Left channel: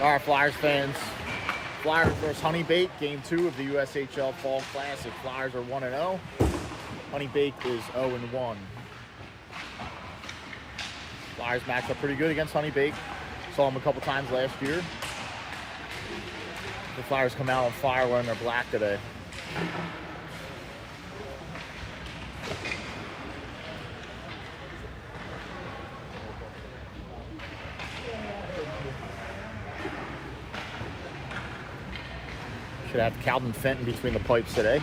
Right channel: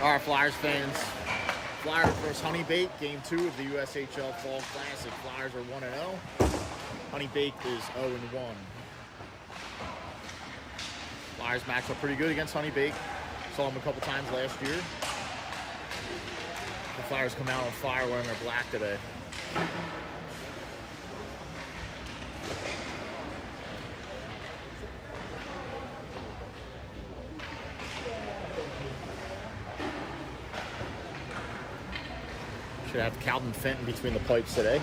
All right, Flyers fans. Flyers versus Honeybaked, game 2 of the USHL Fall Classic. Flyers are 1-0. Honeybaked is 0-1. Flyers matched up pretty good against Honeybaked. Saw them a couple times last year. The Flyers come out on fire wearing their black today. Should have Calvin Fenton between the pipes today.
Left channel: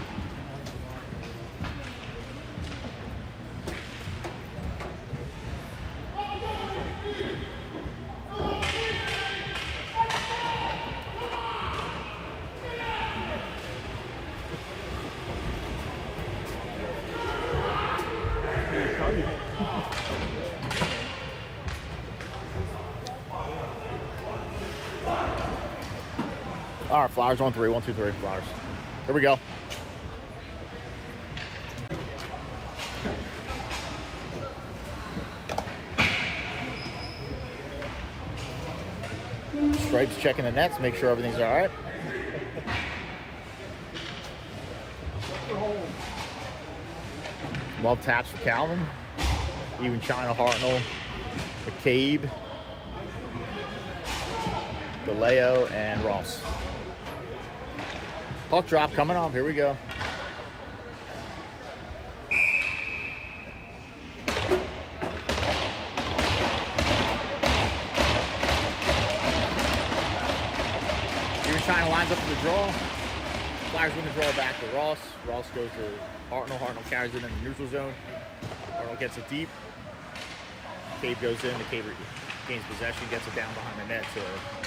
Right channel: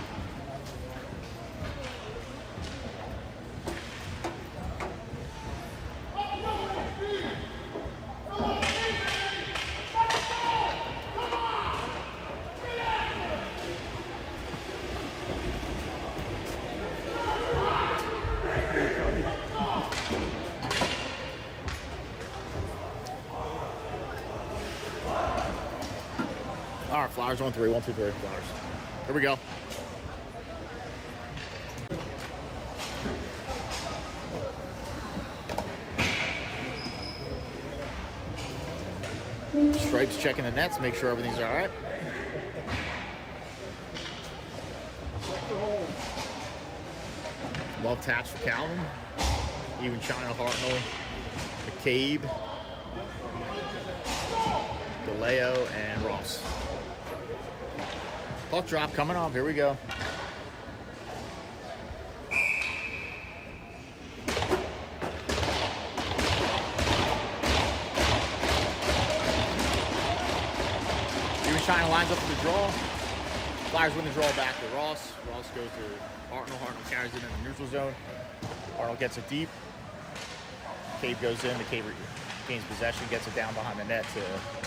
All right, Flyers 1-3, 1-2-3, Flyers. Here we go. Stripes checking the nets, make sure everything's all right. Love taps for Calvin. Even China, Hartnell, McCabe, DeLeo, and Ross. Puck drop coming off. Here we go. Even China lines up for the draw. Flyers win the draw back to Ross. Ross goes to Hartnell. Hartnell carries it in the neutral zone. Hartnell gets it deep. Cave goes in. The Cave gains possession, gets it down behind the net to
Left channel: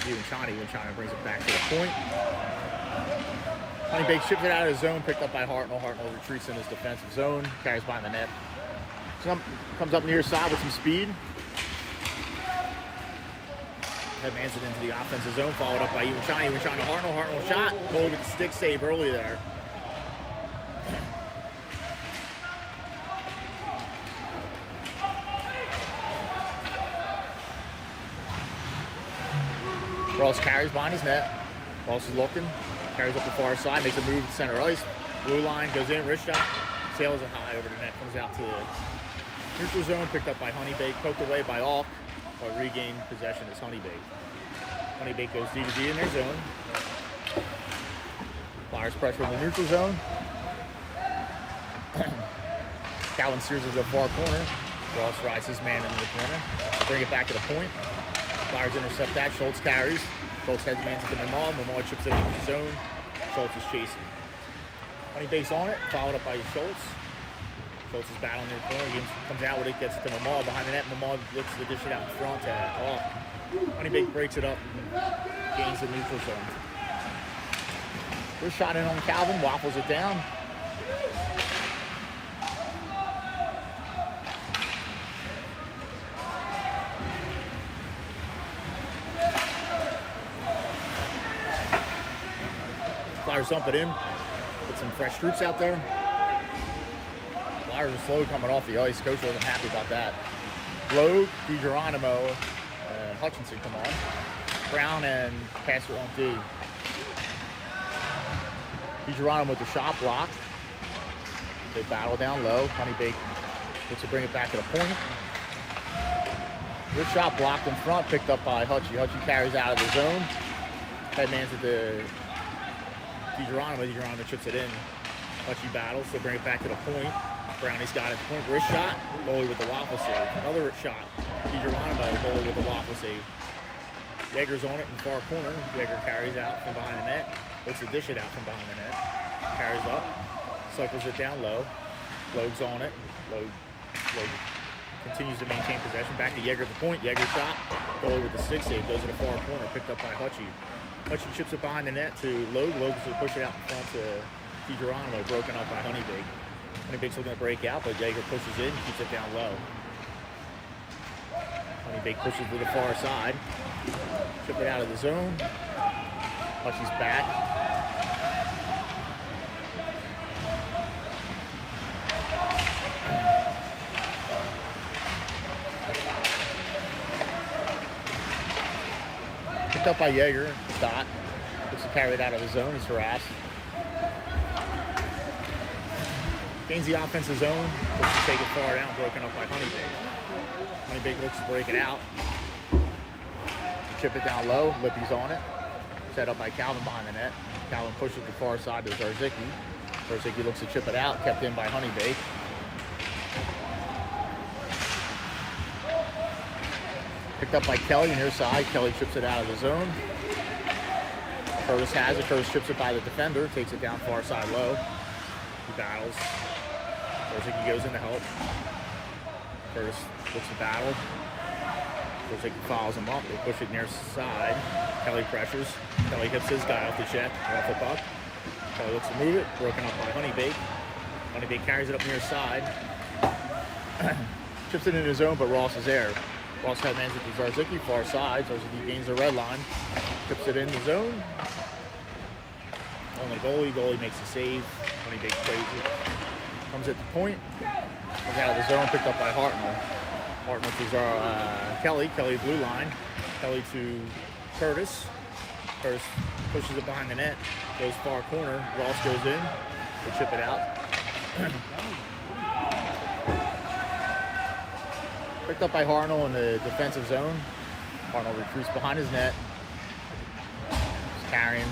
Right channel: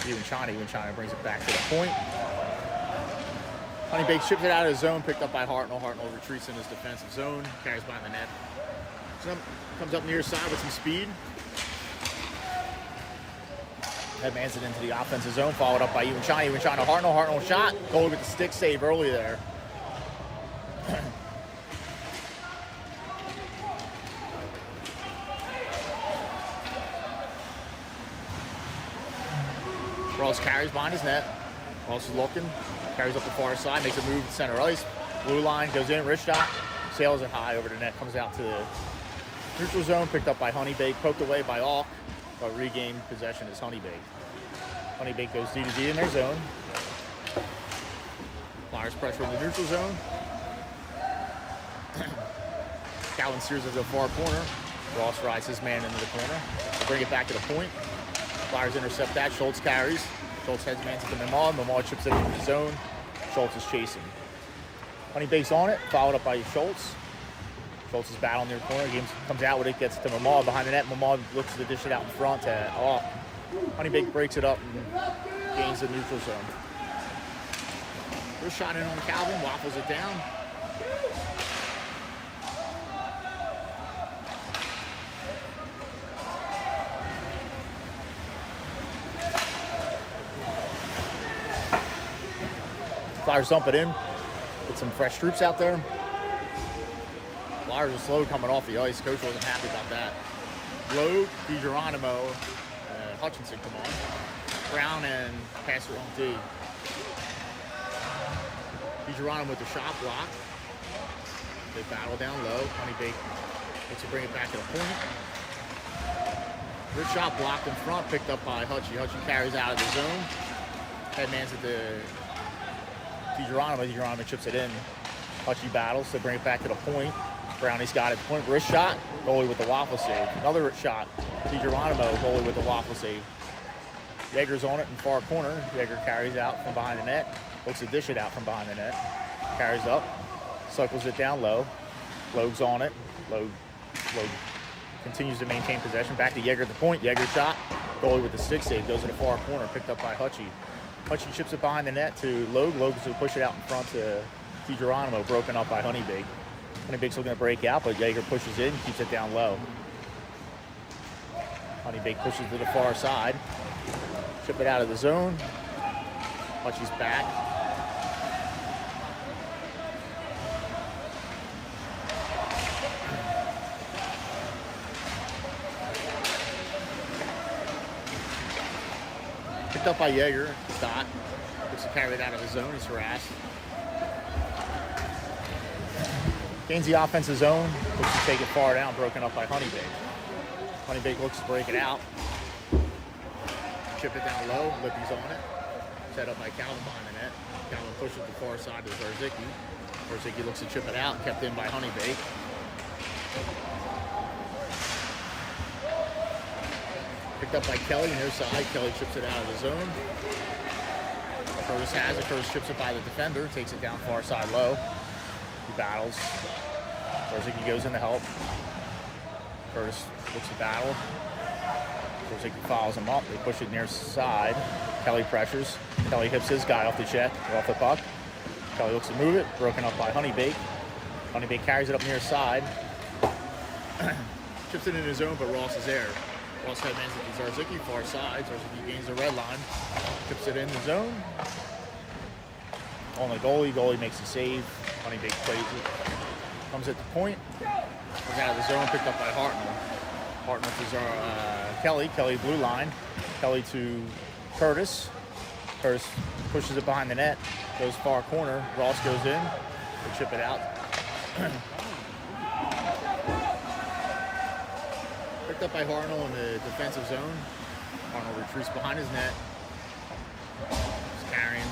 Even China. Even China brings it back to the point. Honeybaked ships it out of the zone, picked up by Hartnell. Hartnell retreats in his defensive zone, carries behind the net. Comes up near side with some speed. Headmans it into the offensive zone, followed up by Even China. Even China, Hartnell. Hartnell shot. Goalie with the stick save early there. Ross carries behind his net. Ross is looking. Carries up the far side, makes a move to center ice. Blue line goes in, wrist shot, sails it high over the net, comes out to the neutral zone, picked up by Honeybaked, poked away by Alk, but regained possession is Honeybaked. Honeybaked goes D2D in their zone. Flyers pressure in the neutral zone. Calvin steers it to the far corner. Ross rides his man into the corner. They bring it back to the point. Flyers intercept that. Schultz carries. Schultz heads man to the Memard. Memard chips it into the zone. Schultz is chasing. Honeybaked's on it, followed up by Schultz. Schultz is battling the corner. He comes out with it, gets it to Memard behind the net. Memard looks to dish it out in front. Honeybaked breaks it up and gains the neutral zone. First shot in on Calvin, waffles it down. Flyers dump it in. Get some fresh troops out there. Flyers are slow coming off the ice. Coach wasn't happy about that. Logue, DiGeronimo, and Hutchinson come on. Brown and Passer on D. DiGeronimo with the shot block. They battle down low. Honeybaked gets to bring it back to the point. Good shot blocked in front, picked up by Hutchie. Hutchie carries out of the zone. Headman's at the DiGeronimo chips it in. Hutchie battles to bring it back to the point. Brownie's got it. Point wrist shot. Goalie with the waffle save. Another shot. DiGeronimo, goalie with the waffle save. Yeager's on it in the far corner. Yeager carries out from behind the net. Looks to dish it out from behind the net. Carries up. Suckers it down low. Logue's on it. Logue continues to maintain possession. Back to Yeager at the point. Yeager shot. Goalie with the stick save. Goes to the far corner. Picked up by Hutchie. Hutchie chips it behind the net to Logue. Logue's to push it out in front to DiGeronimo. Broken up by Honeybaked. Honeybaked's looking to break out, but Yeager pushes in, keeps it down low. Honeybaked pushes to the far side. Chip it out of the zone. Hutchie's back. Picked up by Yeager. Dot. Looks to carry it out of the zone. He's harassed. Gains the offensive zone. Looks to take it far down. Broken up by Honeybaked. Honeybaked looks to break it out. Chip it down low. Lippy's on it. Set up by Calvin behind the net. Calvin pushes it the far side to Zarzicki. Zarzicki looks to chip it out. Kept in by Honeybaked. Picked up by Kelly near side. Kelly chips it out of the zone. Curtis has it. Curtis chips it by the defender. Takes it down far side low. He battles. Zarzicki goes in to help. Curtis looks to battle. Zarzicki follows him up. They push it near side. Kelly pressures. Kelly hips his guy off the check, off the puck. Kelly looks to move it. Broken up by Honeybaked. Honeybaked carries it up near side. Chips it in his zone, but Ross is there. Ross headmans it to Zarzicki, far side. Zarzicki gains the red line. Chips it in the zone. On the goalie. Goalie makes the save. Honeybaked plays it. Comes at the point. Comes out of the zone. Picked up by Hartnell. Hartnell to Kelly. Kelly blue line. Kelly to Curtis. Curtis pushes it behind the net. Goes far corner. Ross goes in. They chip it out. Picked up by Hartnell in the defensive zone. Hartnell retreats behind his net. He's carrying.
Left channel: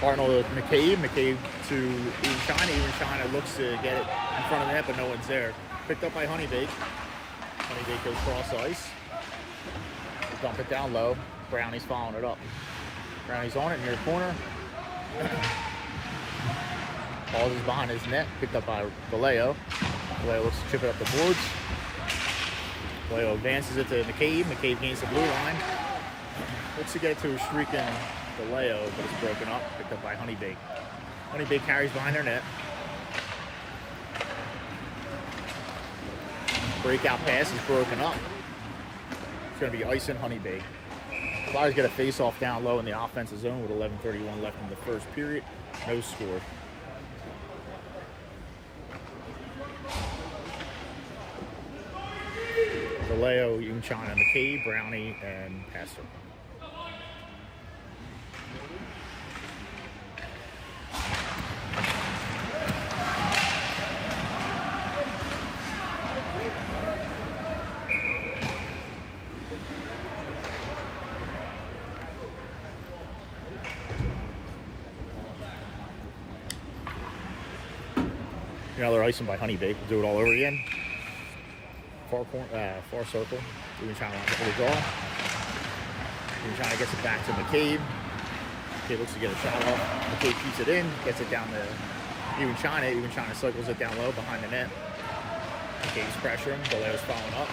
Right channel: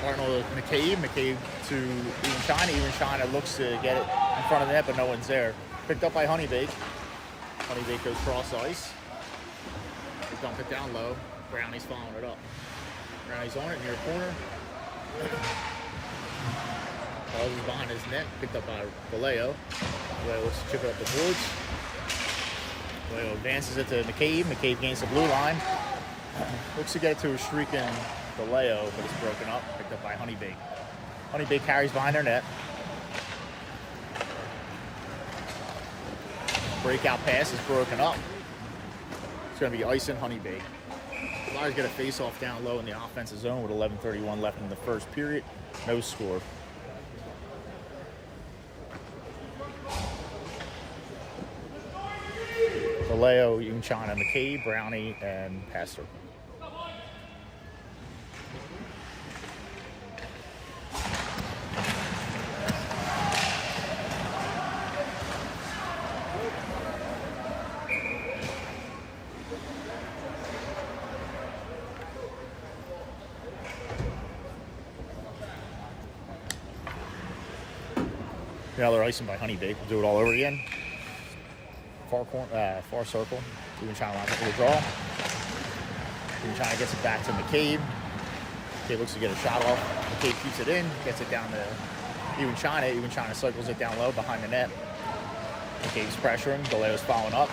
Hartnell to McCabe. McCabe to Even China. Even China looks to get it in front of the net, but no one's there. Picked up by Honeybaked. Honeybaked goes cross ice. They dump it down low. Brownie's following it up. Brownie's on it near the corner. Balls is behind his net. Picked up by Vallejo. Vallejo looks to chip it up the boards. Vallejo advances it to McCabe. McCabe gains the blue line. Looks to get it to a streaking Vallejo, but it's broken up. Picked up by Honeybaked. Honeybaked carries behind their net. Breakout pass is broken up. It's going to be ice and Honeybaked. Flyers get a face-off down low in the offensive zone with 11:31 left in the first period. No score. Vallejo, Even China, McCabe, Brownie, and Pastor. Another icing by Honeybaked. We'll do it all over again. Far circle. Even China lines up for the draw. Even China gets it back to McCabe. McCabe looks to get a shot off. McCabe keeps it in, gets it down to Even China. Even China cycles it down low behind the net. McCabe's pressuring. Vallejo's following up.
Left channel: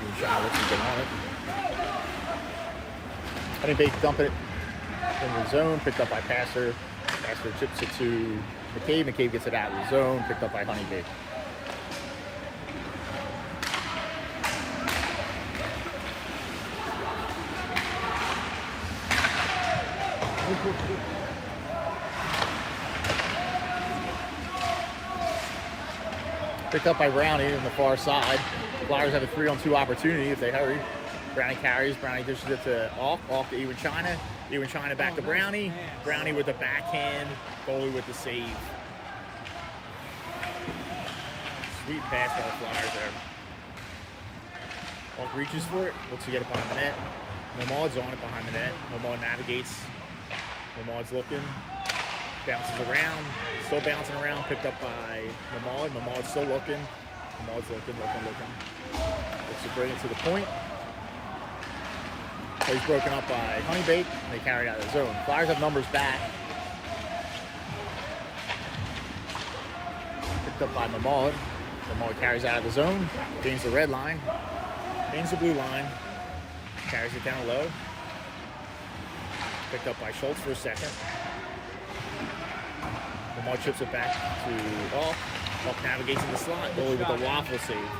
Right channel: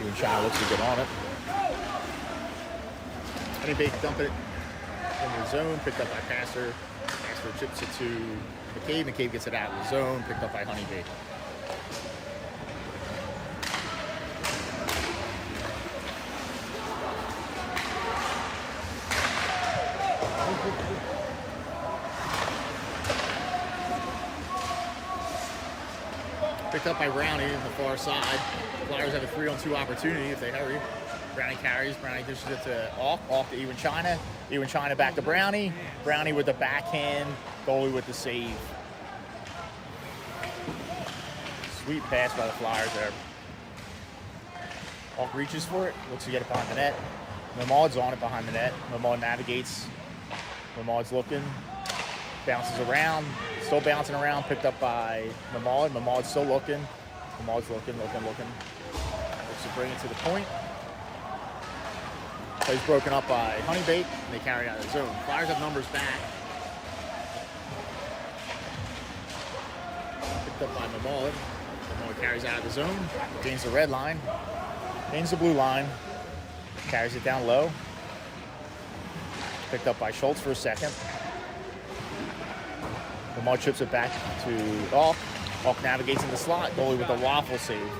Even China looks to get on it. Honeybaked dump it in the zone, picked up by Pastor. Pastor tips it to McCabe. McCabe gets it out of the zone, picked up by Honeybaked. Picked up by Brownie in the far side. Flyers have a 3-on-2 opportunity if they hurry. Brownie carries. Brownie dishes it to Auk. Auk to Even China. Even China back to Brownie. Brownie with the backhand. Goalie with the save. Sweet pass by the Flyers there. Auk reaches for it. Looks to get it behind the net. Nomad's on it behind the net. Nomad navigates. Nomad's looking. Bounces around. Still bouncing around. Picked up by Nomad. Nomad's still looking. Nomad's looking. Looks to bring it to the point. Plays broken up by Honeybaked, and they carry it out of the zone. Flyers have numbers back. Picked up by Mamad. Mamad carries out of the zone, gains the red line, gains the blue line, carries it down low. Picked up by Schultz for a second. Mamad chips it back to Auk. Auk navigates in the slot, goalie with a waffle save.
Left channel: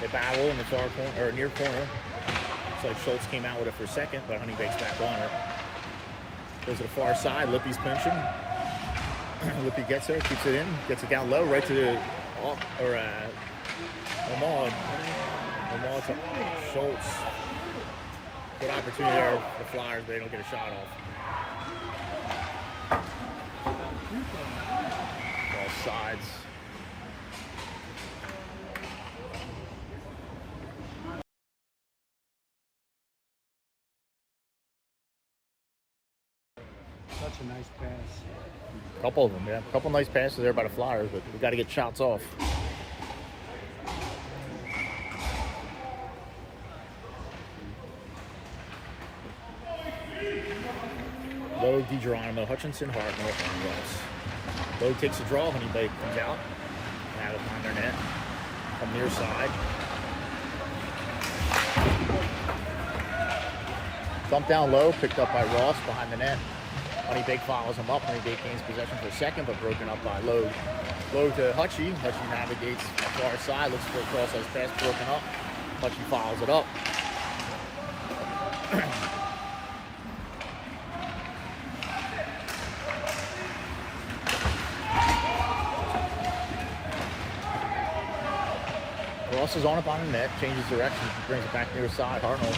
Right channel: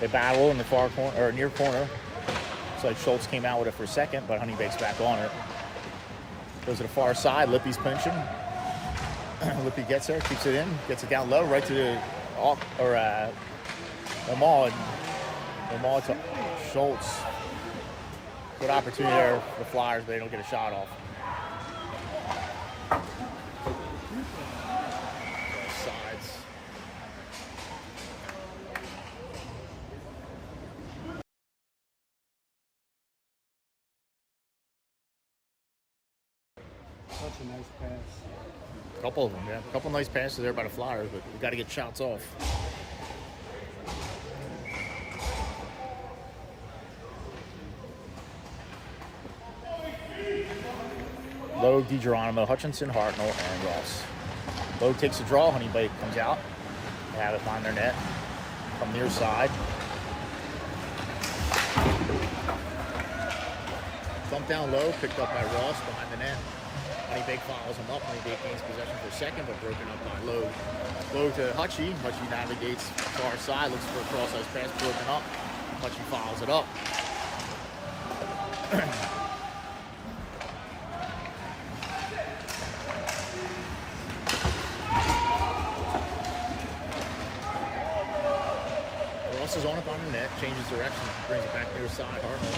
They battle in the far corner or near corner. Looks like Schultz came out with it for a second, but Honeybaked's back on it. Goes to the far side. Lippy's pinching. Lippy gets it, keeps it in, gets it down low, right to the Omal to Schultz. Good opportunity for the Flyers, but they don't get a shot off. Both sides. Such a nice pass. Couple of them, yeah. A couple nice passes there by the Flyers, but we got to get shots off. Lowe, DiGeronimo, Hutchinson, Hartnell, and Ross. Lowe takes a draw. Honeybaked comes out. Have it on their net from near side. Dump down low, picked up by Ross behind the net. Honeybaked follows him up. Honeybaked gains possession for a second, but broken up by Lowe. Lowe to Hutchie. Hutchie navigates far side, looks for a cross-ice pass, broken up. Hutchie follows it up. Ross is on it behind the net, changes direction, brings it back near the side. Hartnell.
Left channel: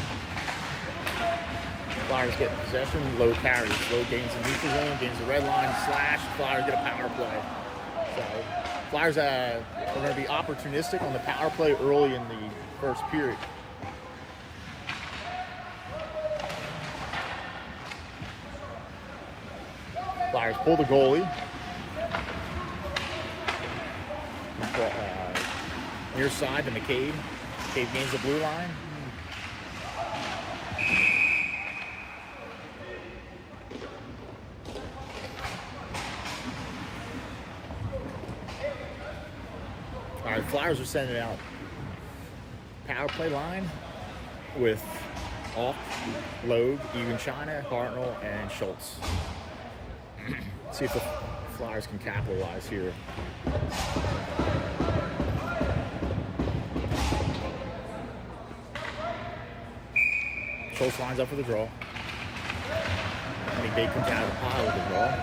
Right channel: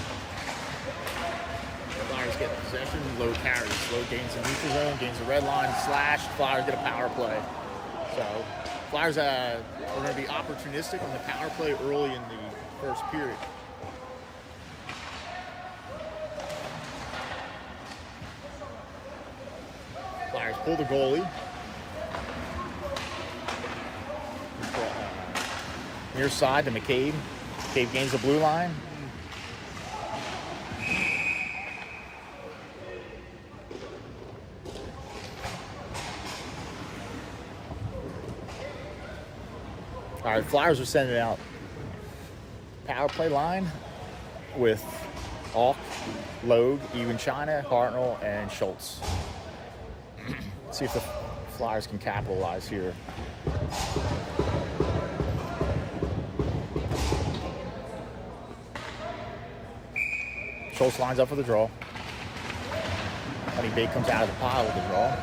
Flyers get possession, Lowe carries. Lowe gains the neutral zone, gains the red line, slash. Flyers get a power play. So Flyers are going to be opportunistic on the power play early in the first period. Flyers pull the goalie. Near side to McCabe. McCabe gains the blue line. The Flyers are sending out power play line with Auk, Logue, Even China, Hartnell, and Schultz. Let's see if the Flyers can capitalize here. Schultz lines up for the draw. Honeybaked comes out of the pile with the draw.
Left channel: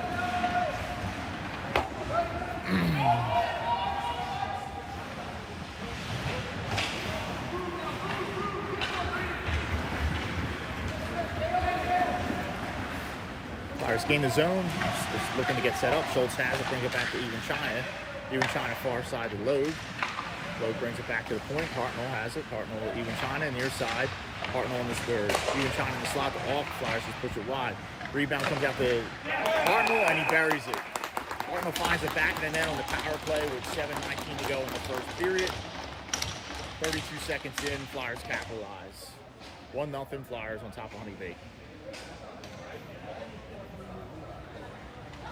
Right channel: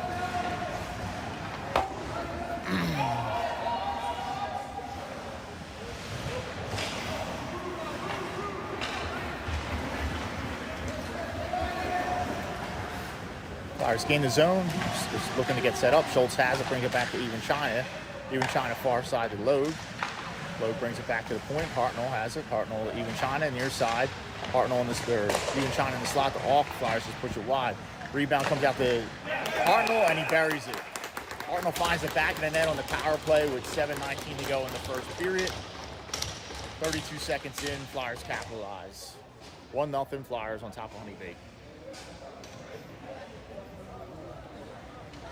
Flyers gain the zone. Just looking to get set up. Schultz has it, brings it back to Even China. Even China far side to Logue. Logue brings it back to the point. Hartnell has it. Hartnell to Even China near side. Hartnell in the square. Even China in the slot to Auk. Flyers just push it wide. Rebound comes out to Hartnell and he buries it. Hartnell finds it back in the net on the power play with 7:19 to go in the first period. 32 seconds in, Flyers capitalize. 1-0 Flyers on top of Honeybaked.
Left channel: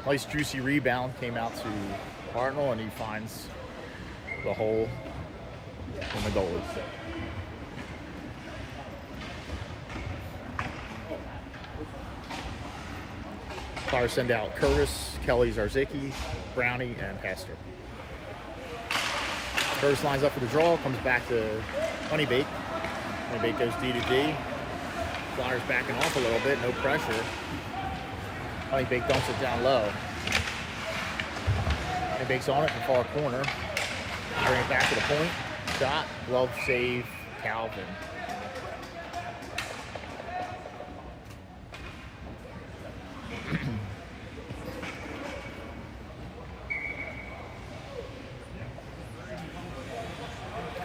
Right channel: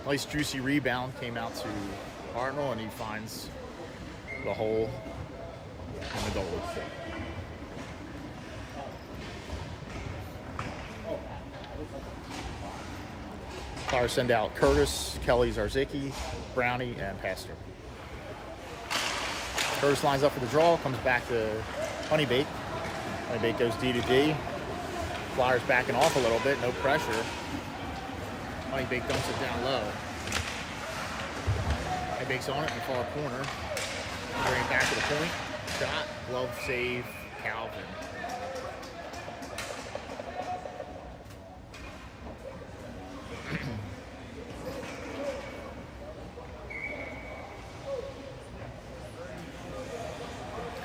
Nice juicy rebound came out to Hartnell and he finds the hole in the goalie. Flyers send out Curtis, Kelly, Zarzicki, Brownie, and Hester. Curtis lines up for the draw, comes back to Honeybaked. Honeybaked goes D to D. Flyers backing off a little bit, no pressure. Honeybaked dumps it down low. Honeybaked's on it in the far corner. Bring it back to the point. Shot, glove save, Calvin.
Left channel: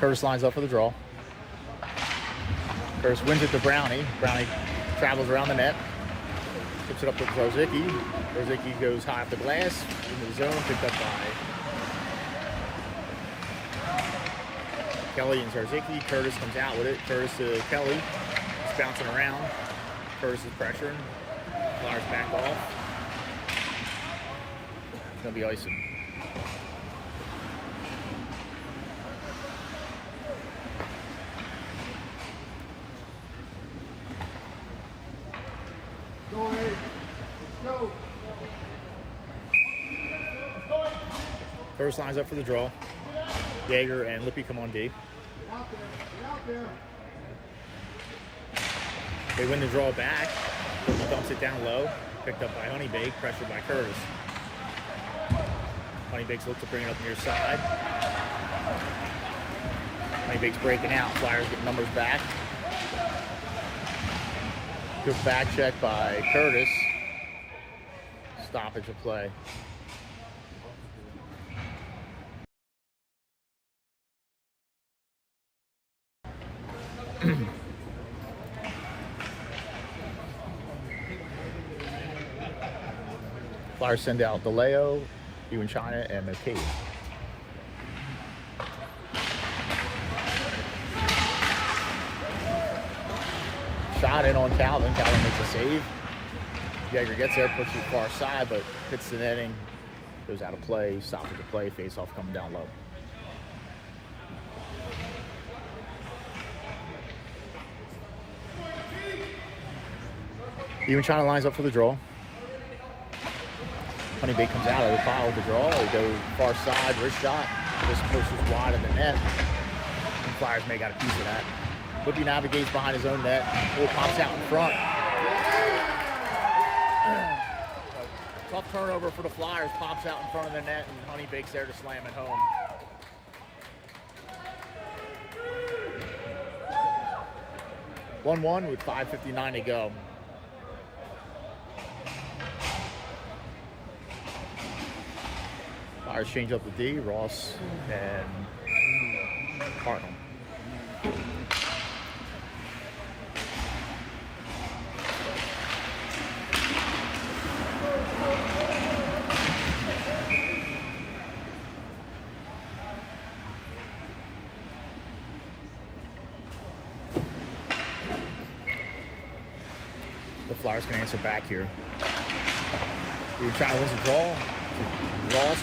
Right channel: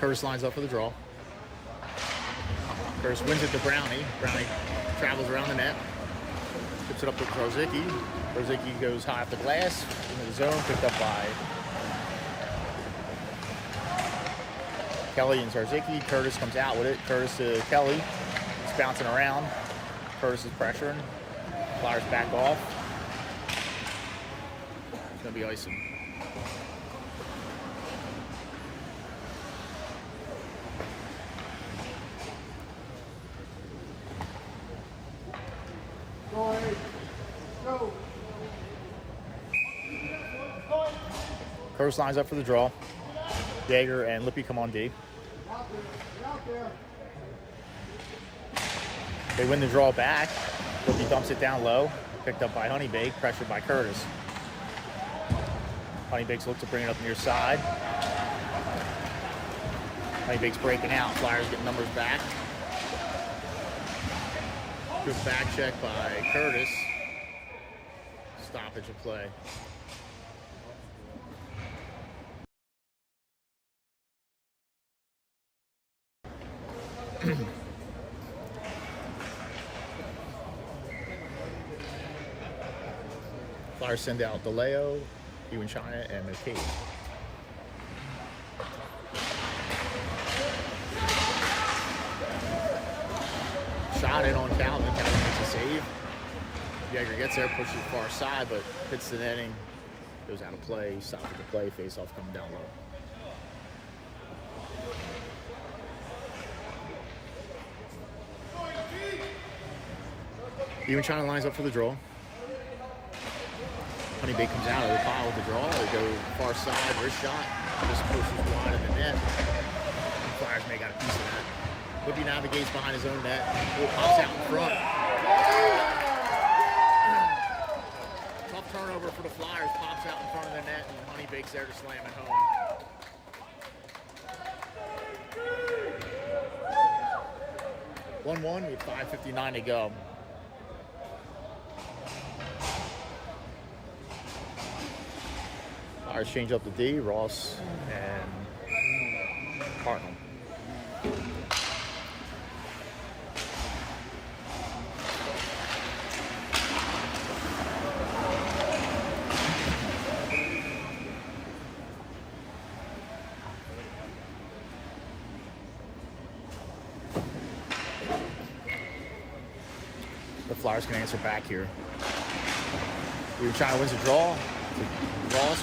Curtis lines up for the draw. Curtis wins it to Brownie. Brownie travels around the net. Tips it up to Zarzicki. Zarzicki goes high up the glass. Into the zone, picked up by Kelly and Zarzicki. Curtis comes out with it. Curtis to Kelly. It's bouncing around. Curtis is pressuring. Flyers back off. It's going to be icing. Curtis lines up for the draw. Yeager and Lippy come on D. They win the draw back. Cookie dumps it down low. Picked up by Honeybaked, pressured by Curtis. Honeybaked's look to bring it up near side. Honeybaked's breaking out. Flyers get numbers back. Good back check by Curtis. Stoppage of play. Flyers send out DeLeo, Ewan China, and McCabe. Shot in on Calvin. Calvin makes a save. Yeager gets there, pushes far side, but hits the netting. Goes out of play. Stops the play. Face off coming down low. Ewan China lines up for the draw. Honeybaked comes out of the pile with the draw. They go far side, wrist shot. Just pushes wide of the net. And Flyers may got a piece of that. Woodby navigates behind his own net. Ball pops out in front. Tough turnover for the Flyers. Pops out in front of the net, and Honeybaked's there to slam it home. (1-1) with 5:59 to go. Flyers change up the D, Ross and Hartnell. The Flyers can answer back here. You're trying to win the draw.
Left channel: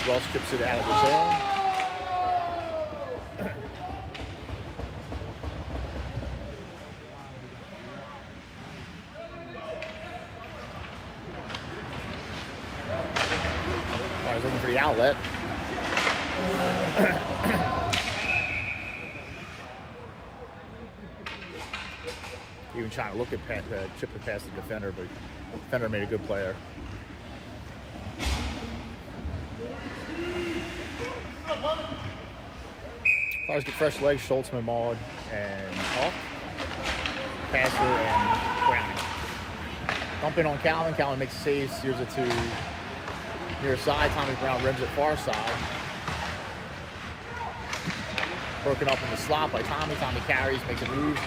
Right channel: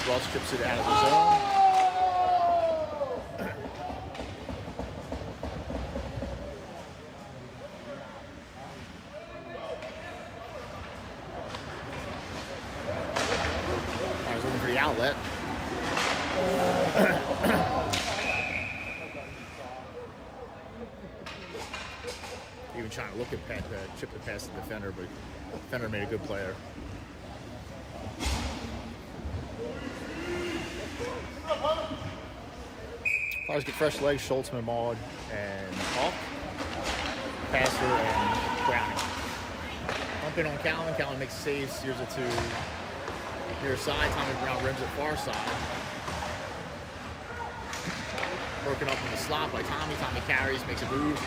Ross chips it out of the zone. Flyers looking for the outlet. Even trying to look at chip it past the defender, but the defender made a good player. Flyers get fresh legs, Schultz, Maud, and Hawk. Passer and Browning. Bump in on Calvin. Calvin makes a save, steers it to near side. Tommy Brown rims it far side. Broken up in the slot by Tommy. Tommy carries, makes a move.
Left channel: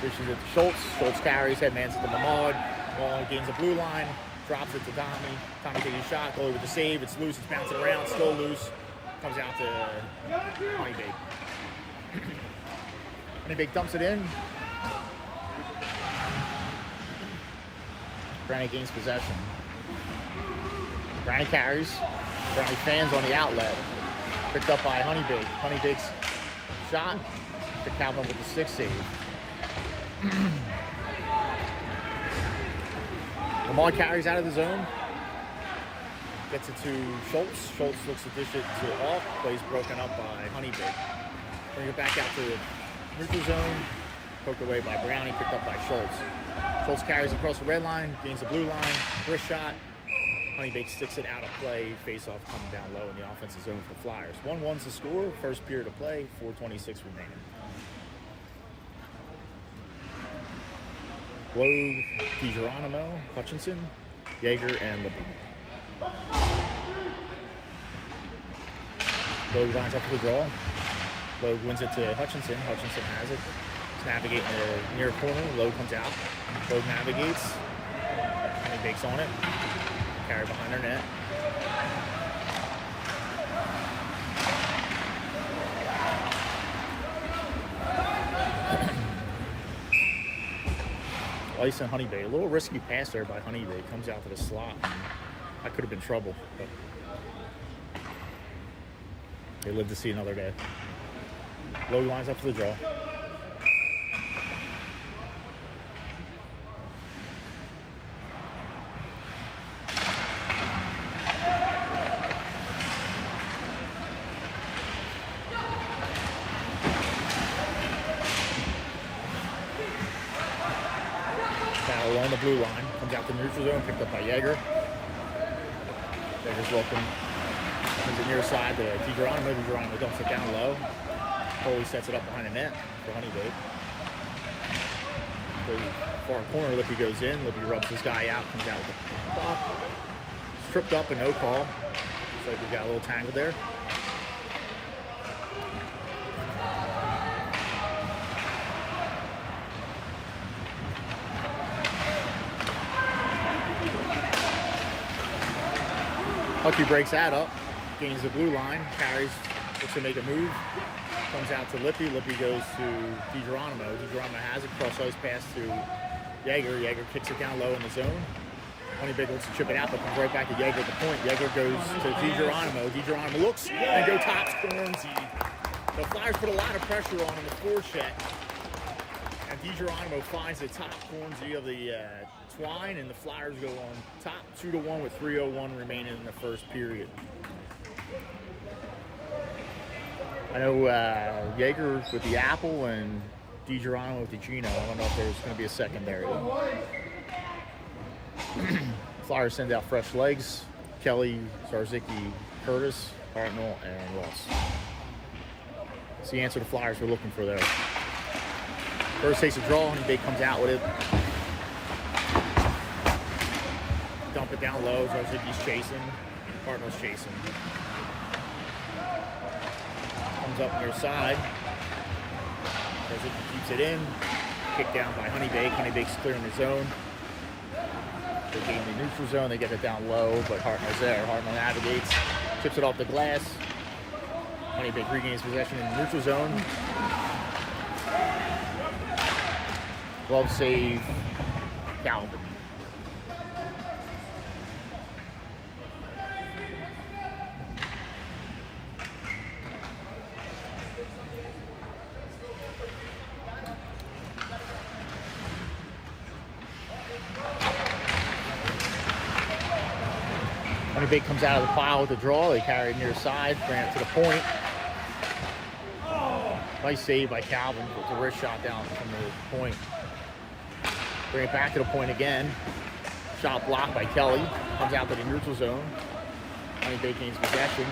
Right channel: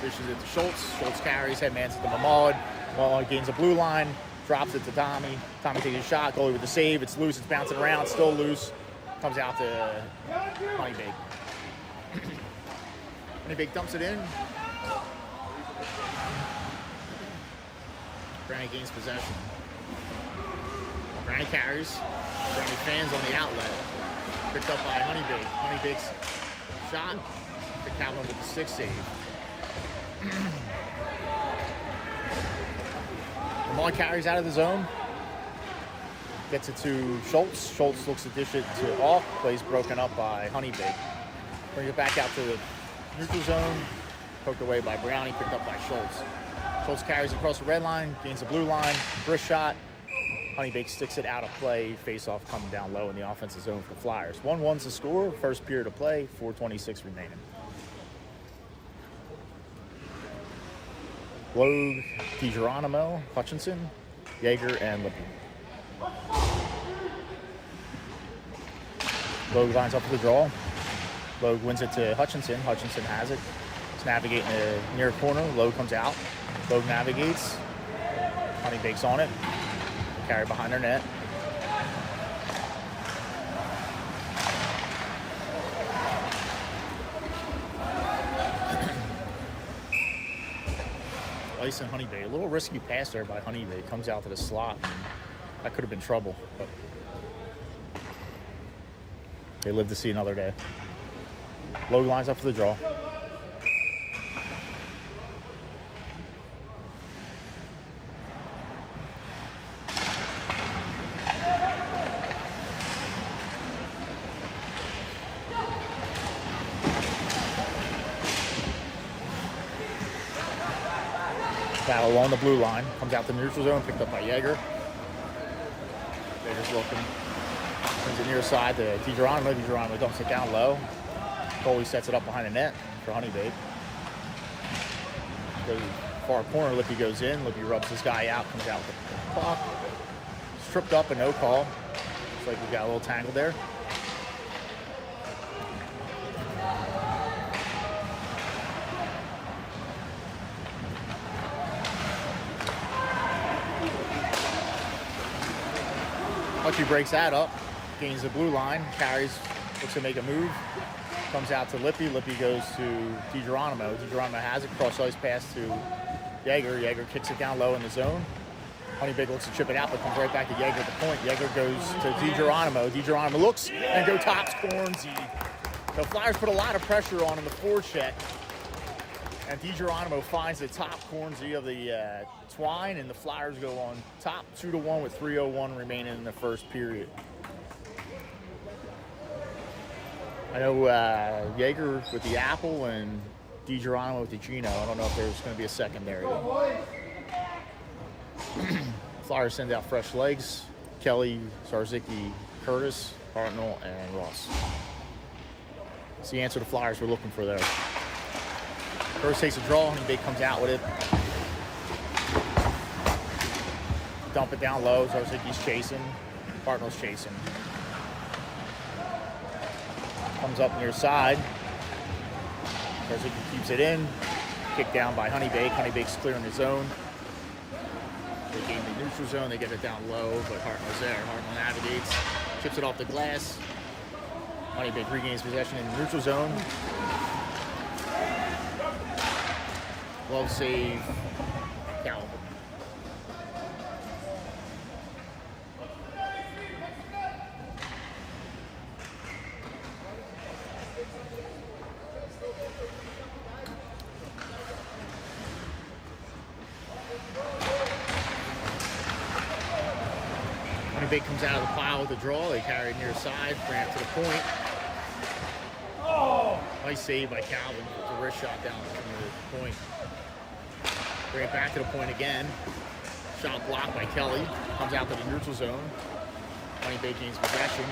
Dishes it to Schultz. Schultz carries, headmans it to Maud. Maud gains a blue line, drops it to Tommy. Tommy takes a shot, goalie with the save. It's loose, it's bouncing around, still loose. Comes out to Honeybaked. Honeybaked dumps it in. Brownie gains possession. Brownie carries. Brownie fans on the outlet. Picked up by Honeybaked. Honeybaked's shot to Calvin with the 6 save. Lamar carries out of the zone. Gets it to Schultz. Schultz looks to dish it to Hawk. Plays broken up by Honeybaked. Brings it back out to neutral zone. Poked away by Browning. Picked up by Schultz. Schultz carries across the red line. Gains the blue line. Wrist shot. Honeybaked sticks it out of play. Face-off coming down low in the offensive zone for the Flyers. 1-1's the score. First period of play. 4:26 remaining. Logue, DiGeronimo, Hutchinson, Yeager, and Lippin. Logue lines up for the draw. Logue wins it to Hutchinson. Hutchinson has it. He's navigating the near corner. Logue comes out. Logue navigates. Honeybaked's on it. Carry behind their net. Ice and Honeybaked. A little risky pass there by Honeybaked. Comes out to the slot. And that could have been trouble. But they live to see another day. Logue lines up for the draw. Battle along the blue line. Comes out the neutral zone, picked up by Yeager. Yeager's looking. Turns it near side to DiGeronimo. DiGeronimo dumps it down low. Goalie sets it up behind the net for Honeybaked. The far corner, Lippy goes in. Lippy rubs this guy out, comes out with the puck. Tripped up and no call. Looks like we got a little tangled there. Lucky breaks that up, gains the blue line, carries, looks to make a move, comes out to Lippy. Lippy goes to DiGeronimo. DiGeronimo has it, cross ice pass to Yeager. Yeager kicks it down low in the zone. Honeybaked looks to chip it out, but comes right back to Yeager at the point. Yeager goes to DiGeronimo. DiGeronimo looks and go tops Cornsey. The Flyers put a lot of pressure on in the forecheck. And DiGeronimo finds the top Cornsey of the twine, and the Flyers go on top 2-1 with 3:01 remaining in the first period. I know Yeager with the apple and DiGeronimo with the Gino. I don't know if there's going to be a secondary. Flyers send out fresh legs. Kelly, Zarzicki, Curtis, Hartnell, and Ross. It's the answer the Flyers were looking for there. Curtis takes a draw, Honeybaked comes out with it. Dump it down low. Zarzicki's chasing. Hartnell's chasing. Comes up near side. Zarzicki keeps it in. Kicked down by Honeybaked. Honeybaked's clearing his zone. They gain the neutral zone. They get it down low, but Hartnell's there. Hartnell navigates. Chips it off the glass. Honeybaked regains possession in the neutral zone. Glove save. Calvin. Honeybaked comes out of the pile with the draw. They carry it near side, bring it to the point. Nice save by Calvin. Puts a wrist shot down from the point. Bring it back to the point again. Shot blocked by Kelly. Comes out to the neutral zone. Honeybaked gains possession.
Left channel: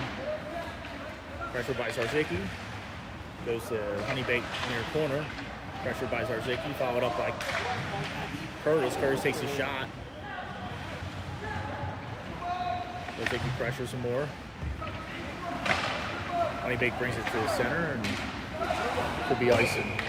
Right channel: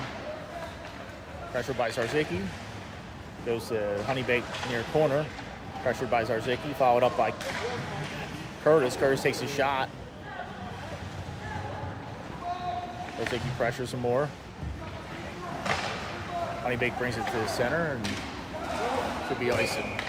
Pressured by Zarzicki. Goes to Honeybaked near the corner. Pressured by Zarzicki. Followed up by Curtis. Curtis takes a shot. Zarzicki pressures some more. Honeybaked brings it to the center and could be icing.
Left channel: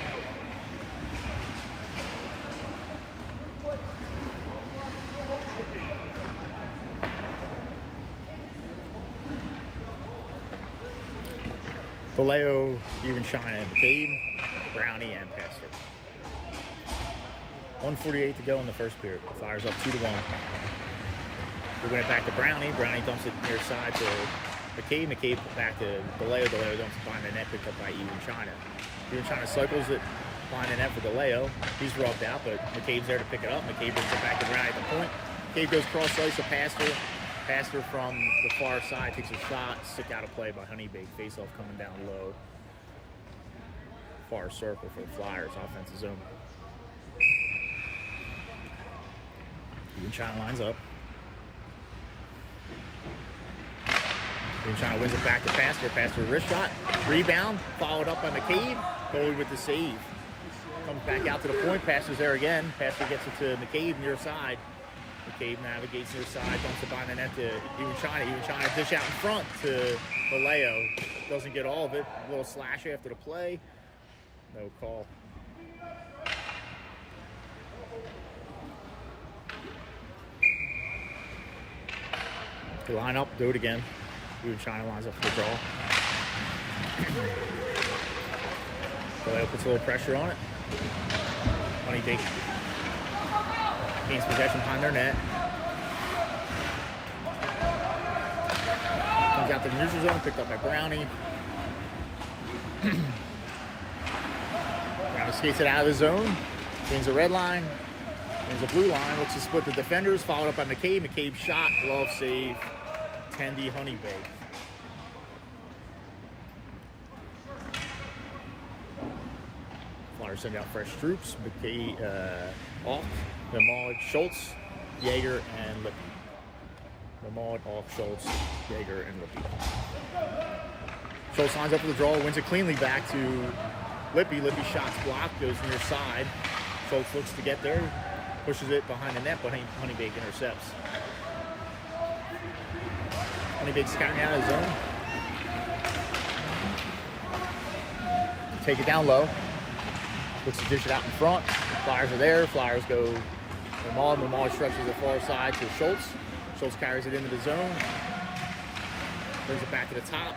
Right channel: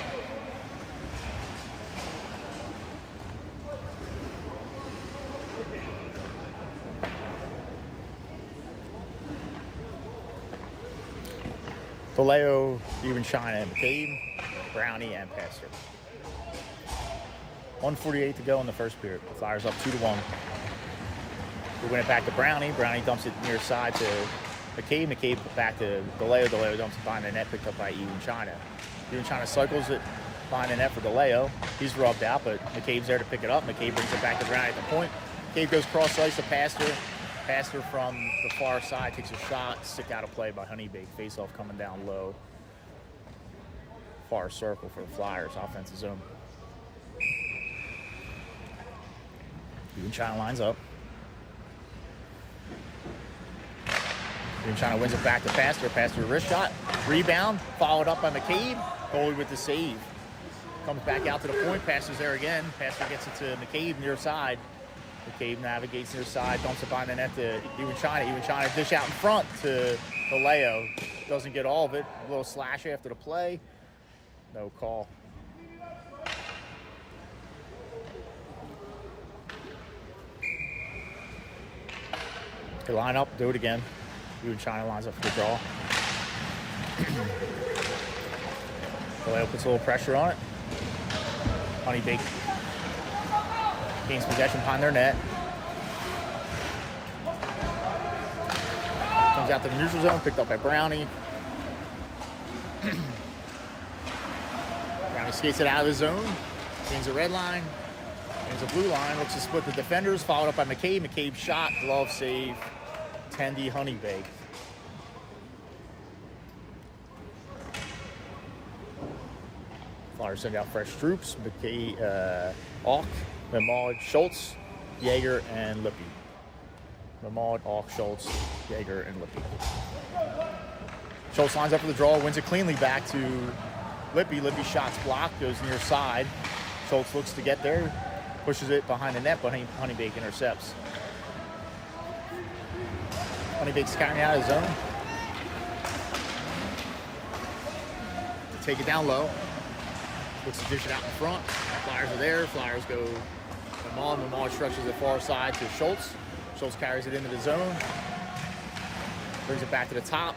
Vallejo, even China and McCabe, Brownie, and Pastor. 1:48 to go in the first period. The Flyers up 2-1. They win it back to Brownie. Brownie dumps it near side to McCabe. McCabe back to DeLeo. DeLeo dumps it behind the net, picked up by Even China. Even China cycles it behind the net for DeLeo. He's rubbed out, but McCabe's there to pick it up. McCabe brings it back to Brownie at the point. McCabe goes cross ice to Pastor. Pastor from the far side takes a shot. Stick out of play by Honeybaked. Face off coming down low. Far circle for the Flyers. Offensive zone. Even China lines up. Even China wins it back to Pastor. Pastor wrist shot. Rebound. Followed up by McCabe. Goalie with the save. Comes back out to the point. Pastor's there again. Pastor gets it to McCabe near side. McCabe navigates near side, dumps it behind the net to Even China. Even China dish out in front to Vallejo. Doesn't get all of it. A little slash after the play. No call. They line up, do it again. Even China lines up for the draw. Vallejo puts a little pressure on it. Honeybaked gains possession behind their net. Comes out to the neutral zone, picked up by Brownie. Brownie skates it out of his zone. Gains a red line. Gains a blue line. Looks to split the defenders. Followed up by McCabe. McCabe shot. Glove save. Tendy Honeybaked. Flyers send out fresh troops. McCabe, Auk, Memard, Schultz, Yeager, and Lippy. Memard, Auk, Schultz, Yeager, and Lippy. Schultz lines up for the draw, wins it cleanly back to Lippy. Lippy shots blocked, goes near side. Schultz looks to get there, pushes it behind the net, but Honeybaked intercepts. Honeybaked's carrying out of his zone. Take it down low. Looks to dish it out in front. Flyers are there. Flyers go Memard. Memard stretches the far side to Schultz. Schultz carries it into the zone. Brings it back to the top.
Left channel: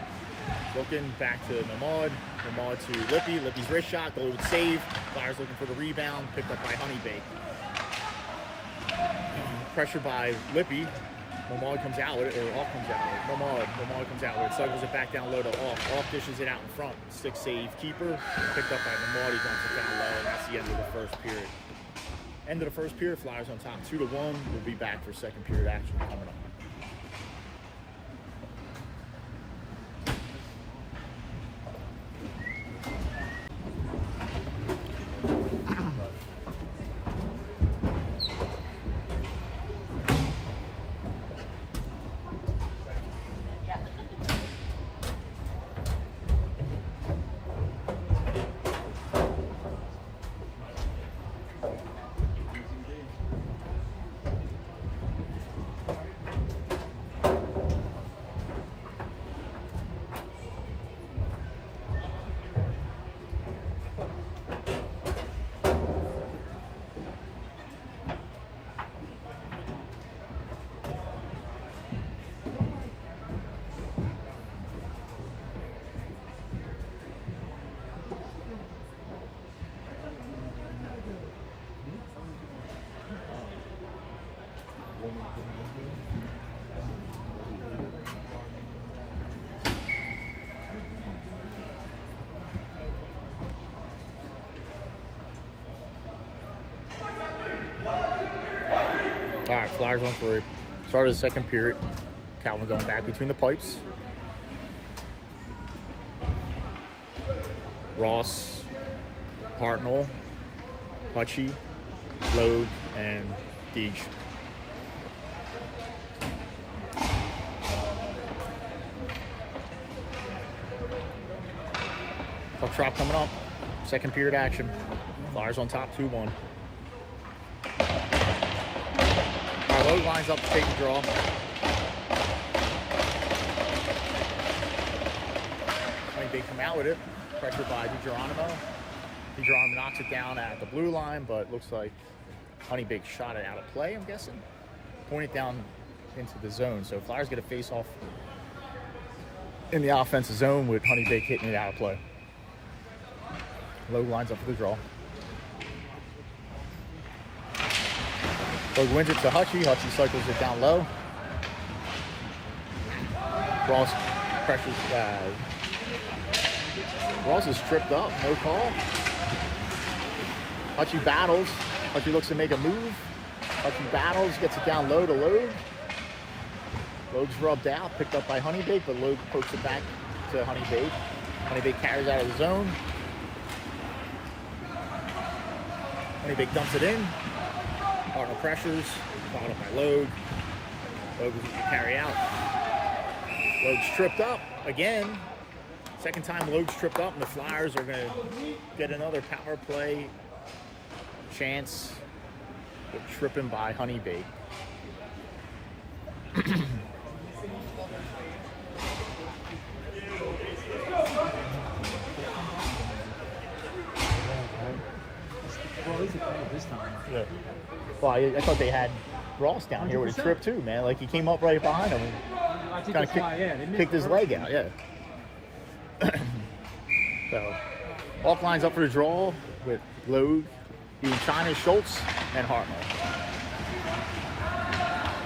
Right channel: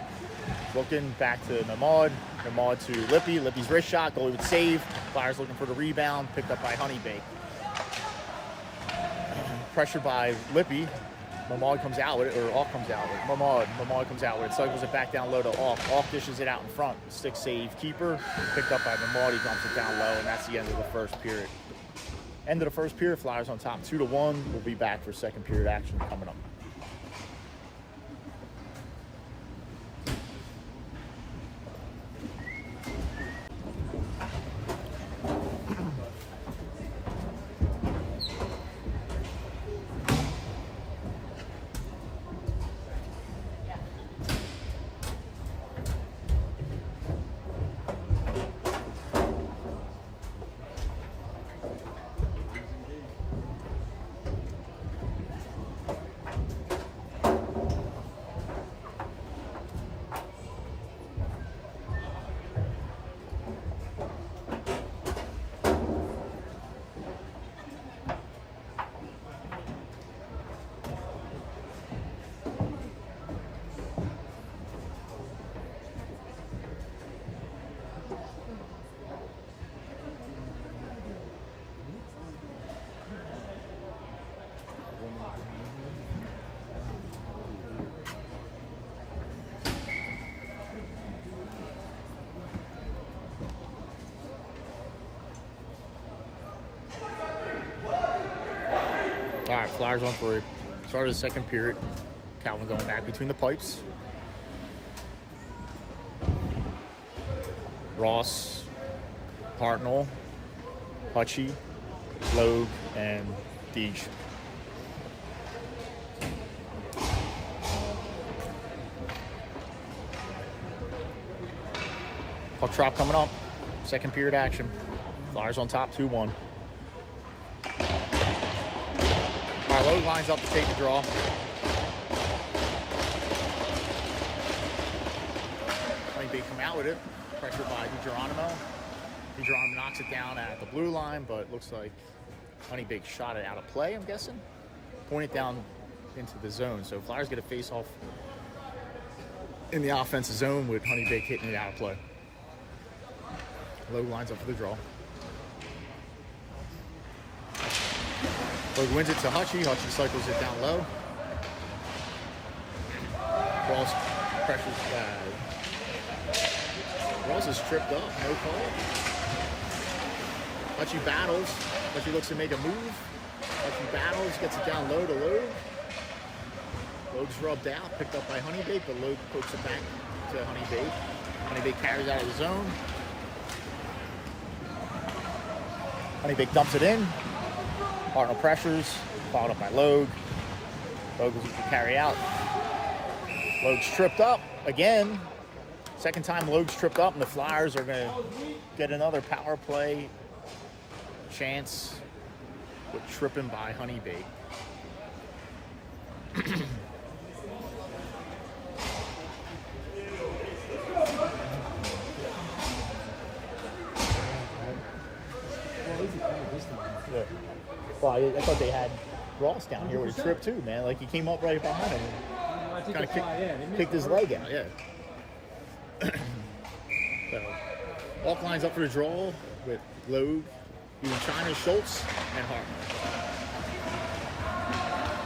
Looking back to Memard. Memard to Lippy. Lippy's wrist shot. Goalie would save. Flyers looking for the rebound. Picked up by Honeybaked. Pressured by Lippy. Memard comes out with it, or Auk comes out with it. Memard comes out with it. Cycles it back down low to Auk. Auk dishes it out in front. Stick save keeper. Picked up by Memard. He dumps it down low, and that's the end of the first period. End of the first period. Flyers on top 2-1. We'll be back for second period action coming up. All right, Flyers on for it. Start of the second period. Calvin going back between the pipes. Ross, Hartnell, Hutchie, Loeb, and Deej. Puck drop coming up. Second period action. Flyers on top 2-1. All right, Loeb lines up to take the draw. Honeybaked come out with it. Pressured by DiGeronimo. DiGeronimo knocks it down at the blue line, but it looks like Honeybaked shot it out of play, I'm guessing. Point it down into the zone. So Flyers get a face-off in the offensive zone with Honeybaked hitting it out of play. Loeb lines up for the draw. Loeb wins it to Hutchie. Hutchie cycles it down low. Ross pressures. Ross is tripped up. No call. Hutchie battles. Hutchie looks to make a move. Hutchie battles. Gets it down low to Loeb. Loeb's rubbed out. Picked up by Honeybaked, but Loeb pokes it back to Honeybaked. Honeybaked carries out of the zone. Honeybaked dumps it in. Hartnell pressures, followed up by Loeb. Loeb is able to carry out. Loeb's tripped up again. Second time Loeb's tripped up, and the Flyers are going to get another power play chance with tripping by Honeybaked. Yeah. Well, I thought they had Ross down here with a trip too, man. Like he came up right behind him and kind of kicked his leg out. Yeah. So, Auk lines up for the draw with Loeb, China, Schultz, and Hartnell.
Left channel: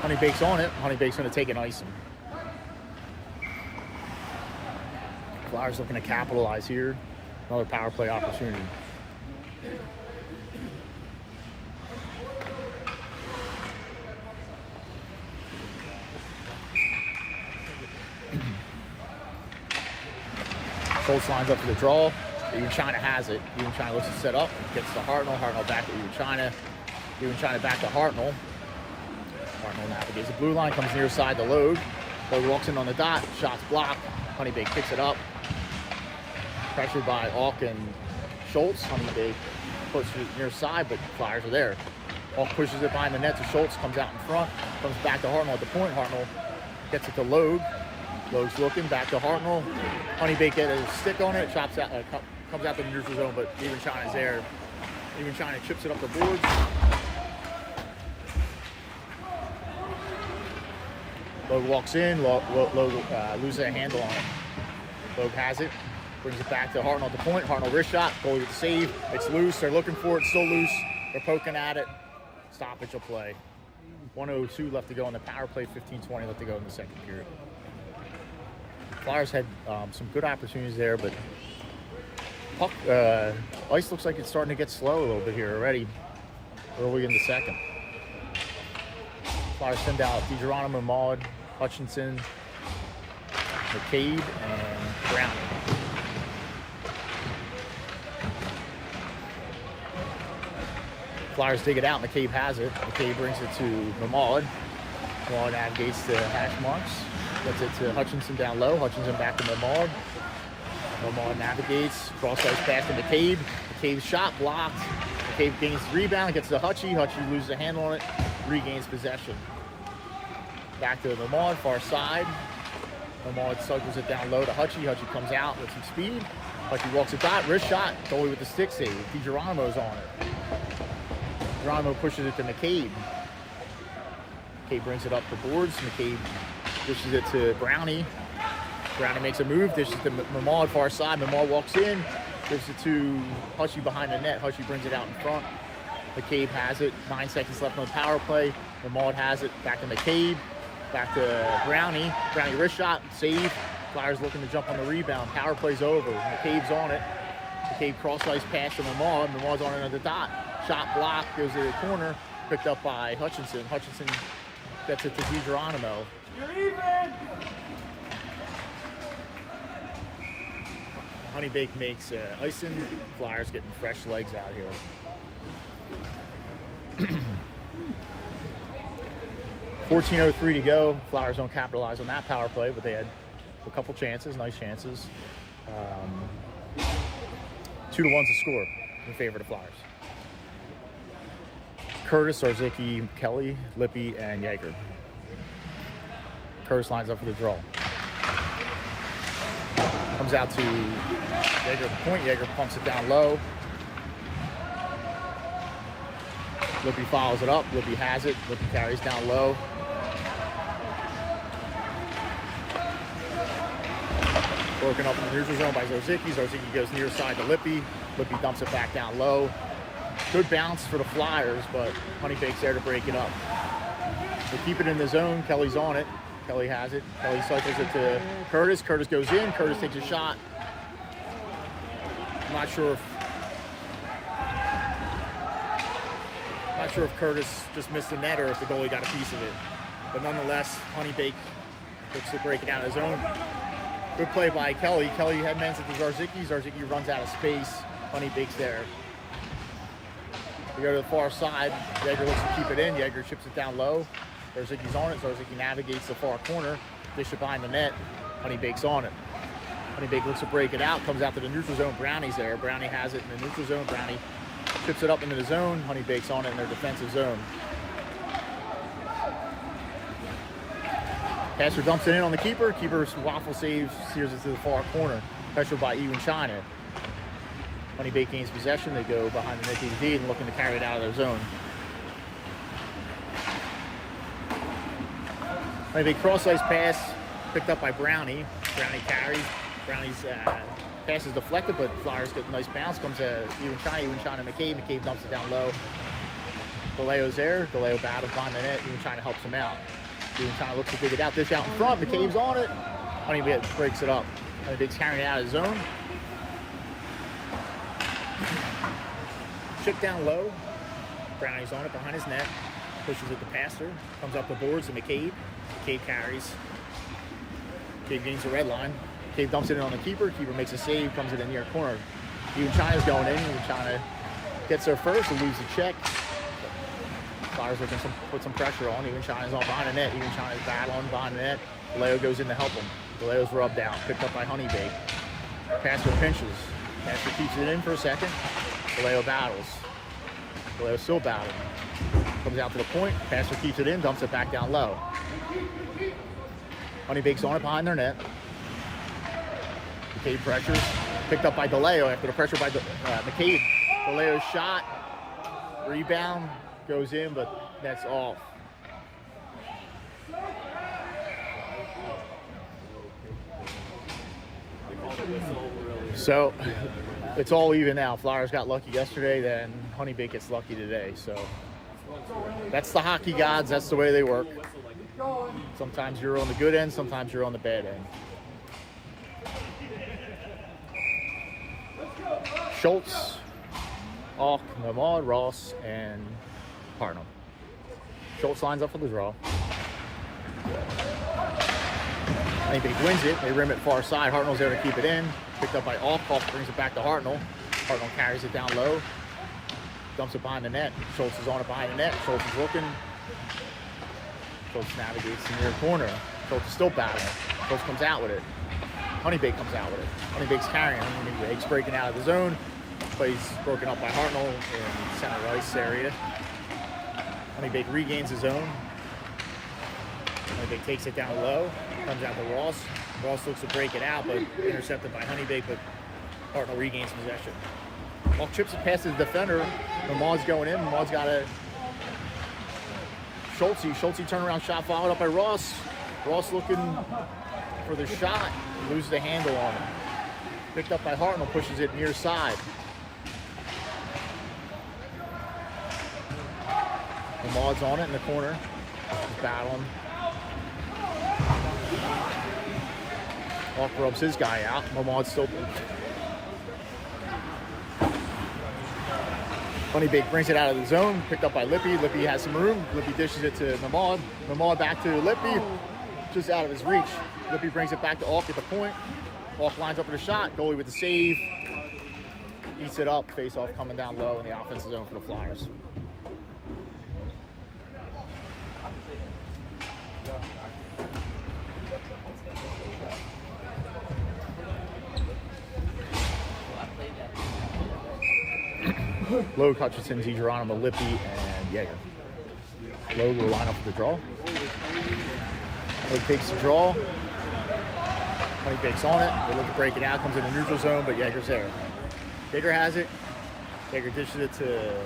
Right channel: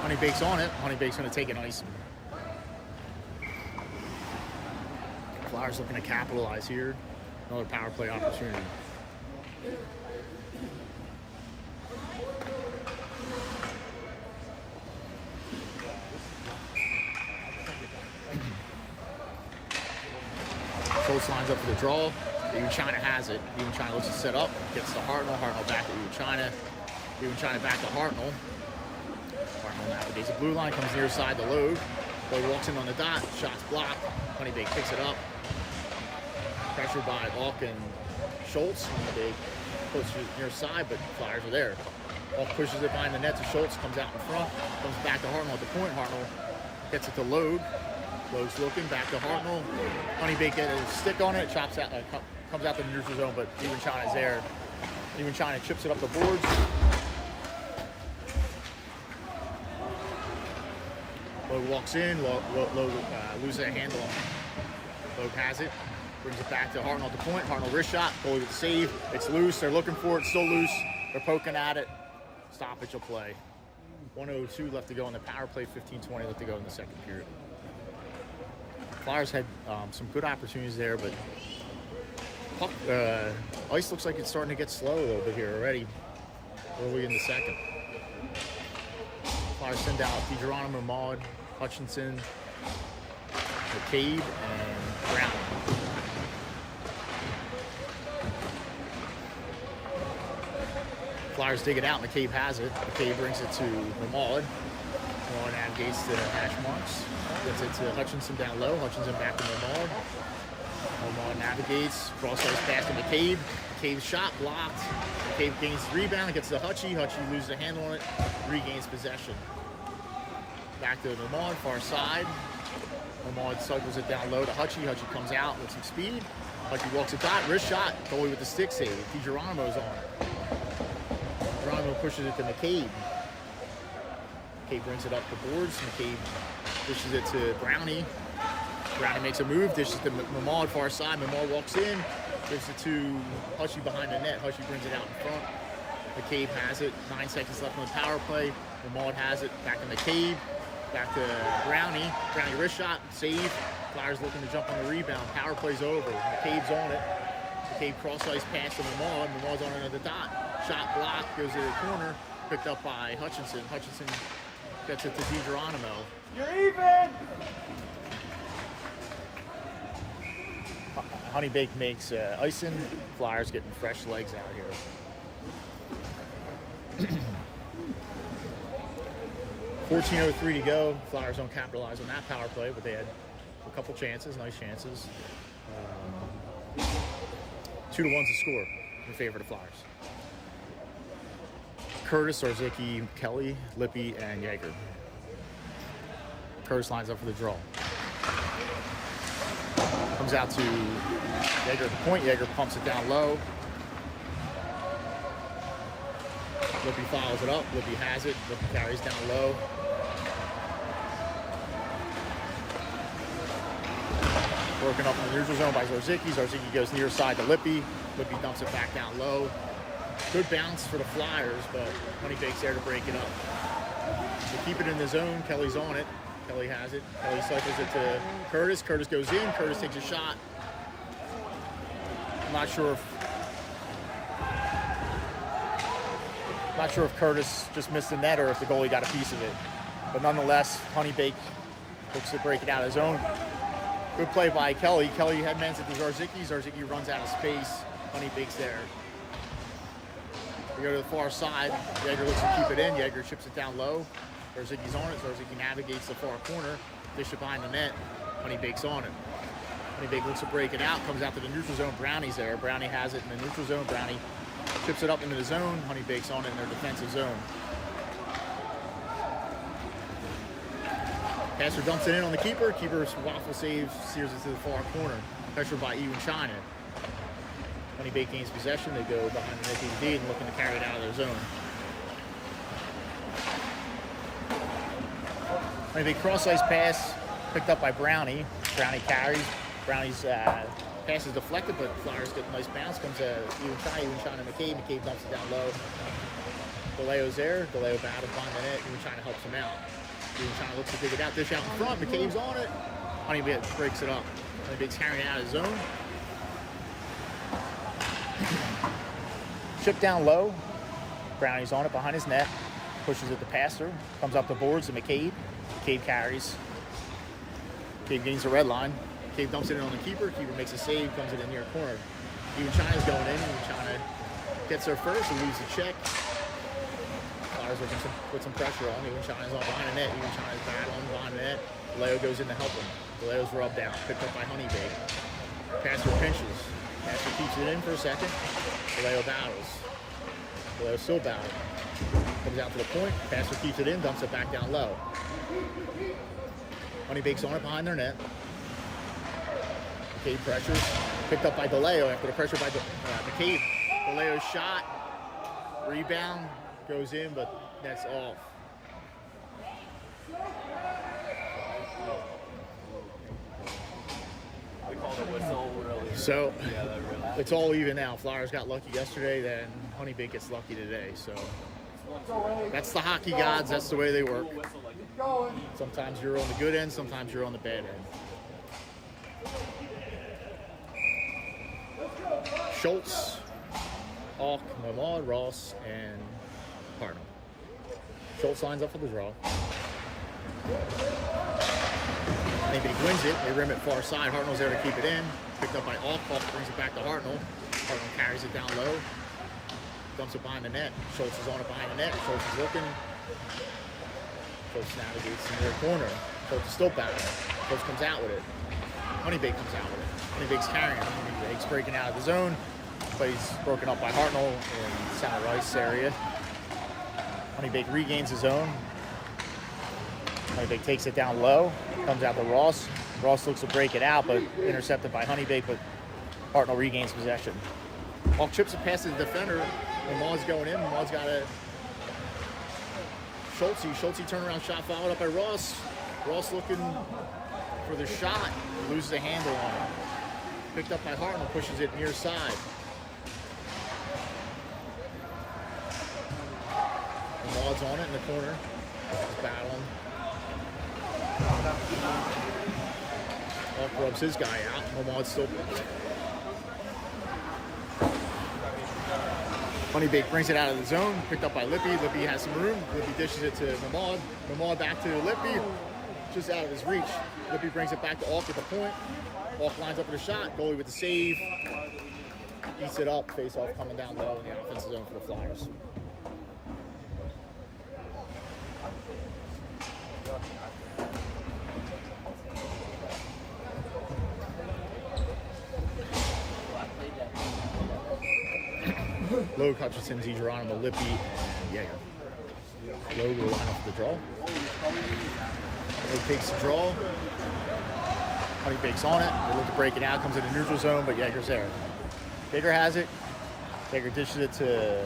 Honeybaked's on it. Honeybaked's going to take an icing. Flyers looking to capitalize here. Another power play opportunity. Schultz lines up for the draw. Even China has it. Even China looks to set up. Gets to Hartnell. Hartnell back to Even China. Even China back to Hartnell. Hartnell navigates the blue line, comes near side to Logue. Logue walks in on the dot, shots blocked. Honeybaked picks it up. Pressured by Auk and Schultz. Honeybaked pushes it near side, but Flyers are there. Auk pushes it behind the net to Schultz, comes out in front, comes back to Hartnell at the point. Hartnell gets it to Logue. Logue's looking, back to Hartnell. Honeybaked get a stick on it, chops out, comes out the neutral zone, but even China's there. Even China chips it up the boards. Logue walks in, Logue loses a handle on it. Logue has it, brings it back to Hartnell at the point. Hartnell wrist shot, goalie with the save. It's loose, they're looking for it, still loose. They're poking at it. Stoppage will play. 1:02 left to go on the power play, 15:20 left to go in the second period. Flyers had some good opportunities there, but puck, ice looks like it's starting to get slow a little bit here already, early in the second. Flyers send out DiGeronimo, Maud, Hutchinson, McCabe, and Browning. Flyers dig it out. McCabe has it. McCabe brings it to Maud. Maud navigates the hash marks. Gets it to Hutchinson down low. Hutchinson back to Maud. Maud navigates. Cross-ice pass to McCabe. McCabe's shot blocked. McCabe gains the rebound. Gets to Hutchie. Hutchie loses a handle on it. Regains possession. Back to Maud, far side. Maud cycles it down low to Hutchie. Hutchie comes out with some speed. Hutchie walks a dot. Wrist shot. Goalie with the stick save. DiGeronimo's on it. Geronimo pushes it to McCabe. McCabe brings it up the boards. McCabe dishes it to Brownie. Brownie makes a move, dishes to Maud far side. Maud walks in, gives it to Hutchie behind the net. Hutchie brings it out in front. McCabe has it. 9 seconds left on the power play. Maud has it. Back to McCabe. Back to Brownie. Brownie wrist shot, save. Flyers looking to jump on the rebound. Power play's over. McCabe's on it. McCabe cross-ice pass to Maud. Maud's on another dot. Shot blocked, goes to the corner, picked up by Hutchinson. Hutchinson gets it to DiGeronimo. You're even! Honeybaked makes icing. Flyers getting fresh legs out here. 14:03 to go. Flyers don't capitalize on that power play, but they had a couple chances, nice chances. 2-1 to score in favor of the Flyers. Curtis, Zarzicki, Kelly, Lippy, and Yeager. Curtis lines up for the draw. Comes out to Yeager at the point. Yeager pumps it down low. Lippy follows it up. Lippy has it. Lippy carries down low. Broken up in the neutral zone by Zarzicki. Zarzicki goes near side to Lippy. Lippy dumps it back down low. Good bounce for the Flyers, but Honeybaked's there to break it up. They keep it in the zone. Kelly's on it. Kelly has it. Kelly cycles it to Curtis. Curtis goes in. Curtis takes a shot. I'm not sure if Curtis just missed the net or if the goalie got a piece of it. But nonetheless, Honeybaked looks to break it out of his own. Good play by Kelly. Kelly headmans it to Zarzicki. Zarzicki runs out of space. Honeybaked's there. They go to the far side. Yeager looks to keep it in. Yeager chips it down low. Zarzicki's on it. Zarzicki navigates the far corner. Dish it behind the net. Honeybaked's on it. Honeybaked looks to break it out. Comes out to the neutral zone. Brownie's there. Brownie has it in the neutral zone. Brownie chips it up into the zone. Honeybaked's on it in their defensive zone. Passer dumps it in on the keeper. Keeper's waffle save, steers it to the far corner. Pressure by Ewan China. Honeybaked gains possession. They go behind the net and looking to carry it out of their zone. Honeybaked cross-ice pass picked up by Brownie. Brownie carries. Brownie's pass is deflected, but Flyers get a nice bounce. Comes to Ewan China, McCabe. McCabe dumps it down low. DeLeo's there. DeLeo battled behind the net. Ewan China helps him out. Ewan China looks to dig it out. Dish out in front. McCabe's on it. Honeybaked breaks it up. Honeybaked's carrying it out of his zone. Chip down low. Brownie's on it behind his net. Pushes it to Passer. Comes up the boards to McCabe. McCabe carries. McCabe gains the red line. McCabe dumps it in on the keeper. Keeper makes a save. Comes it in near corner. Ewan China's going in. Ewan China gets there first and loses the check. Flowers looking to put some pressure on. Even Shines on behind the net. Even Shines battle on behind the net. Vallejo goes in to help him. Vallejo's rubbed down. Picked up by Honeybaked. Passer pinches. Passer keeps it in for a second. Vallejo battles. Vallejo still battling. Comes out to the point. Passer keeps it in. Dumps it back down low. Honeybaked's on it behind their net. McCabe pressures. Picked up by Vallejo after the pressure by McCabe. Vallejo's shot. Rebound. Goes in, but that's off. So it's all even now. Flyers got lucky yesterday, then Honeybaked gets lucky today. So that's the hockey gods. That's the way they work. Sometimes you're on the good end, sometimes you're on the bad end. Schultz, Alk, Nomad, Ross, and Hartnell. Schultz lines up for the draw. Honeybaked wins it. They rim it far side. Hartnell's there to keep it in. Picked up by Alk. Alk brings it back to Hartnell. Hartnell carries it down low. Dumps it behind the net. Schultz is on it behind the net. Schultz is looking. Schultz navigates to the near corner. Schultz is still battling. Schultz comes out with it. Honeybaked comes out with it. Honeybaked's carrying. Honeybaked's breaking out of the zone. Plays broken up by Hartnell in center ice area. Honeybaked regains his zone. Honeybaked takes it down low. Comes out to Ross. Ross looks to break it out, but intercepted by Honeybaked, but Hartnell regains possession. Alk chips it past the defender. Mamad's going in. Mamad's got a Schultz turnaround shot followed up by Ross. Ross looking for the shot. Loses the handle on him. Picked up by Hartnell, pushes it near side. Mamad's on it in the corner. He's battling. Alk rubs his guy out. Mamad's still. Honeybaked brings it out of the zone. Picked up by Lippy. Lippy has some room. Lippy dishes it to Nomad. Nomad back to Lippy. Just out of his reach. Lippy brings it back to Alk at the point. Alk lines up with a shot. Goalie with the save. Eats it up. Face off coming down low in the offensive zone for the Flyers. Logue, Hutchinson, Geronimo, Lippy, and Yeager. Logue will line up for the draw. Logue takes the draw. Honeybaked's on it. They look to break it out. Comes in the neutral zone, but Yeager's there. Yeager has it. Yeager dishes it to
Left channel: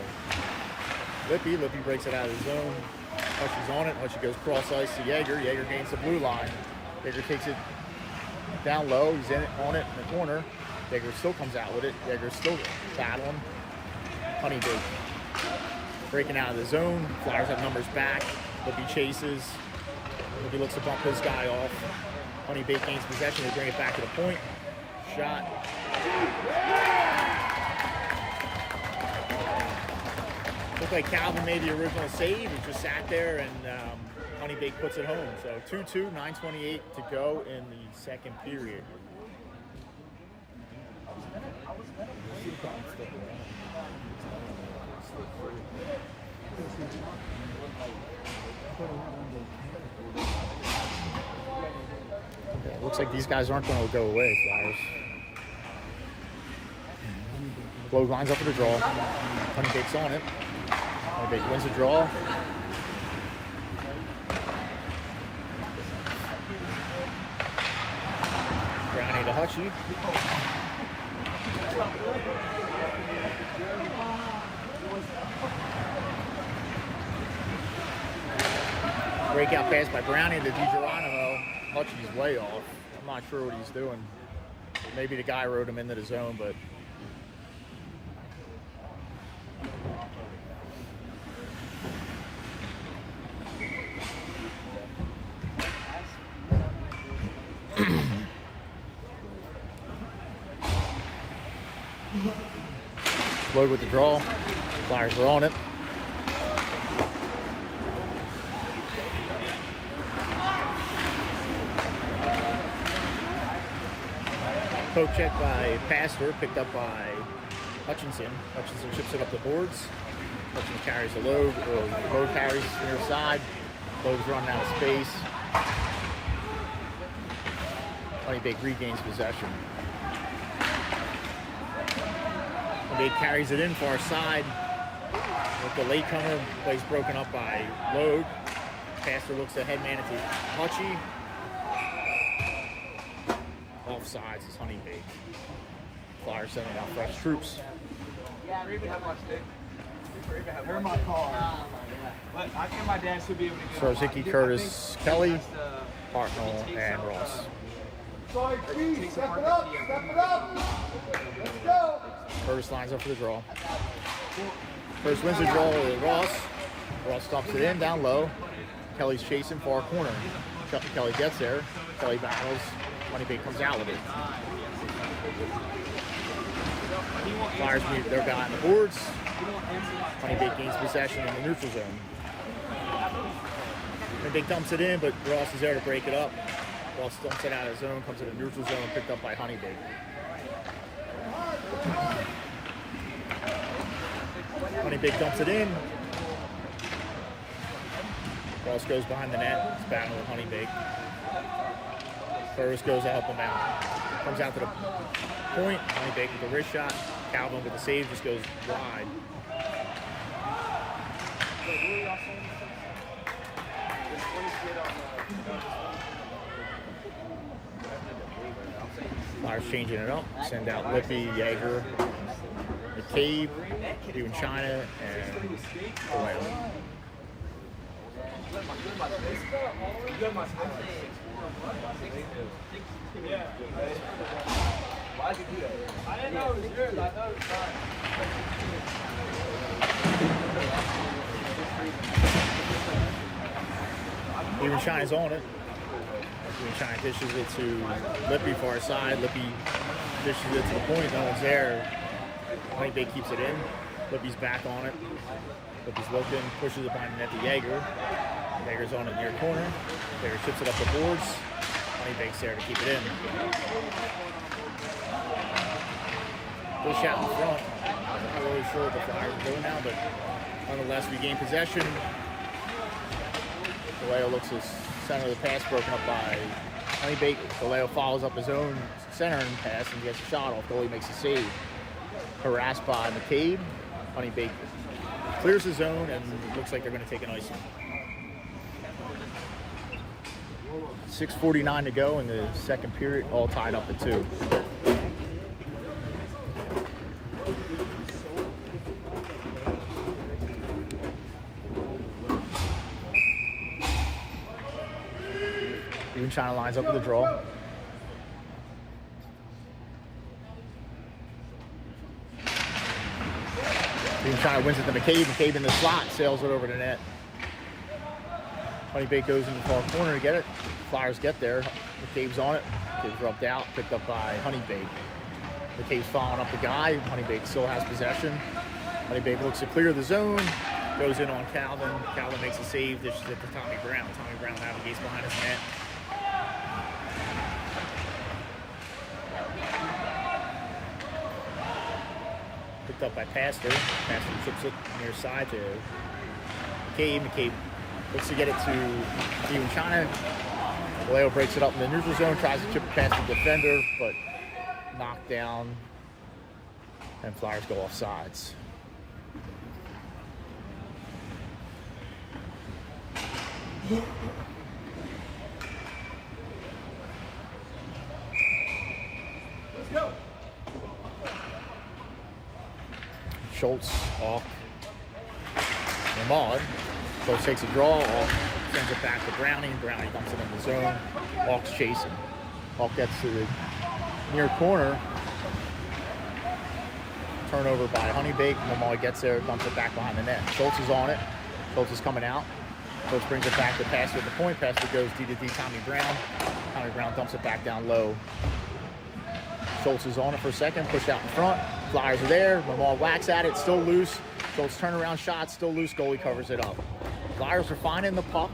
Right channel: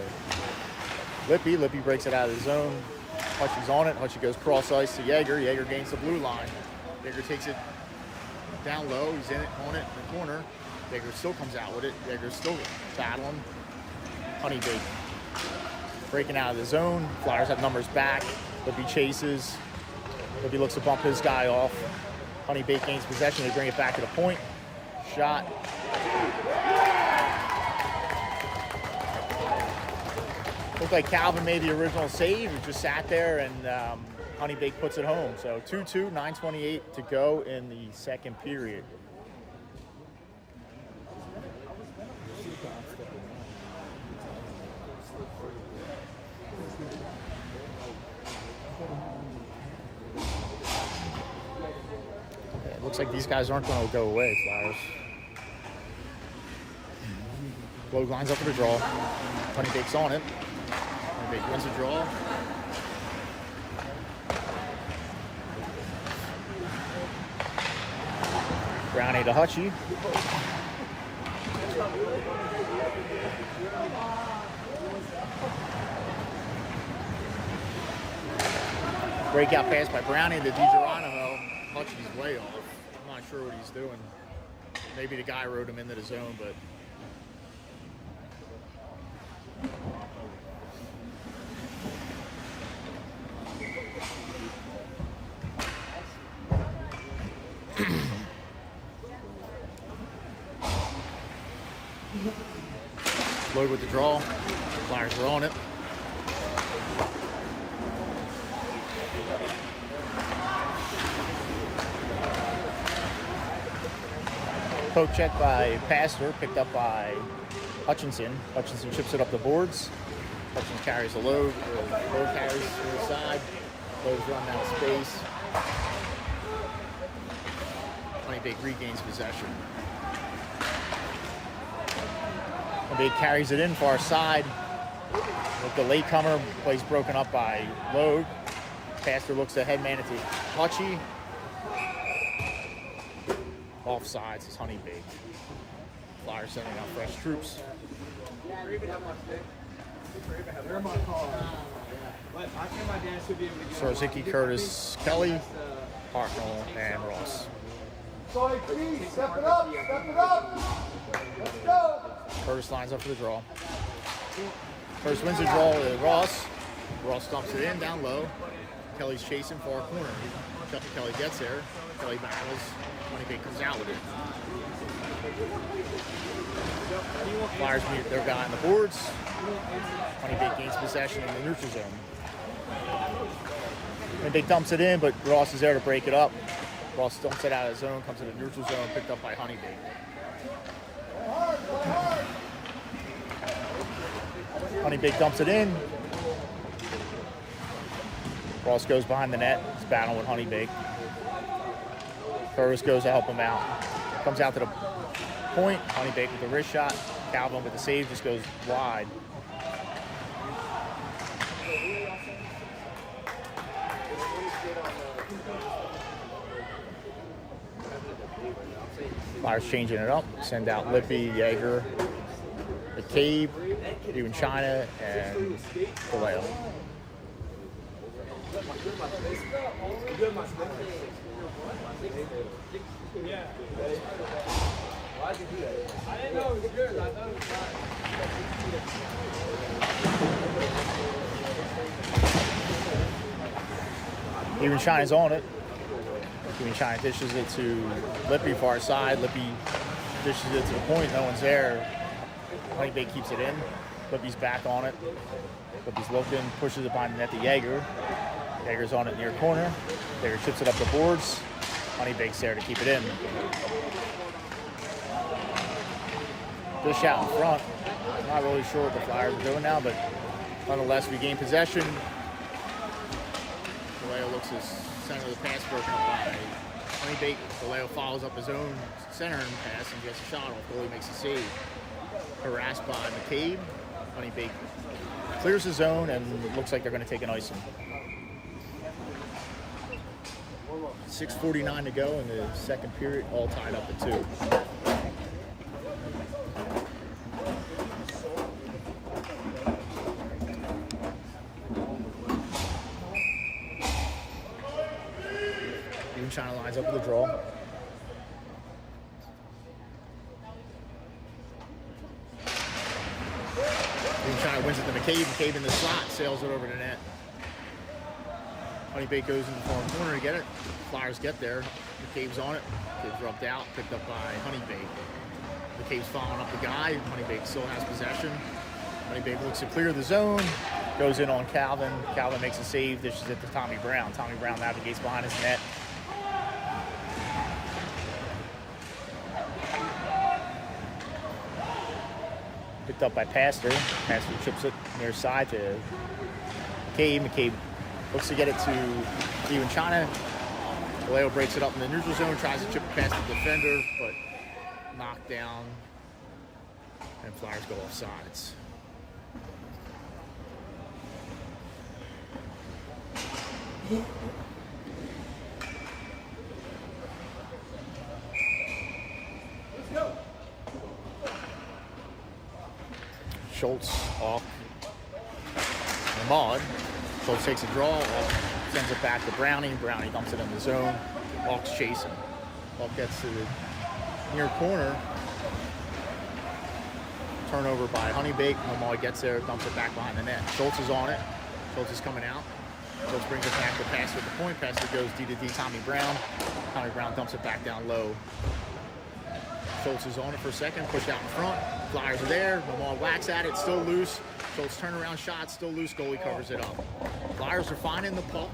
Lippy. Lippy breaks it out of the zone. Hutchie's on it. Hutchie goes cross ice to Yeager. Yeager gains the blue line. Yeager takes it down low. He's in it, on it in the corner. Yeager still comes out with it. Yeager's still battling. Honeybaked breaking out of the zone. Flyers have numbers back. Lippy chases. Lippy looks to bump his guy off. Honeybaked gains possession. They bring it back to the point. Shot. Looked like Calvin made the original save. He just sat there and Honeybaked puts it home. So 2-2, 9:28 to go in the second period. Yeah, it looks like these guys aren't going to go away, Flyers. Logue lines up for the draw. Honeybaked's on it. Honeybaked wins the draw. Brownie to Hutchie. Breakout pass by Brownie to DiGeronimo. Hutchie's way off. I'm not sure what he's doing. Maybe the guy rode him into the zone, but Logue with the draw. Flyers were on it. Poke check by Pastor, picked up by Hutchinson. Hutchinson chips it up the boards. Hudson carries the load, or load carries near side. Load's running out of space. Honeybaked regains possession. Honeybaked carries it in far side. With the latecomer, plays broken up by Load. Pastor looks at head manager Hutchie. Offsides is Honeybaked. Flyers sending out fresh troops. They're my call. I think my dad should be able to get Sarzicki, Curtis, Kelly, Hartnell, and Ross. Curtis lines up for the draw. Curtis wins the draw with Ross. Ross dumps it in down low. Kelly's chasing far corner. Kelly gets there. Kelly battles. Honeybaked comes out with it. Flyers meet their guy on the boards. Honeybaked gains possession in the neutral zone. Honeybaked dumps it in, but Ross is there to break it up. Ross dumps it out of zone, comes to the neutral zone, picked up by Honeybaked. Honeybaked dumps it in. Ross goes behind the net. He's battling with Honeybaked. Curtis goes to help him out. Comes out to the point. Honeybaked with a wrist shot. Calvin with the save just goes wide. Flyers changing it up. Send out Lippy, Yeager, McCabe, doing China, and Vallejo. Even China's on it. Even China dishes it to Lippy far side. Lippy dishes it to the point. No one's there. Honeybaked keeps it in. Lippy's back on it. Lippy's looking, pushes it behind the net to Yeager. Yeager's on it near corner. Yeager chips it up the boards. Honeybaked's there to keep it in. Dish out in front. Not really sure what the Flyers are doing now, but nonetheless, we gain possession. Vallejo looks his center of the pass broken up by Honeybaked. Vallejo follows up his own centering pass and gets a shot off. Goalie makes a save. Harassed by McCabe. Honeybaked clears the zone, and it looks like they're going to take an icing. 6:49 to go in the second period, all tied up at 2. Even China lines up with a draw. Even China wins it to McCabe. McCabe in the slot, sails it over the net. Honeybaked goes in the far corner to get it. Flyers get there. McCabe's on it. McCabe's rubbed out, picked up by Honeybaked. McCabe's following up the guy. Honeybaked still has possession. Honeybaked looks to clear the zone. Goes in on Calvin. Calvin makes a save. Dishes it to Tommy Brown. Tommy Brown navigates behind his net. Picked up by Pastor. Pastor chips it near side to McCabe. McCabe looks to get it to Steven China. Vallejo breaks it up in the neutral zone, tries to chip it past the defender, but knocked down, and Flyers go off sides. Schultz off the Maud. Schultz takes a draw, off, sends it back to Browning. Browning dumps it in the zone. Hawk's chasing. Hawk gets to the near corner. Turnover by Honeybaked. Maud gets there, dumps it back behind the net. Schultz is on it. Schultz is coming out. Schultz brings it back to Pastor at the point. Pastor goes D to D, Tommy Brown. Tommy Brown dumps it back down low. Schultz is on it for a second, pushed out in front. Flyers are there. Maud whacks at it, still loose. Schultz turnaround shot, still loose. Goalie covers it up. Flyers are finding the puck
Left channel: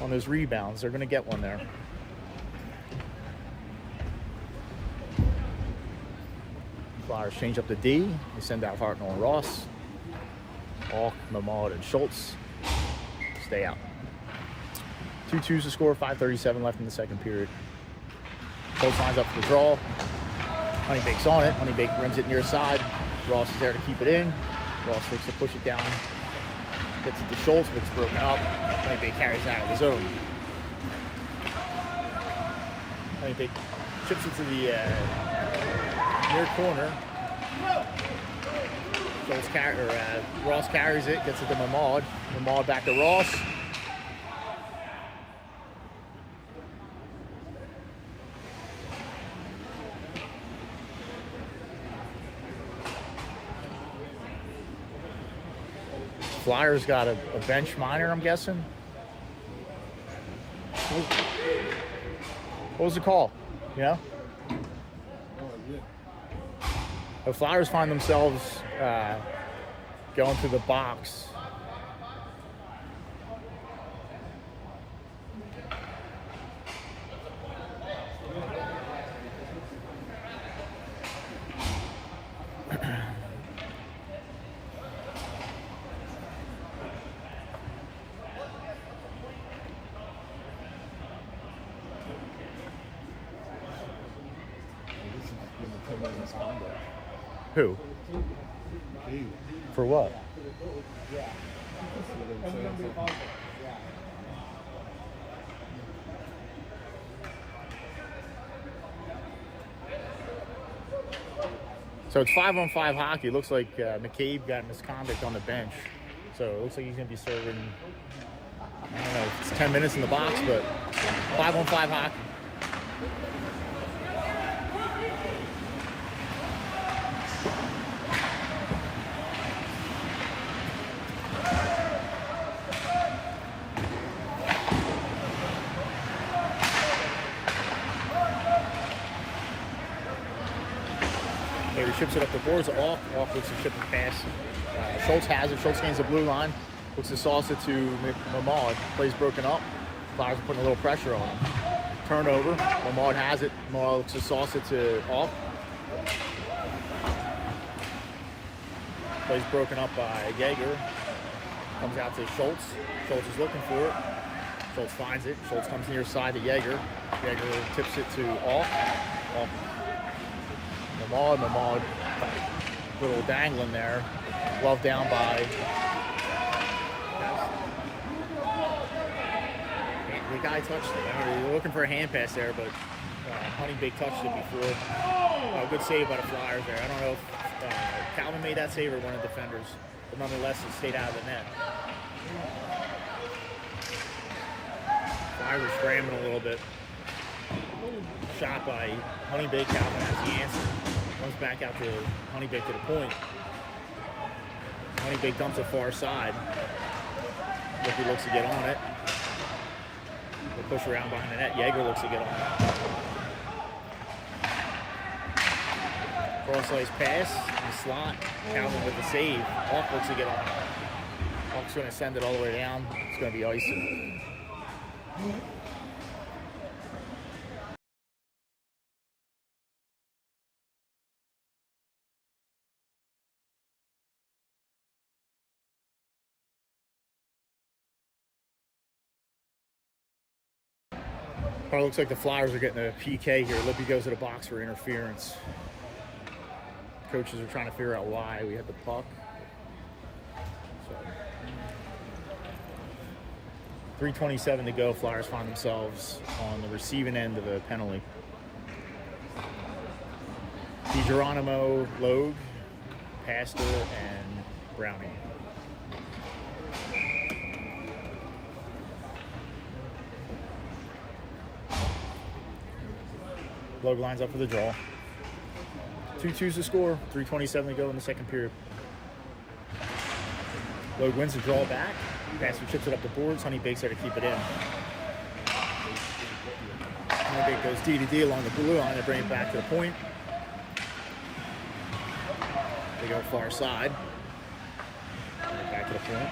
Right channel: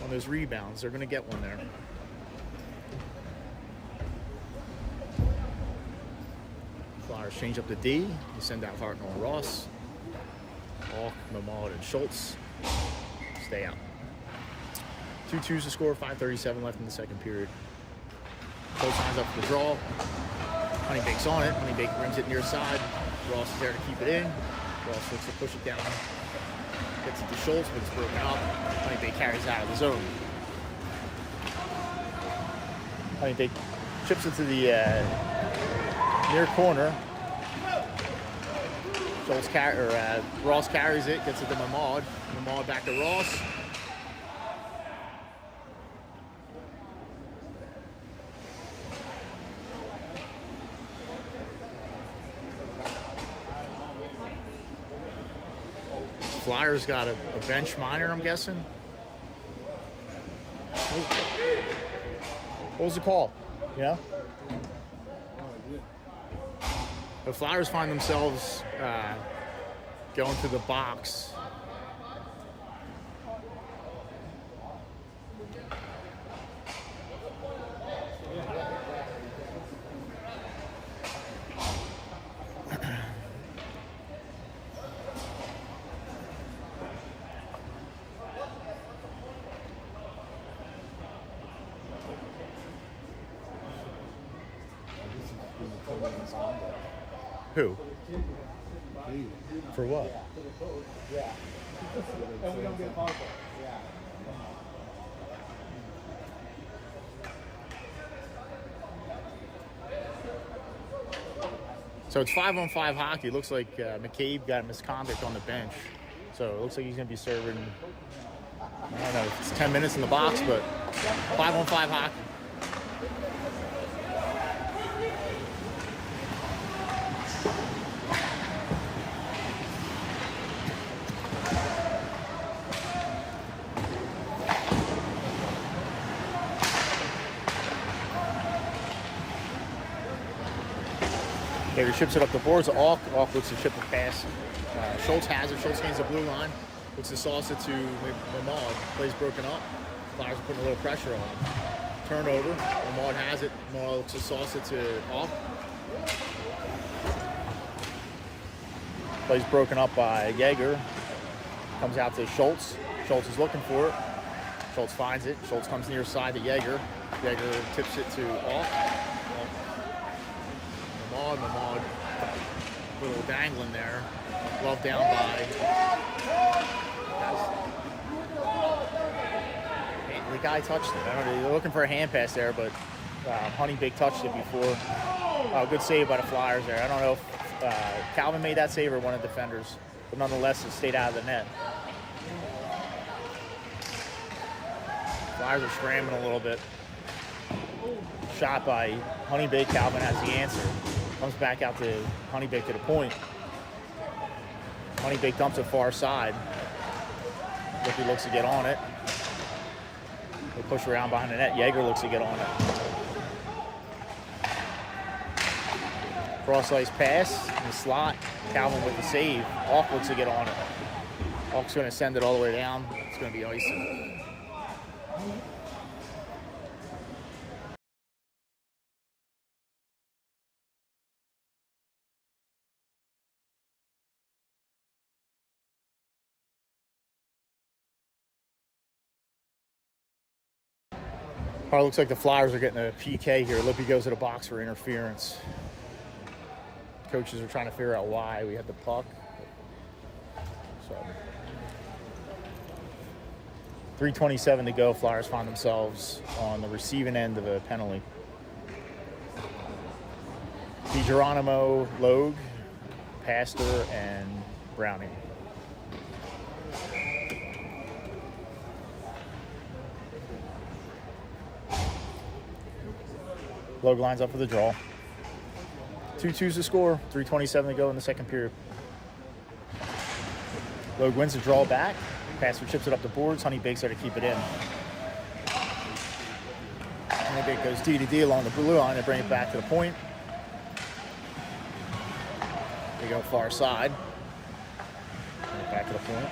on those rebounds. They're going to get one there. Flyers change up the D. They send out Hartnell and Ross. Alk, Mamad, and Schultz stay out. 2-2's the score, 5:37 left in the second period. Schultz lines up for the draw. Honeybaked's on it. Honeybaked rims it near side. Ross is there to keep it in. Ross looks to push it down. Gets it to Schultz, but it's broken up. Honeybaked carries it out of the zone. Honeybaked chips it to the near corner. Ross carries it, gets it to Mamad. Mamad back to Ross. Flyers got a bench minor, I'm guessing. What was the call? Yeah? The Flyers find themselves going to the box. Who? For what? So it's 5-on-5 hockey. It looks like McCabe got misconduct on the bench. So it looks like he's going to be serving, I don't know, it's 10 minutes in the box, but 5-on-5 hockey. He ships it up the boards. Alk looks to ship it past. Schultz has it. Schultz gains the blue line. Looks to sauce it to Mamad. Plays broken up. Flyers are putting a little pressure on him. Turnover. Mamad has it. Mamad looks to sauce it to Alk. Plays broken up by Jaeger. Comes out to Schultz. Schultz is looking for it. Schultz finds it. Schultz comes near side to Jaeger. Jaeger tips it to Alk. Alk. Mamad, little dangling there. Glove down by. The guy touched it. I don't know, you're looking for a hand pass there, but Honeybaked touched it before. Good save by the Flyers there. I don't know if Calvin made that save or one of the defenders, but nonetheless, it stayed out of the net. Flyers are scrambling a little bit. Shot by Honeybaked. Calvin has the answer. Comes back out to Honeybaked to the point. Honeybaked dumps it far side. Ricky looks to get on it. They push around behind the net. Jaeger looks to get on it. Cross-ice pass in the slot. Calvin with the save. Alk looks to get on it. Alk's going to send it all the way down. It's going to be icing. Probably looks like the Flyers are getting a PK here. Lippy goes to the box for interference. Coaches are trying to figure out why. We had the puck. So 3:27 to go. Flyers find themselves on the receiving end of a penalty. DiGeronimo, Logue, Pastor, and Browning. Logue lines up for the draw. 2-2's the score. 3:27 to go in the second period. Logue wins the draw back. Pastor chips it up the boards. Honeybaked's there to keep it in. Honeybaked goes D to D along the blue line. They bring it back to the point. They go far side. Bring it back to the point.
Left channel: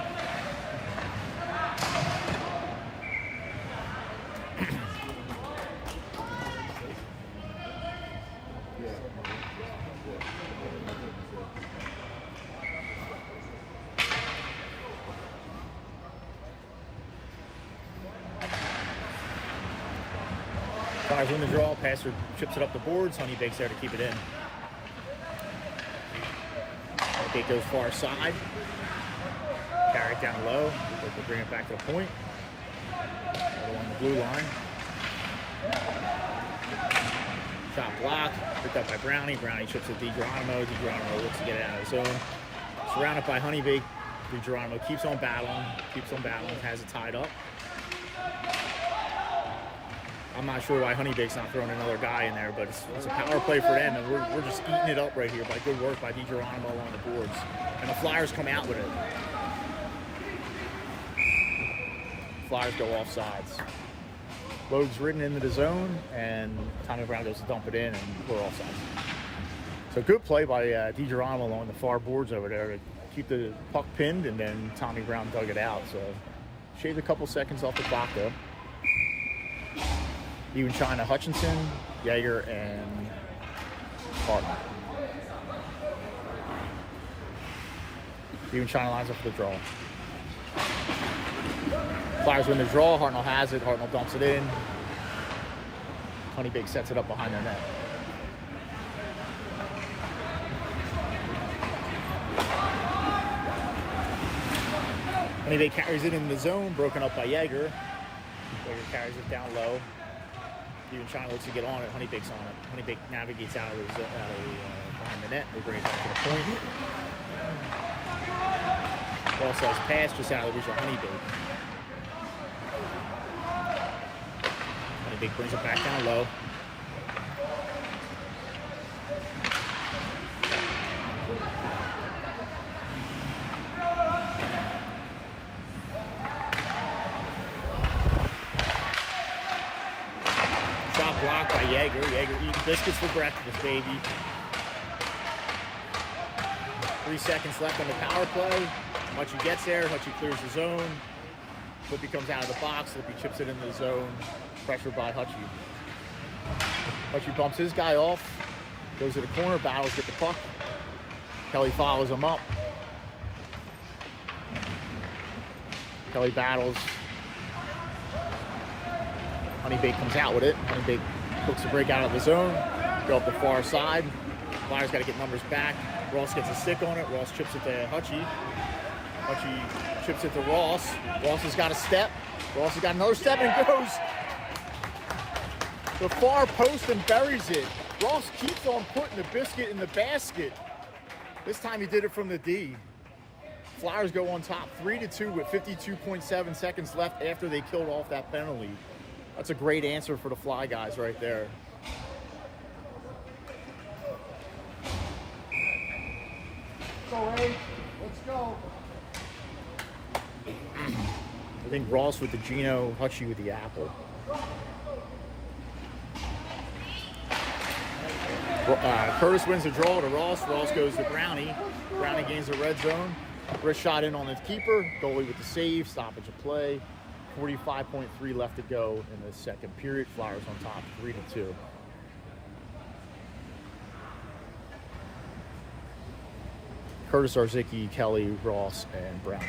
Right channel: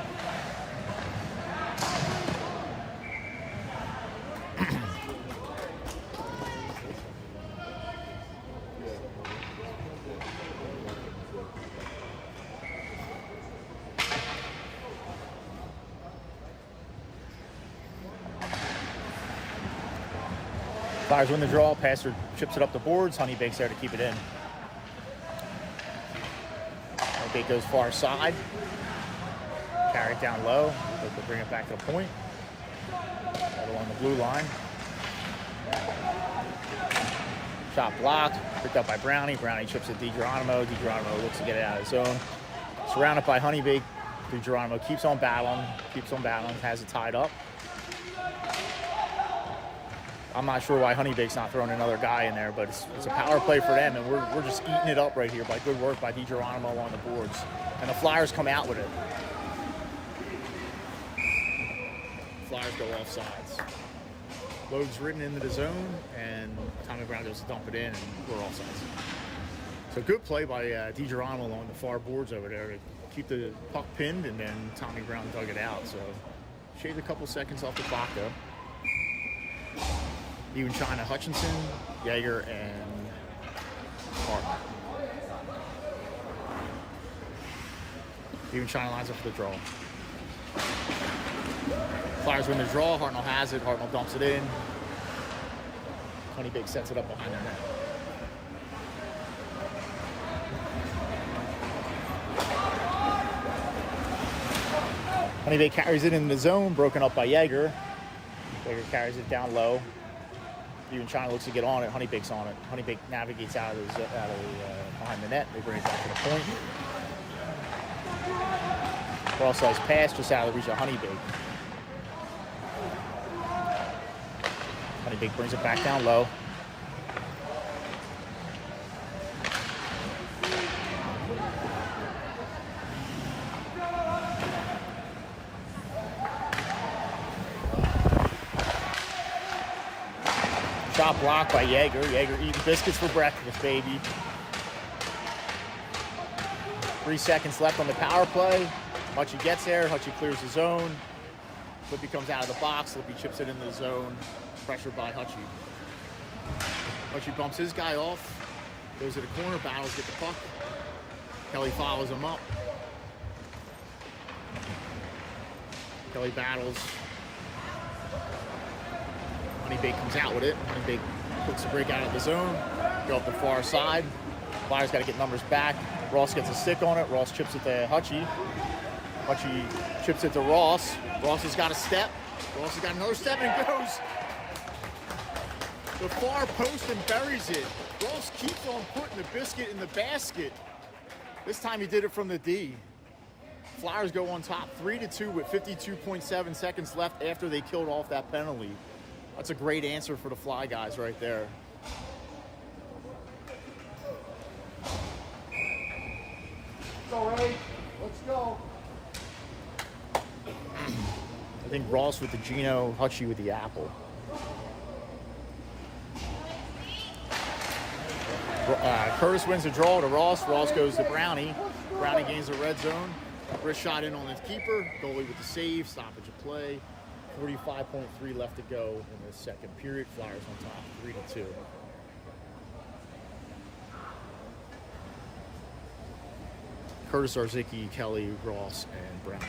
Flyers win the draw. Passer chips it up the boards. Honeybaked there to keep it in. Honeybaked goes far side. Carry it down low. They bring it back to the point. Right along the blue line. Shot blocked. Picked up by Brownie. Brownie chips at DiGeronimo. DiGeronimo looks to get it out of his zone. Surrounded by Honeybaked. DiGeronimo keeps on battling. Has it tied up. I'm not sure why Honeybaked's not throwing another guy in there, but it's a power play for them, and we're just eating it up right here by good work by DiGeronimo on the boards. And the Flyers come out with it. Flyers go off sides. Logue's ridden into the zone, and Tommy Brown goes to dump it in, and we're off sides. So good play by DiGeronimo along the far boards over there to keep the puck pinned, and then Tommy Brown dug it out. So shaved a couple seconds off the clock, though. Even China, Hutchinson, Yeager, and Hartman. Even China lines up for the draw. Flyers win the draw. Hartnell has it. Hartnell dumps it in. Honeybaked sets it up behind their net. Honeybaked carries it in the zone, broken up by Yeager. Yeager carries it down low. Even China looks to get on it. Honeybaked's on it. Honeybaked navigates out of behind the net. They bring it back to the point. Ross has pass just out of the reach of Honeybaked. Honeybaked brings it back down low. Shot blocked by Yeager. Yeager eating biscuits for breakfast, baby. 3 seconds left on the power play. Hutchie gets there. Hutchie clears the zone. Lippy comes out of the box. Lippy chips it into the zone. Pressured by Hutchie. Hutchie bumps his guy off. Goes to the corner. Battles, get the puck. Kelly follows him up. Kelly battles. Honeybaked comes out with it. Honeybaked looks to break out of the zone. Go up the far side. Flyers got to get numbers back. Ross gets a stick on it. Ross chips it to Hutchie. Hutchie chips it to Ross. Ross has got a step. Ross has got another step and goes the far post and buries it. Ross keeps on putting the biscuit in the basket. This time he did it from the D. Flyers go on top 3-2 with 52.7 seconds left after they killed off that penalty. That's a great answer for the Fly guys right there. All right, let's go. I think Ross with the Gino, Hutchie with the apple. Curtis wins the draw to Ross. Ross goes to Brownie. Brownie gains the red zone. Wrist shot in on the keeper. Goalie with the save. Stoppage of play. 45.3 left to go in the second period. Flyers on top 3-2. Curtis, Arzicki, Kelly, Ross, and Brownie.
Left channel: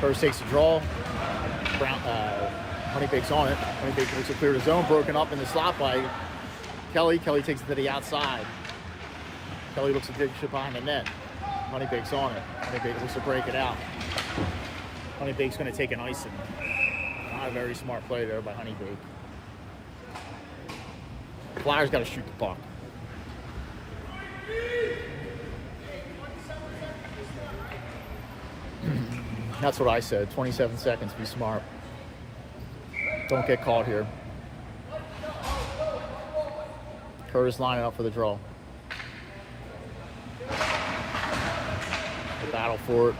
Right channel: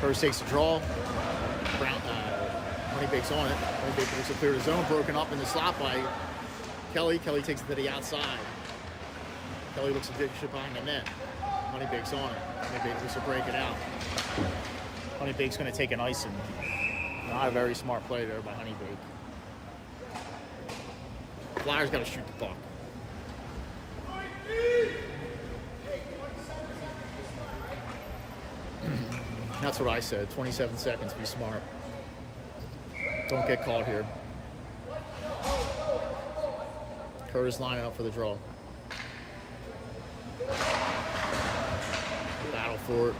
Curtis takes the draw. Honeybaked's on it. Honeybaked makes it clear the zone. Broken up in the slot by Kelly. Kelly takes it to the outside. Kelly looks to dig it behind the net. Honeybaked's on it. Honeybaked looks to break it out. Honeybaked's going to take an icing. Not a very smart play there by Honeybaked. Flyers got to shoot the puck. That's what I said. 27 seconds. Be smart. Don't get caught here. Curtis lining up for the draw. They battle for it.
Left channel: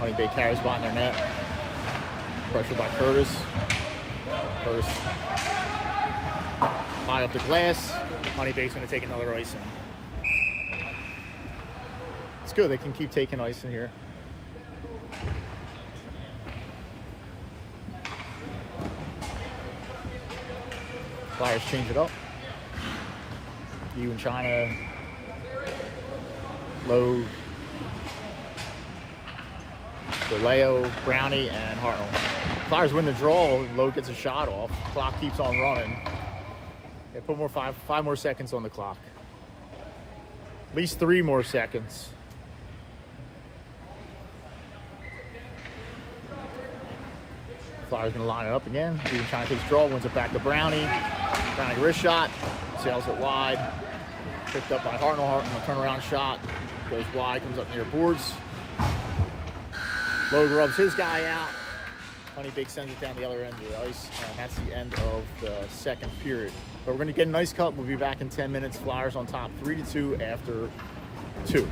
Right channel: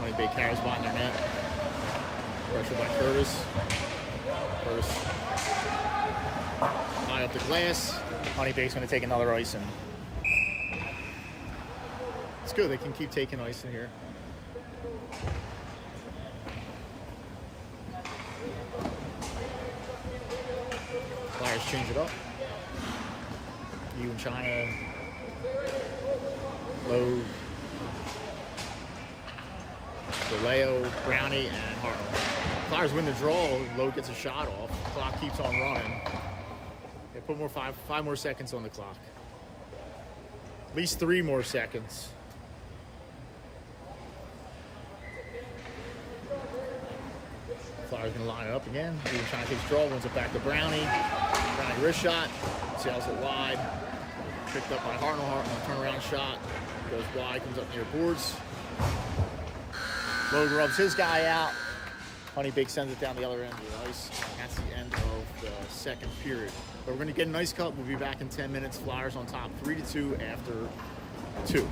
Honeybaked carries behind their net. Pressure by Curtis. Curtis line up the glass. Honeybaked's going to take another icing. It's good. They can keep taking icing here. Flyers change it up. You and China low. So Leo, Brownie, and Hartnell. Flyers win the draw. Lowe gets a shot off. Clock keeps on running. Yeah, put more five more seconds on the clock. At least 3 more seconds. Flyers gonna line it up again. Even time takes draw, wins it back to Brownie. Brownie wrist shot, sails it wide. Picked up by Hartnell. Hartnell turnaround shot. Goes wide, comes up near boards. Lowe rubs his guy out. Honeybaked sends it down the other end of the ice. And that's the end of the second period. But we're gonna get a nice cut. We'll be back in 10 minutes. Flyers on top 3-2 after 2.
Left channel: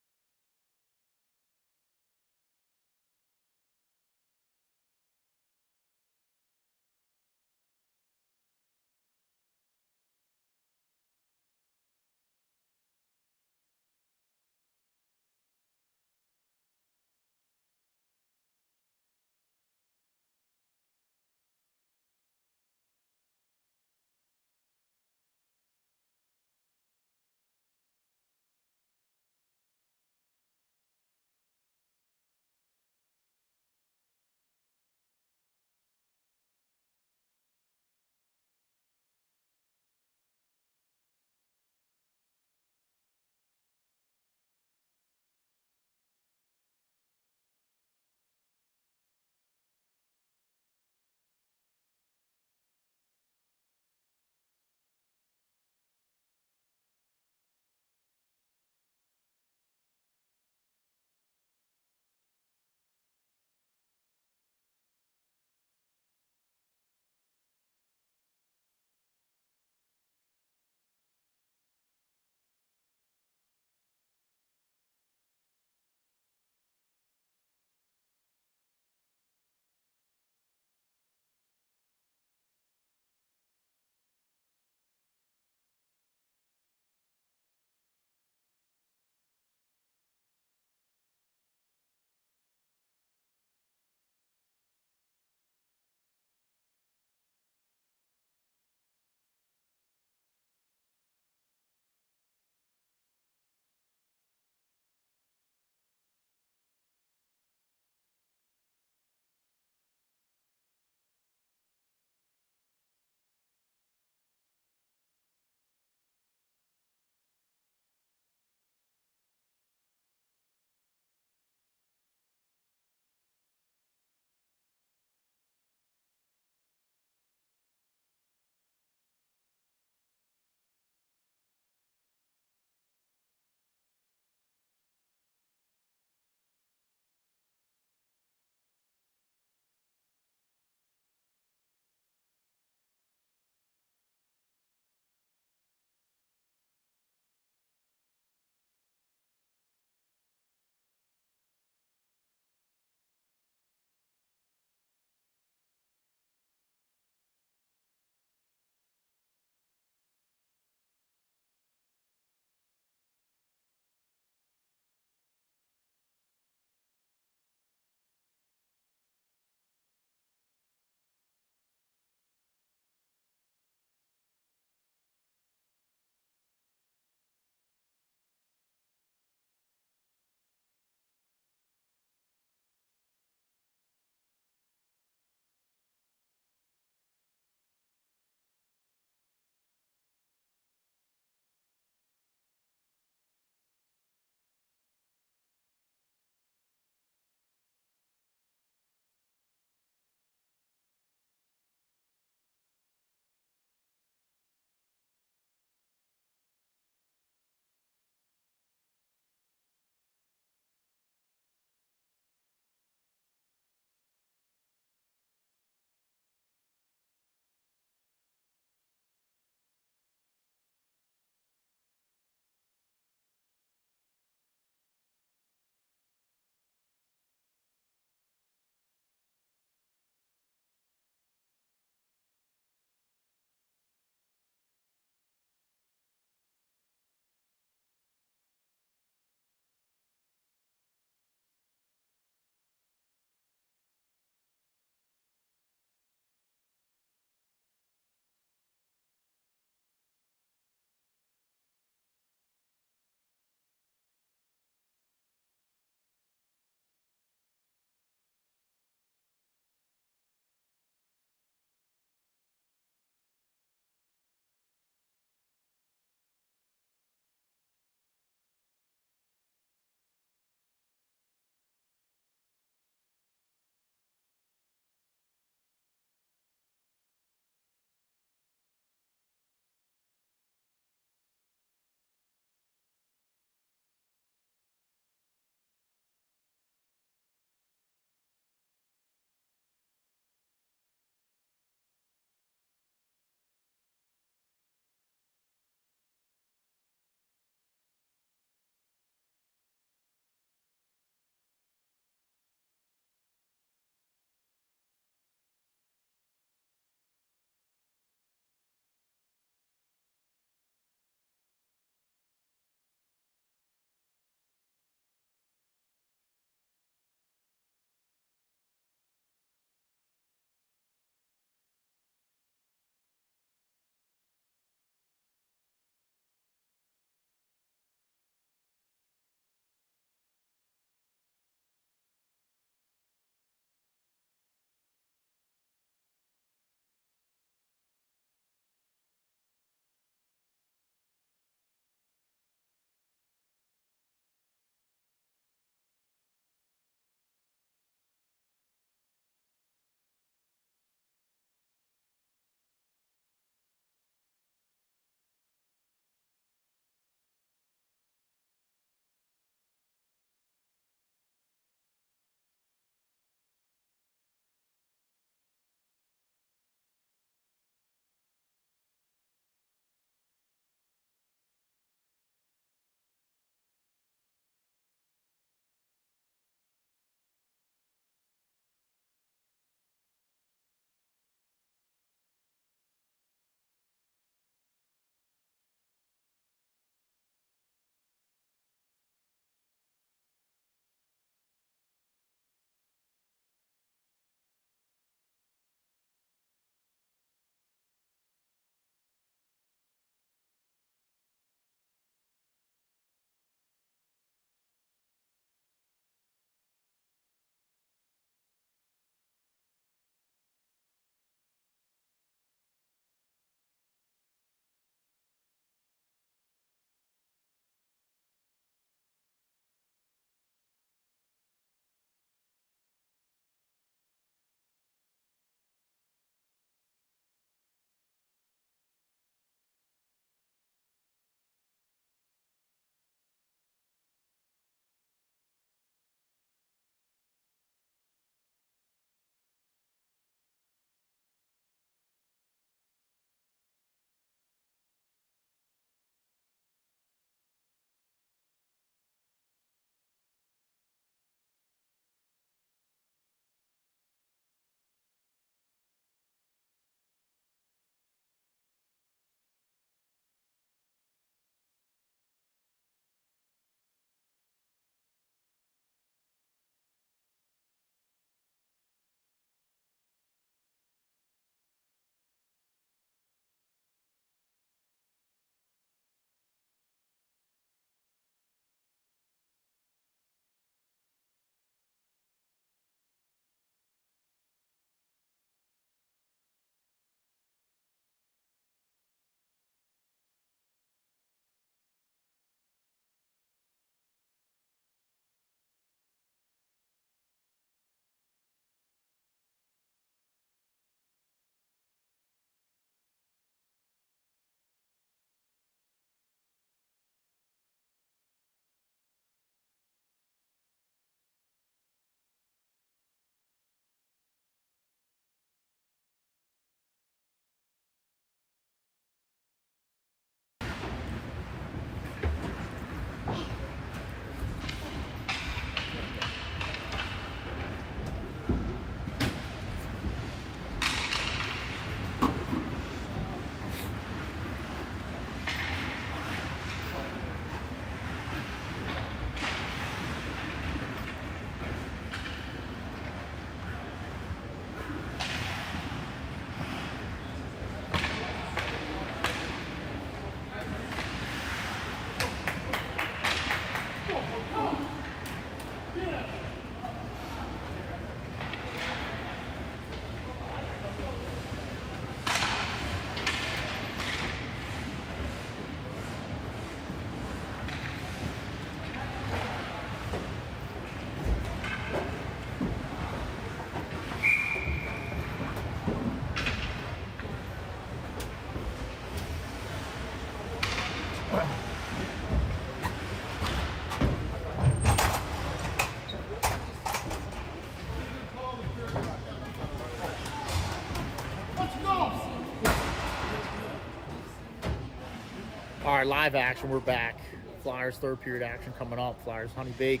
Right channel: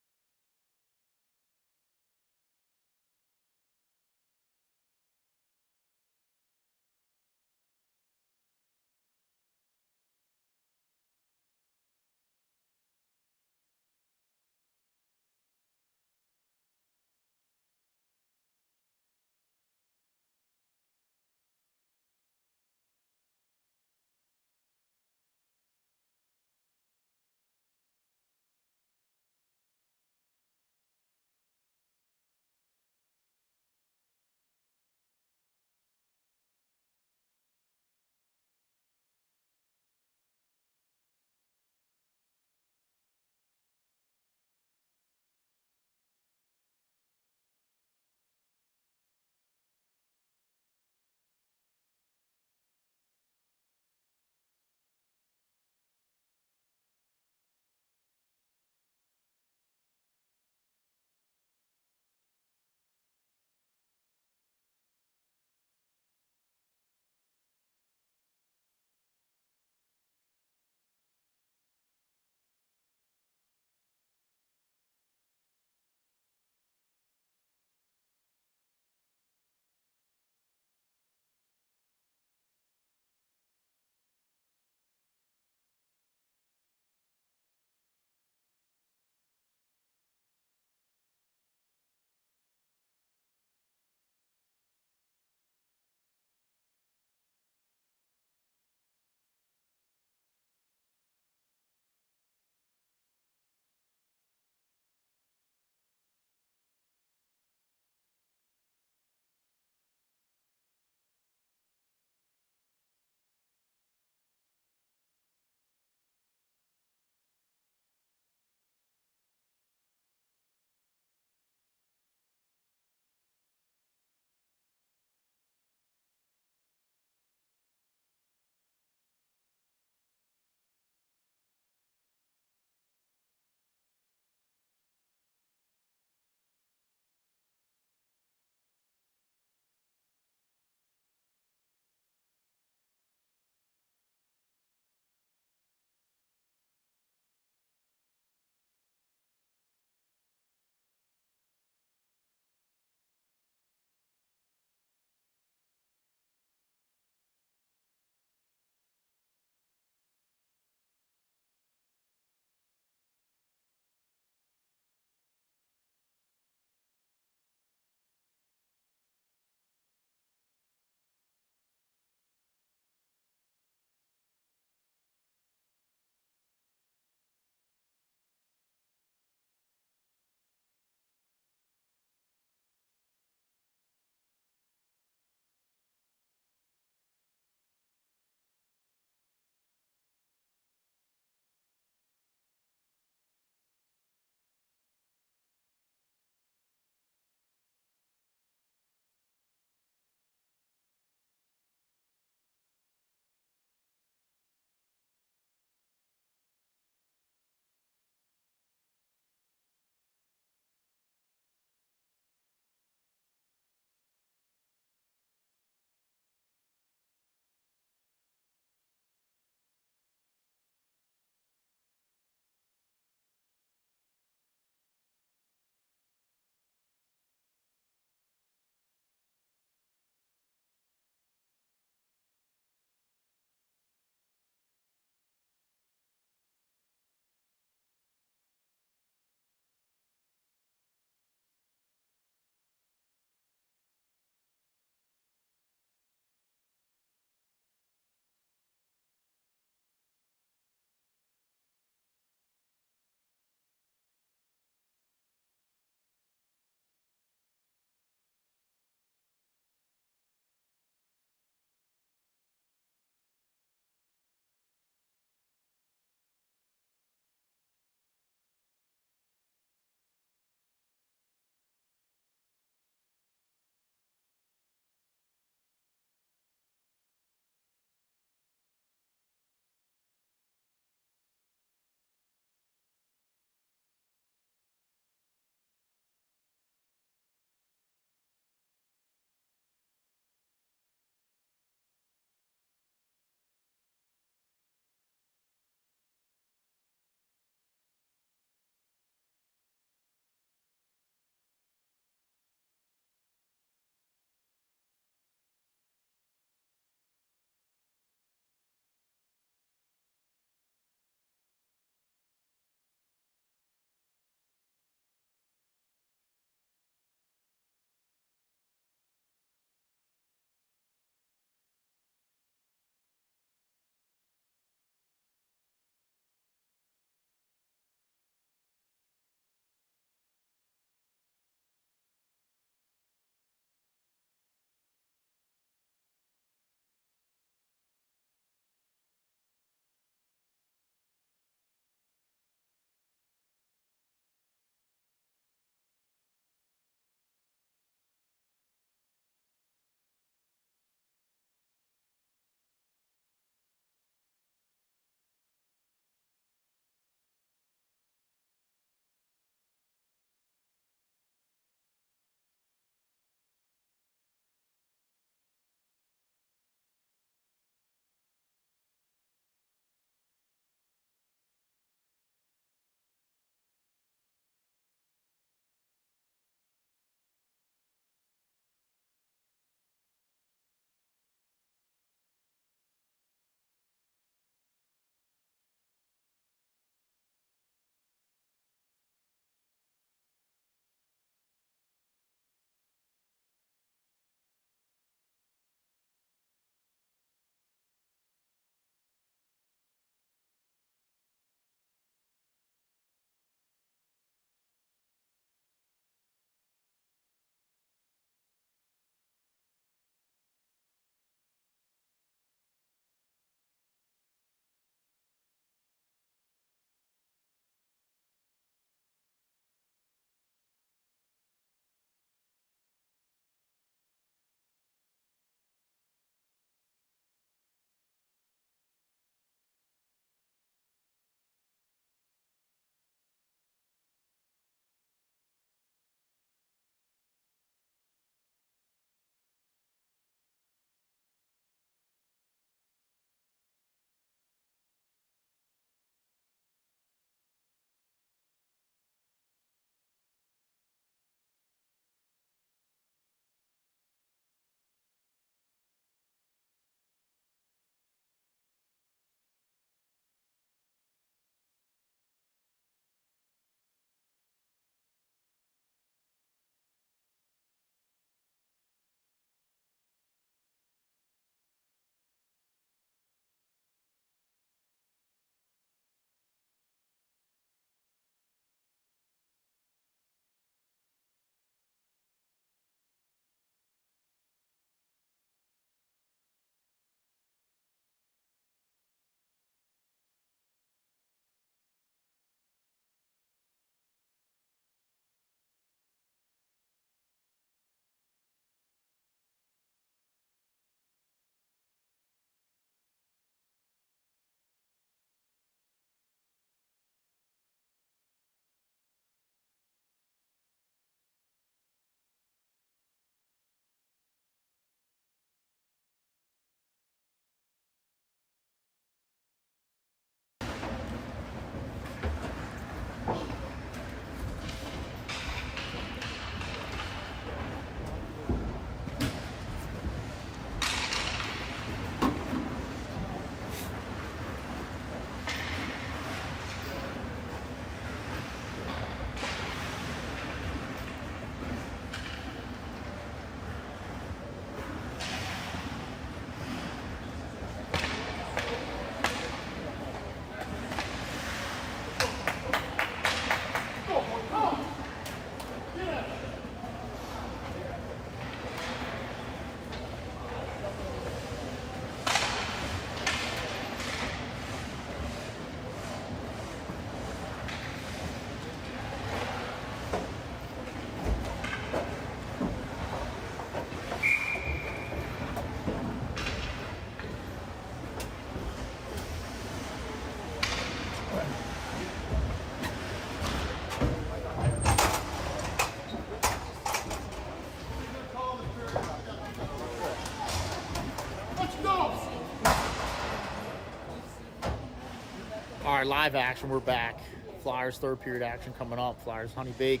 All right, live action. We're back. Flyers third period action coming up. Flyers Honeybaked.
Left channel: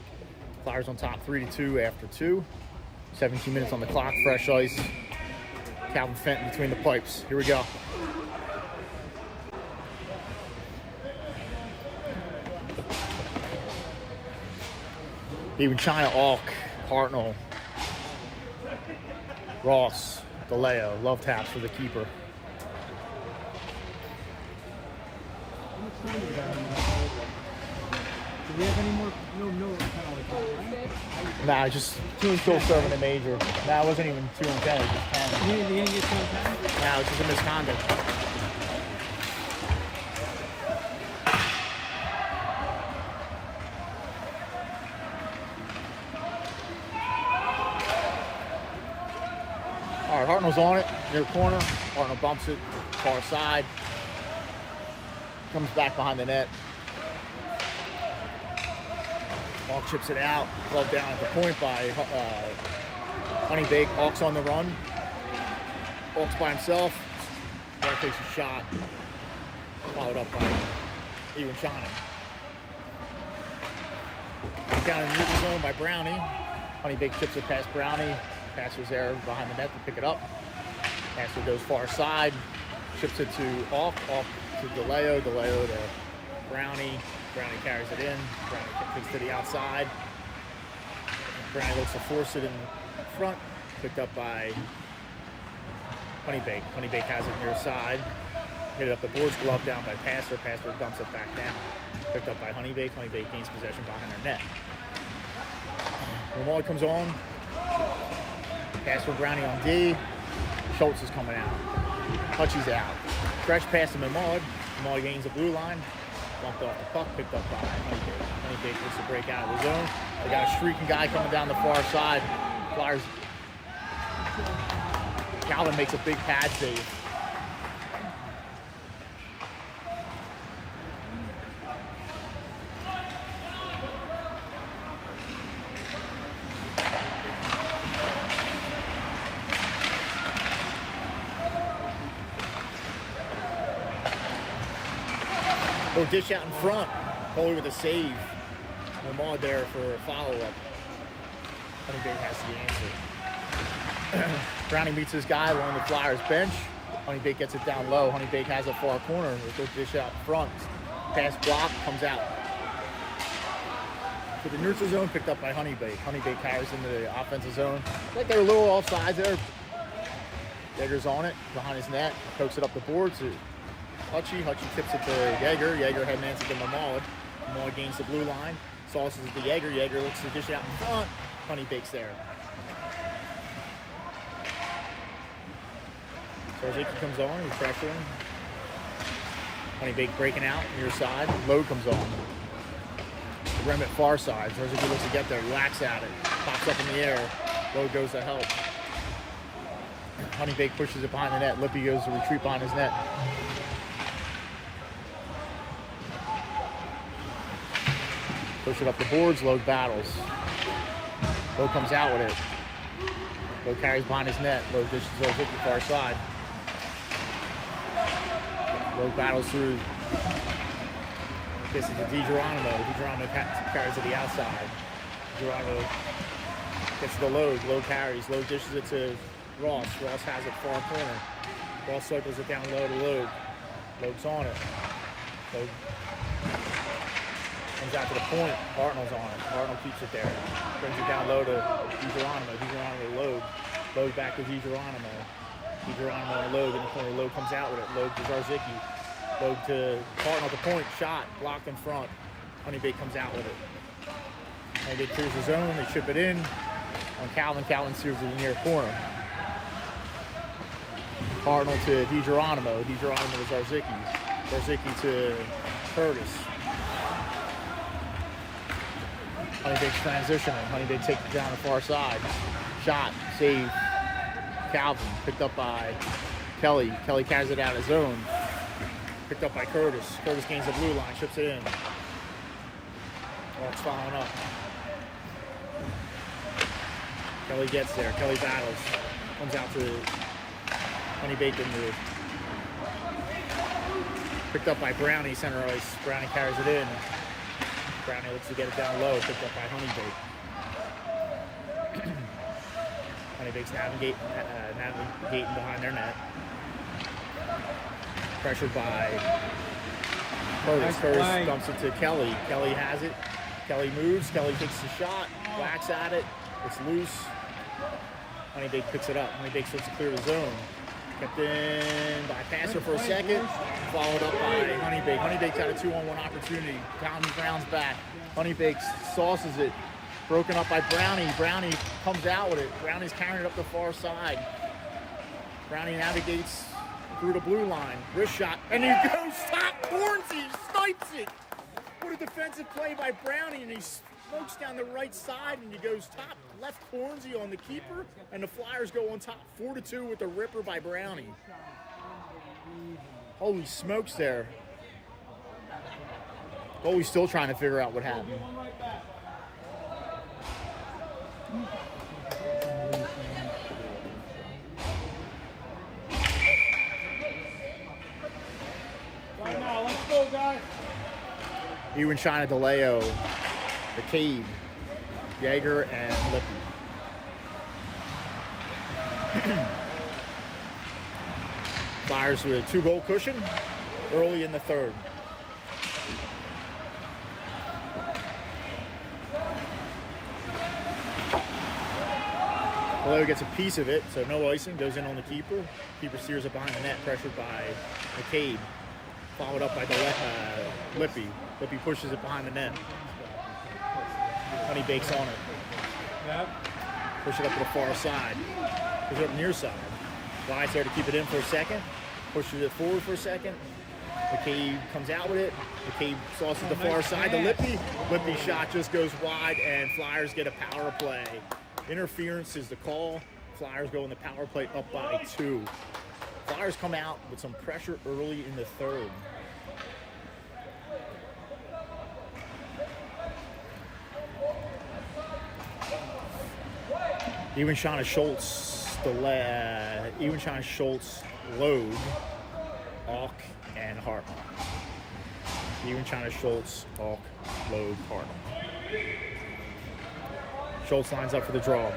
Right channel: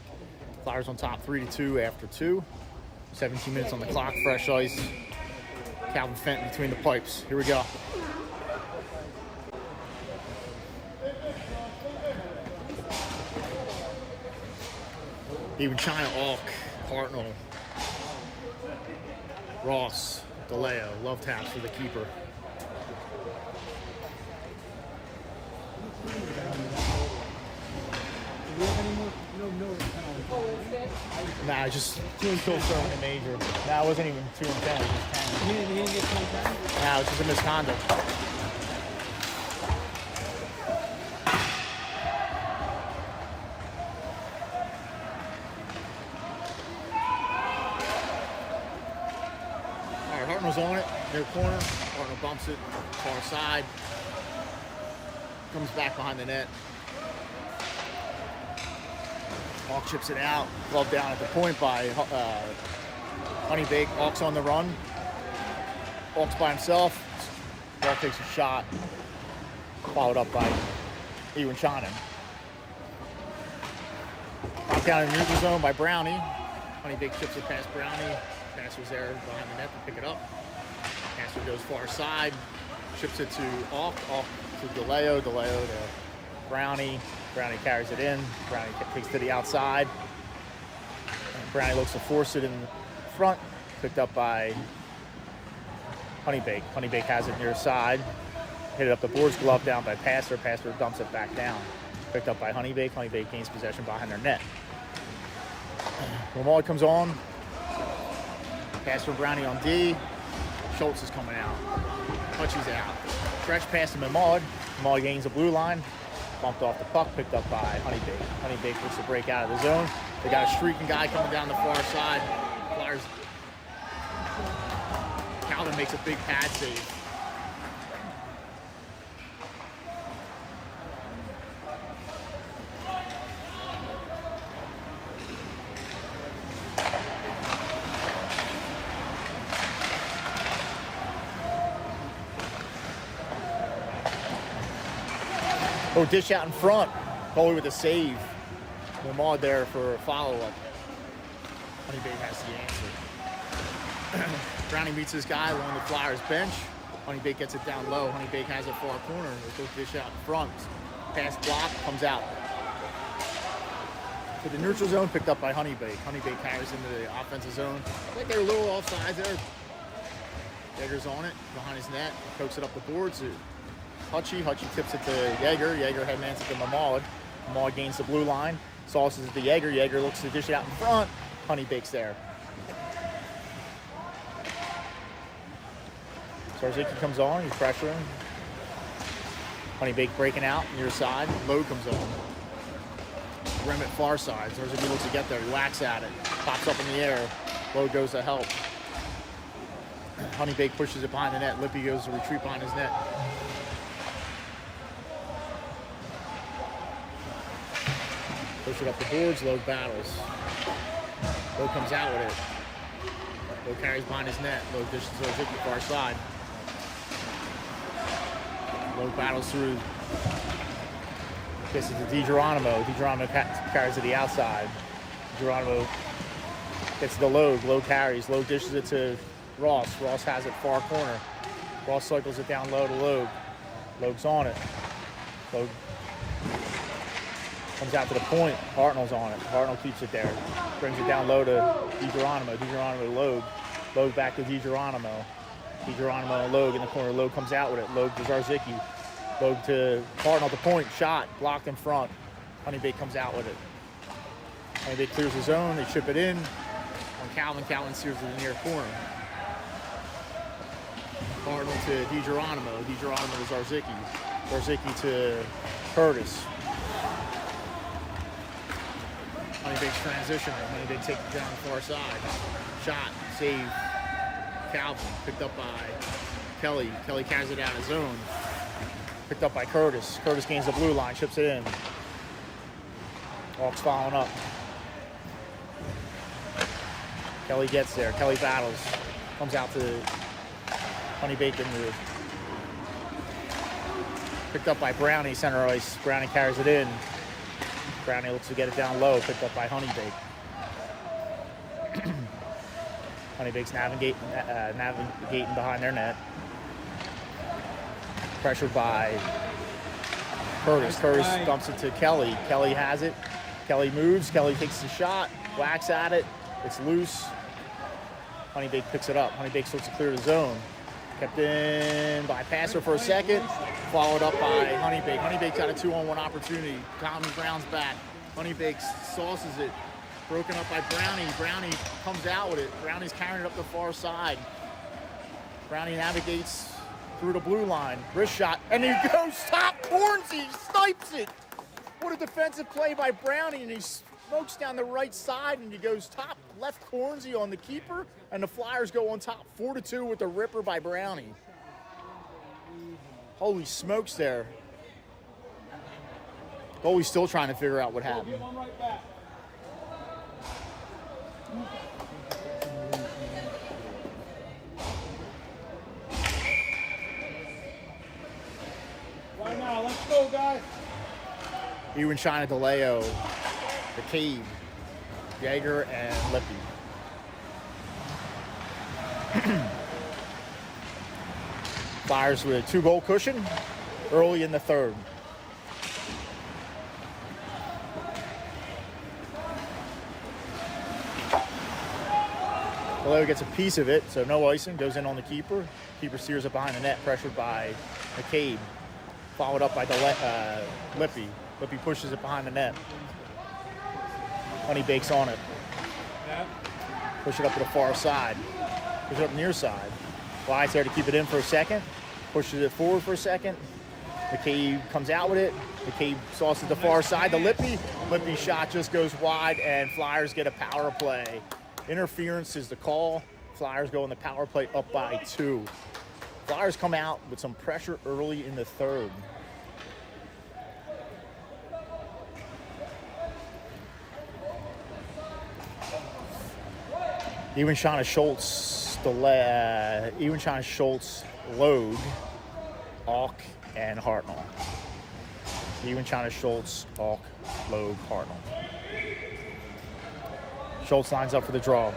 Flyers on top 3-2 after 2. 17 minutes on the clock. Fresh ice. Calvin Fenton between the pipes. Here we go. Even China, Alk, Hartnell, Ross, DeLeo. Love taps for the keeper. Do we have any more? No. Nah, just 2 still serving the major. Nah, it wasn't even 2 and 10. It was just 10. He didn't get 2 and 10? Nah, it's just a misconduct. All right, Hartnell's on it, near corner. Hartnell bumps it, far side. Comes back behind the net. Alk chips it out. Glove down at the point by Honeybaked. Alk's on the run. Alk's by himself. Alk takes a shot. Followed up by Ewan Channing. Down in the neutral zone by Brownie. Honeybaked chips it past Brownie. Passes there behind the net to pick it up. Passer goes far side. Chips it to Alk. Alk to DeLeo. DeLeo to Brownie. Brownie carries it in. Brownie takes to the outside. And Brownie looks to force it in front. Picked up by Honeybaked. Honeybaked has it near side. Hit it up the boards. Glove down by Passer. Passer dumps it back down. Picked up by Honeybaked. Honeybaked gains possession behind their net. Lamar comes on. Pass for Brownie on D. Schultz is coming out. Hutchie's out. Stretch pass to Mamad. Mamad gains the blue line. Bumped off the puck. Picked up by Honeybaked. Honeybaked looks to break out of the zone. They got a streaking guy coming down the far side. Flyers. Calvin makes a big pad save. Little dish out in front. Holy with a save. Mamad there for a follow-up. Honeybaked has the answer. Brownie meets this guy along the Flyers bench. Honeybaked gets it down low. Honeybaked has a far corner. Little dish out in front. Pass block, comes out. To the neutral zone, picked up by Honeybaked. Honeybaked carries into the offensive zone. I think they're a little offsides there. Yeager's on it, behind his net. Pokes it up the boards. Hutchie tips it to Yeager. Yeager head answer to Mamad. Mamad gains the blue line. Sauces it to Yeager. Yeager looks to dish it out in front. Honeybaked's there. Zarzicki comes on. He's pressuring. Honeybaked breaking out near side. Load comes on. The rim at far side. Zarzicki looks to get there. He whacks at it. Pops up in the air. Load goes to help. Honeybaked pushes it behind the net. Lippy goes to retreat behind his net. Puts it up the boards. Load battles. Load comes out with it. Load carries behind his net. Load dishes Zarzicki far side. Load battles through. This is to DiGeronimo. DiGeronimo carries to the outside. DiGeronimo gets to the Load. Load carries. Load dishes it to Ross. Ross has it far corner. Ross cycles it down low to Load. Load's on it. Load comes out to the point. Hartnell's on it. Hartnell keeps it there. Brings it down low to DiGeronimo. DiGeronimo to Load. Load back to DiGeronimo. DiGeronimo and Load in the corner. Load comes out with it. Load to Zarzicki. Load to Hartnell at the point. Shot. Blocked in front. Honeybaked comes out with it. Honeybaked clears the zone. They chip it in. On Calvin. Calvin steers to the near corner. Hartnell to DiGeronimo. DiGeronimo to Zarzicki. Zarzicki to Curtis. Honeybaked's transitioning. Honeybaked takes it down the far side. Shot. Save. Calvin. Picked up by Kelly. Kelly carries it out of zone. Picked up by Curtis. Curtis gains the blue line. Chips it in. Hawks following up. Kelly gets there. Kelly battles. Comes out to Honeybaked in the Picked up by Brownie, center ice. Brownie carries it in. Brownie looks to get it down low. Picked up by Honeybaked. Honeybaked's navigating behind their net. Pressured by Curtis. Curtis dumps it to Kelly. Kelly has it. Kelly moves. Kelly takes the shot. Whacks at it. It's loose. Honeybaked picks it up. Honeybaked starts to clear the zone. Kept in by Passer for a second. Followed up by Honeybaked. Honeybaked got a 2-on-1 opportunity. Tommy Brown's back. Honeybaked sauces it. Broken up by Brownie. Brownie comes out with it. Brownie's carrying it up the far side. Brownie navigates through the blue line. Wrist shot. And he goes top. Hornsey snipes it. What a defensive play by Brownie. And he smokes down the right side. And he goes top. Left Hornsey on the keeper. And the Flyers go on top 4-2 with the ripper by Brownie. Holy smokes there. Goalie's still trying to figure out what happened. Let's go, guys. Ewan China DeLeo, McCabe, Yeager, and Lippy. Flyers with a 2-goal cushion early in the third. DeLeo gets a piece of it, so no icing, goes in on the keeper. Keeper steers it behind the net, pressured by McCabe. Followed up by Lippy. Lippy pushes it behind the net. Honeybaked's on it. Yep. Push it up to the far side. Push it up near side. Flies there to keep it in for a second. Pushes it forward for a second. McCabe comes out with it. McCabe sauces the far side to Lippy. Lippy's shot just goes wide, and Flyers get a power play. Interference is the call. Flyers go in the power play up by 2. Flyers come out with some pressure early in the third. Ewan China Schultz, Load, Auk, and Hartnell. Ewan China Schultz, Auk, Load, Hartnell. Schultz lines up for the draw.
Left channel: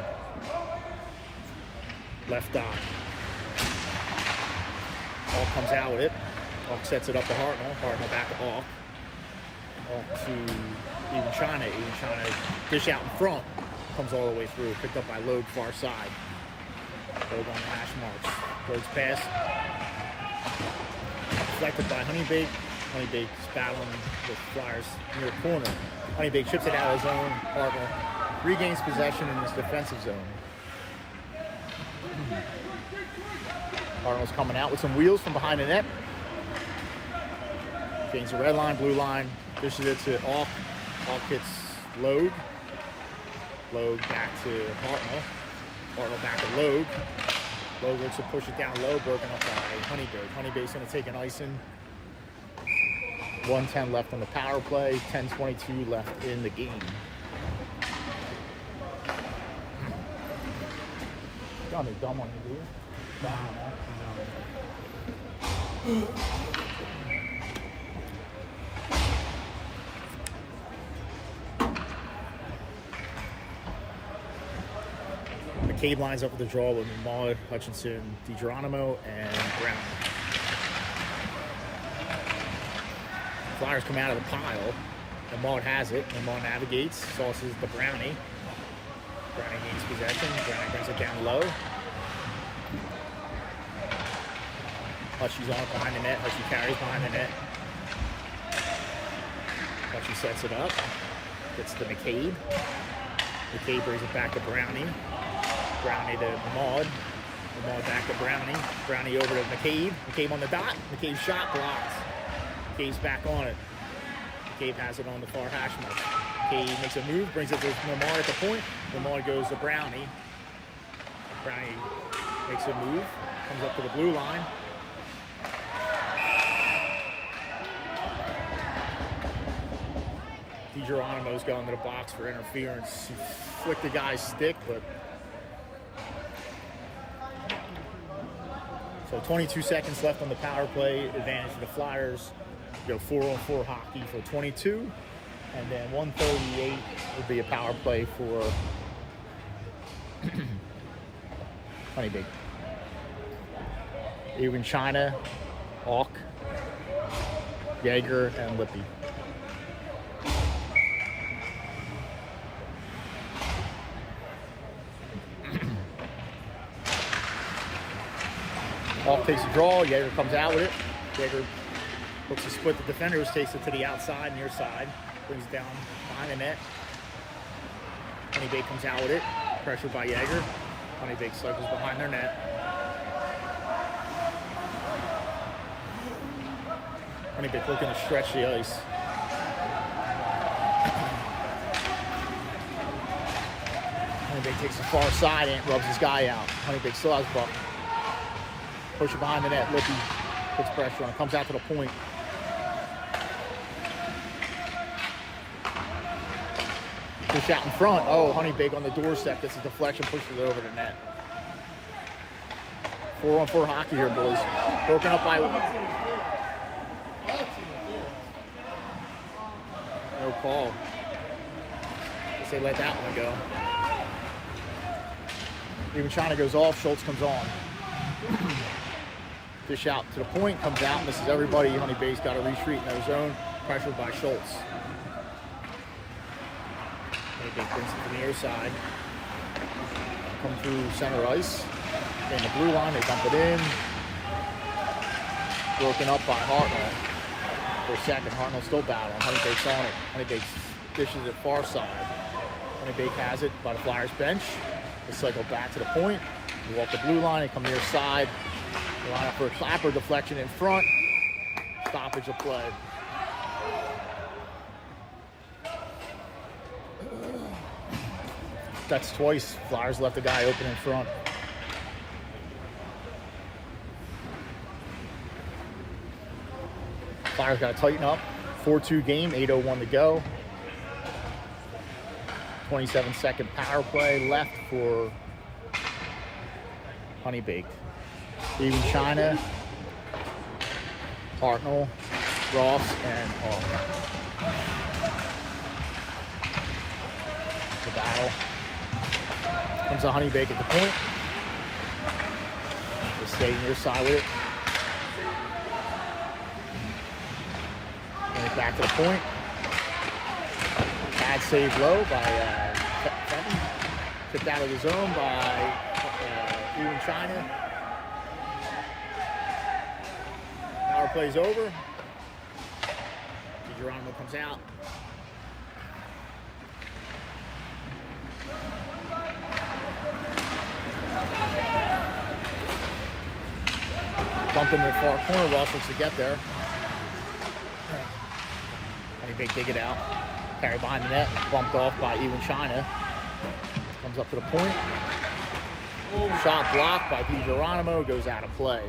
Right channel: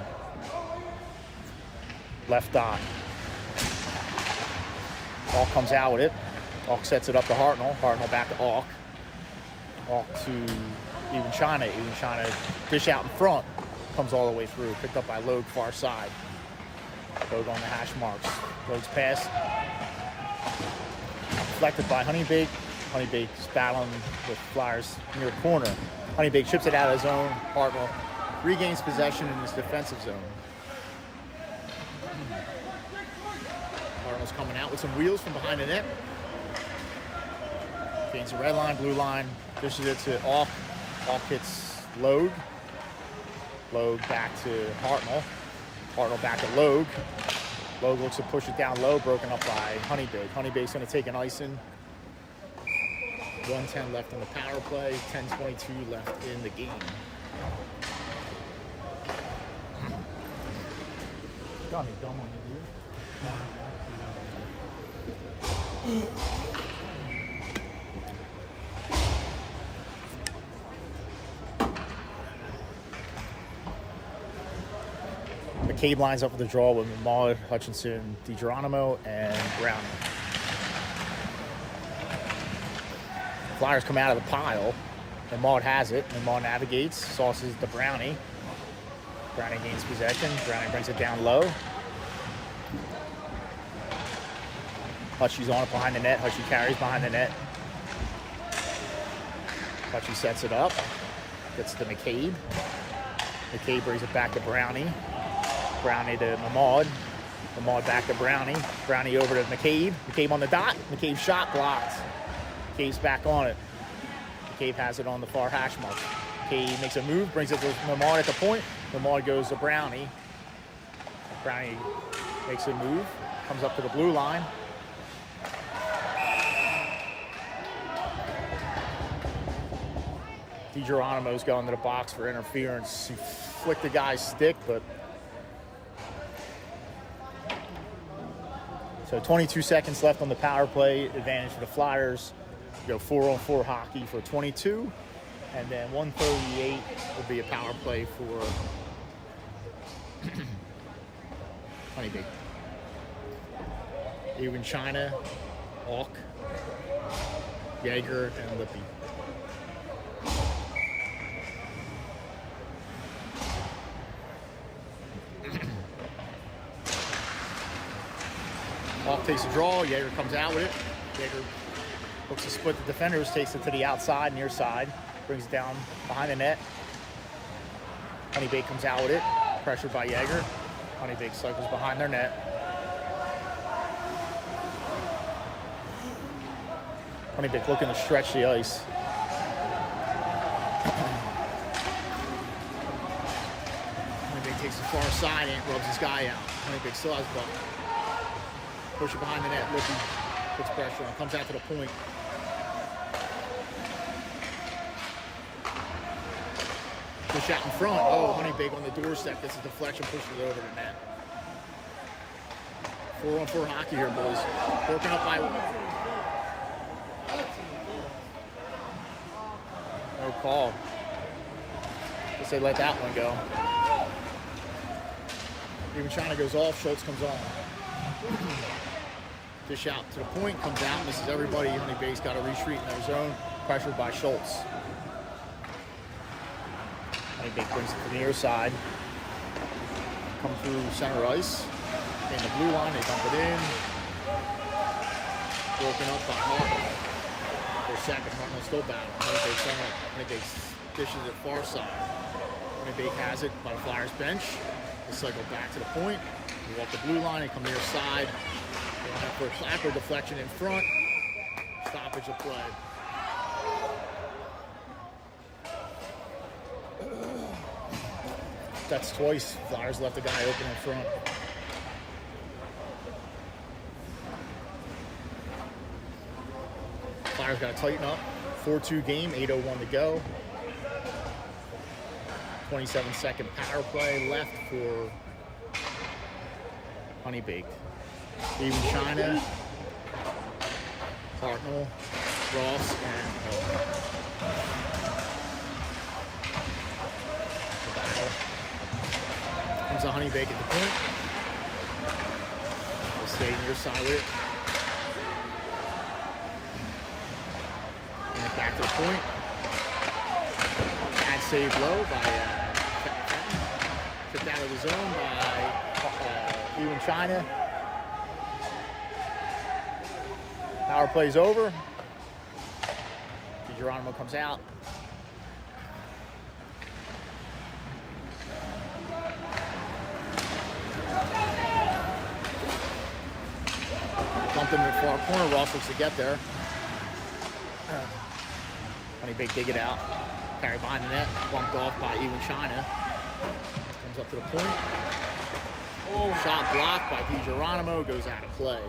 Left dot. Auk comes out with it. Auk sets it up to Hartnell. Hartnell back to Auk. Auk to Ewan China. Ewan China dish out in front. Comes all the way through. Picked up by Logue far side. Logue on the hash marks. Logue's pass. Deflected by Honeybaked. Honeybaked's battling with Flyers near corner. Honeybaked chips it out of his own. Hartnell regains possession in his defensive zone. Hartnell's coming out with some wheels from behind the net. Gains the red line, blue line. Dishes it to Auk. Auk hits Logue. Logue back to Hartnell. Hartnell back to Logue. Logue looks to push it down low, broken up by Honeybaked. Honeybaked's going to take an icing. 1:10 left on the power play. 10:22 left in the game. Got me dumb on you, dude. Dumb on that. McCabe lines up with the draw with Maud, Hutchinson, DiGeronimo, and Brown. Flyers come out of the pile. And Maud has it. And Maud navigates, sauces the Brownie. Brownie gains possession. Brownie brings it down low. Hutchie's on it behind the net. Hutchie carries behind the net. Hutchie sets it up. Gets to McCabe. McCabe brings it back to Brownie. Brownie to Maud. Maud back to Brownie. Brownie over to McCabe. McCabe on the dot. McCabe's shot blocked. McCabe's back on it. McCabe has it on the far hash mark. McCabe makes a move, brings it to Maud at the point. Maud goes to Brownie. Brownie makes a move, comes up to the blue line. DiGeronimo's going to the box for interference. He flicked the guy's stick, but so 22 seconds left on the power play. Advantage for the Flyers. Go 4-on-4 hockey for 22. And then 138 would be a power play for Honeybaked. Even China, Hawk, Jaeger, and Lippy. Hawk takes a draw, Jaeger comes out with it. Jaeger looks to split the defenders, takes it to the outside, near side, brings it down behind the net. Honeybaked comes out with it, pressured by Jaeger. Honeybaked cycles behind their net. Honeybaked looking to stretch the ice. Honeybaked takes the far side and rubs his guy out. Honeybaked still has puck. Push it behind the net. Lippy puts pressure on. Comes out to the point. Good shot in front. Oh, Honeybaked on the doorstep. Gets a deflection, pushes it over the net. 4-on-4 hockey here, boys. Broken up by... No call. Guess they let that one go. Even China goes off. Schultz comes on. Dish out to the point, comes out, misses everybody. Honeybaked's got to retreat in their zone, pressured by Schultz. Honeybaked brings it to the near side. Come through center ice. In the blue line, they dump it in. Broken up by Hartnell. For a second, Hartnell still battling. Honeybaked's on it. Honeybaked dishes it far side. Honeybaked has it by the Flyers bench. They cycle back to the point. They walk the blue line, they come near side. They line up for a clapper deflection in front. Stoppage of play. That's twice. Flyers left the guy open in front. Flyers got to tighten up. 4-2 game, 8:01 to go. 27-second power play left for Honeybaked. Even China, Hartnell, Ross, and Hall. The battle. Comes to Honeybaked at the point. They stay near side with it. Bring it back to the point. Bad save low by Fenton. Tipped out of the zone by Even China. Power play's over. Geronimo comes out. Bumped into the far corner. Ross looks to get there. Honeybaked dig it out. Carry behind the net. Bumped off by Even China. Comes up to the point. Shot blocked by Geronimo. Goes out of play.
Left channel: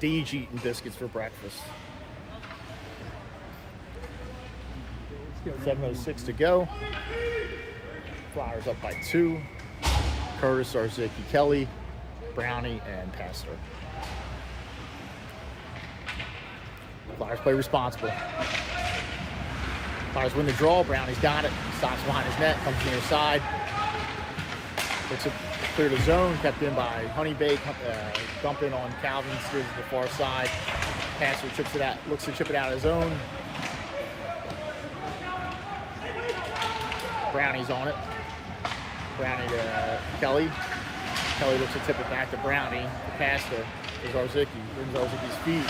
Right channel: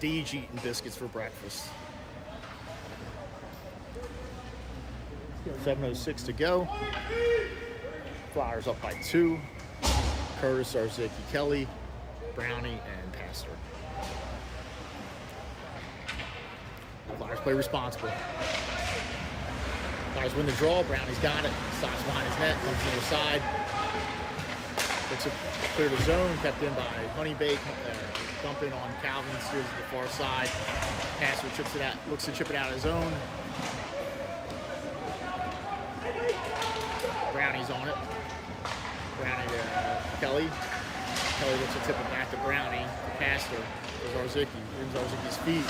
Deej eating biscuits for breakfast. 7:06 to go. Flyers up by 2. Curtis, Arziki, Kelly, Brownie, and Pastor. Flyers play responsible. Flyers win the draw. Brownie's got it. Stops behind his net. Comes to the side. Looks to clear the zone. Kept in by Honeybaked. Dump in on Calvin. Steers to the far side. Passer chips it out. Looks to chip it out of his own. Brownie's on it. Brownie to Kelly. Kelly looks to tip it back to Brownie. To Pastor. There's Arziki. Wins Arziki's feet.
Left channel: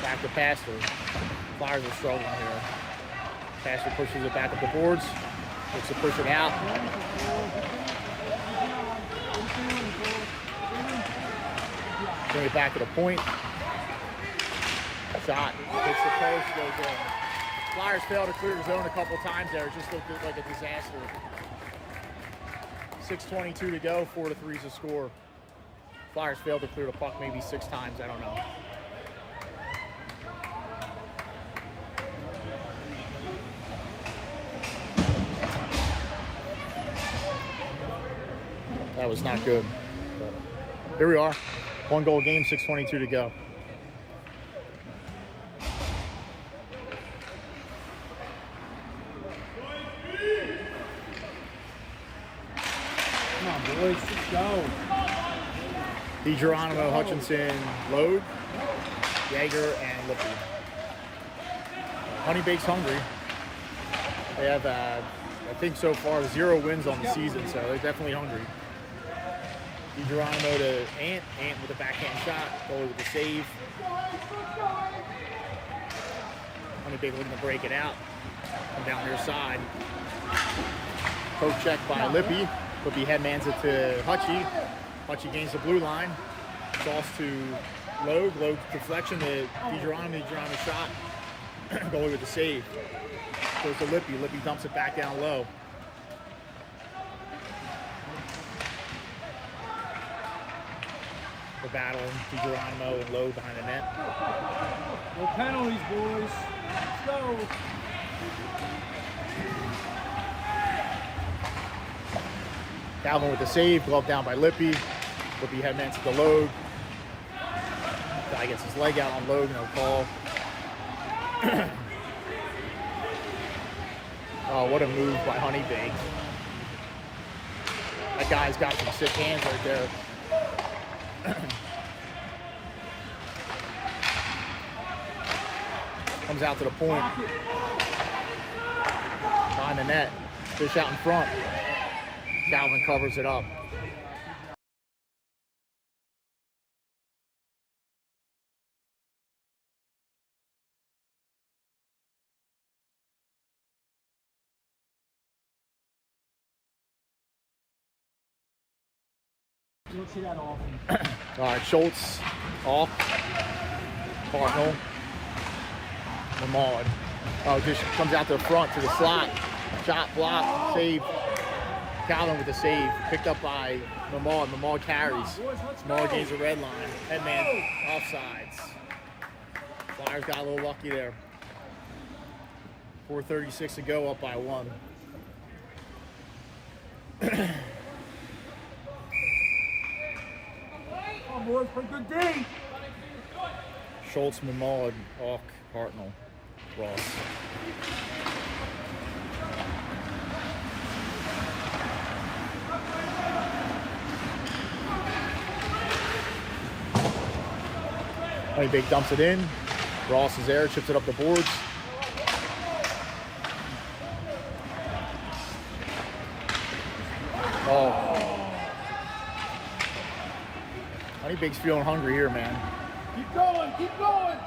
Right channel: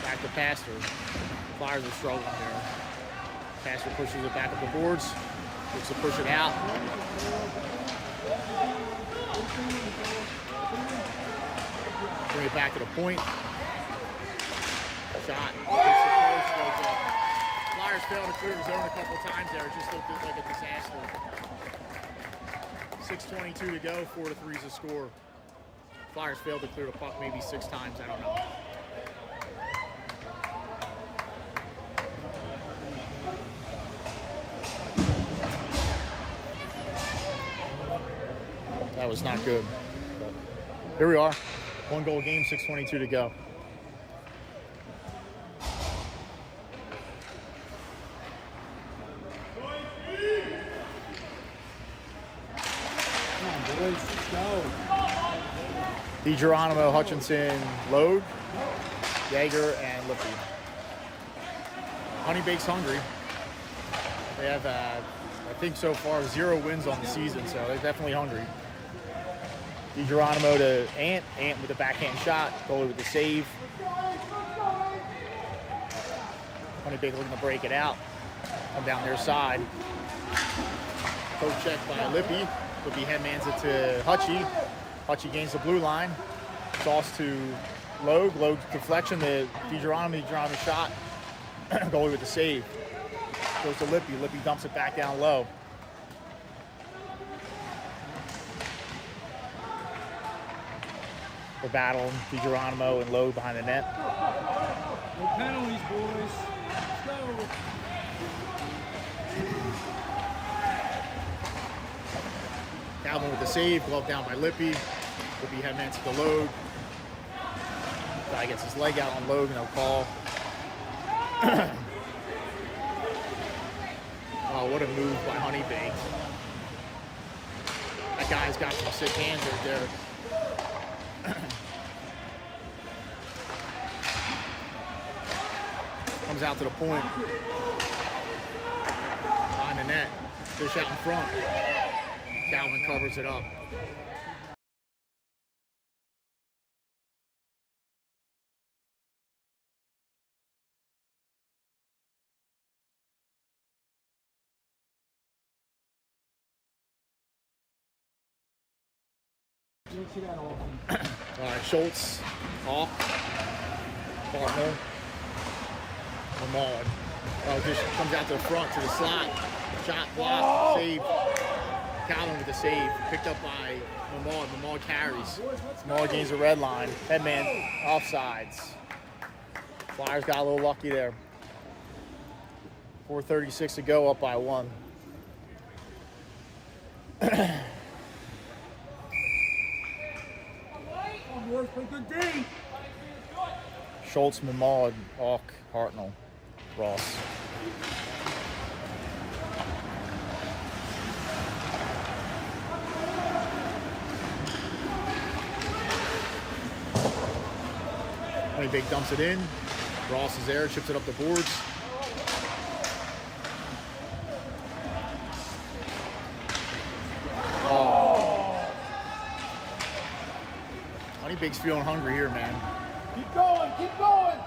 Back to Pastor. Flyers are struggling here. Pastor pushes it back up the boards. Looks to push it out. Bring it back to the point. Shot. Hits the post. Goes in. Flyers failed to clear the zone a couple times there. It just looked like a disaster. 6:22 to go. 4-3 is the score. Flyers failed to clear the puck maybe 6 times. I don't know. That was not good. But here we are. 1 goal game, 6:22 to go. DeGeronimo, Hutchinson, Load, Yeager, and Lippy. Honeybaked's hungry. They have, I think so far, 0 wins on the season, so they're definitely hungry. DeGeronimo to Ant. Ant with a backhand shot. Goalie with the save. Honeybaked looking to break it out. Come down their side. Poke check by Lippy. Lippy headmans it to Hutchie. Hutchie gains the blue line. Toss to Logue. Logue deflection to DeGeronimo. DeGeronimo shot. Goalie with the save. Goes to Lippy. Lippy dumps it back down low. We're battling DeGeronimo and Logue behind the net. No penalties, boys. Let's go. Calvin with the save. Glove down by Lippy. Lippy headman to the Logue. Guy gets his leg out on Logue. No call. Oh, what a move by Honeybaked. That guy's got some sick hands right there. Comes out to the point. Behind the net. Fish out in front. Calvin covers it up. You don't see that often. All right, Schultz off. Cardinal. Lamar. Oh, just comes out to the front to the slot. Shot block. Save. Calvin with the save. Picked up by Lamar. Lamar carries. Lamar gains the red line. Headman offsides. Flyers got a little lucky there. 4:36 to go, up by 1. Come on, boys, play good game. Schultz, Mamad, Hawk, Hartnell, Ross. Honeybaked dumps it in. Ross is there, chips it up the boards. Oh. Honeybaked's feeling hungry here, man. Keep going, keep going.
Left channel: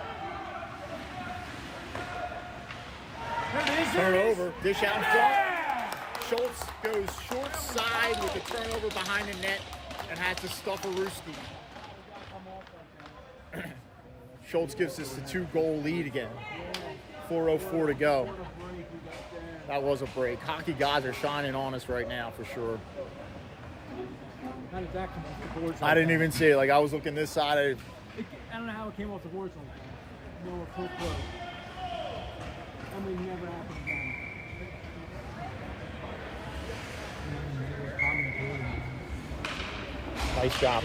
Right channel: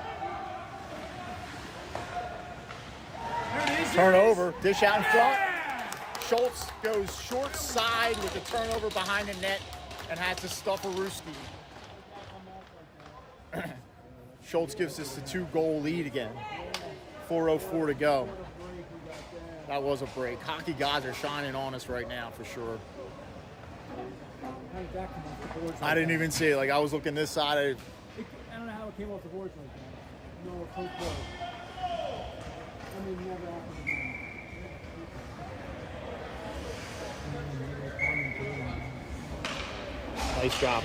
There it is. Turnover, dish out in front. Schultz goes short side with the turnover behind the net and has to stuff a Rooski. Schultz gives us the 2-goal lead again. 4:04 to go. That was a break. Hockey guys are shining on us right now for sure. I didn't even see it. Like, I was looking this side. I don't know how it came off the boards like that. No, full play. Nice job.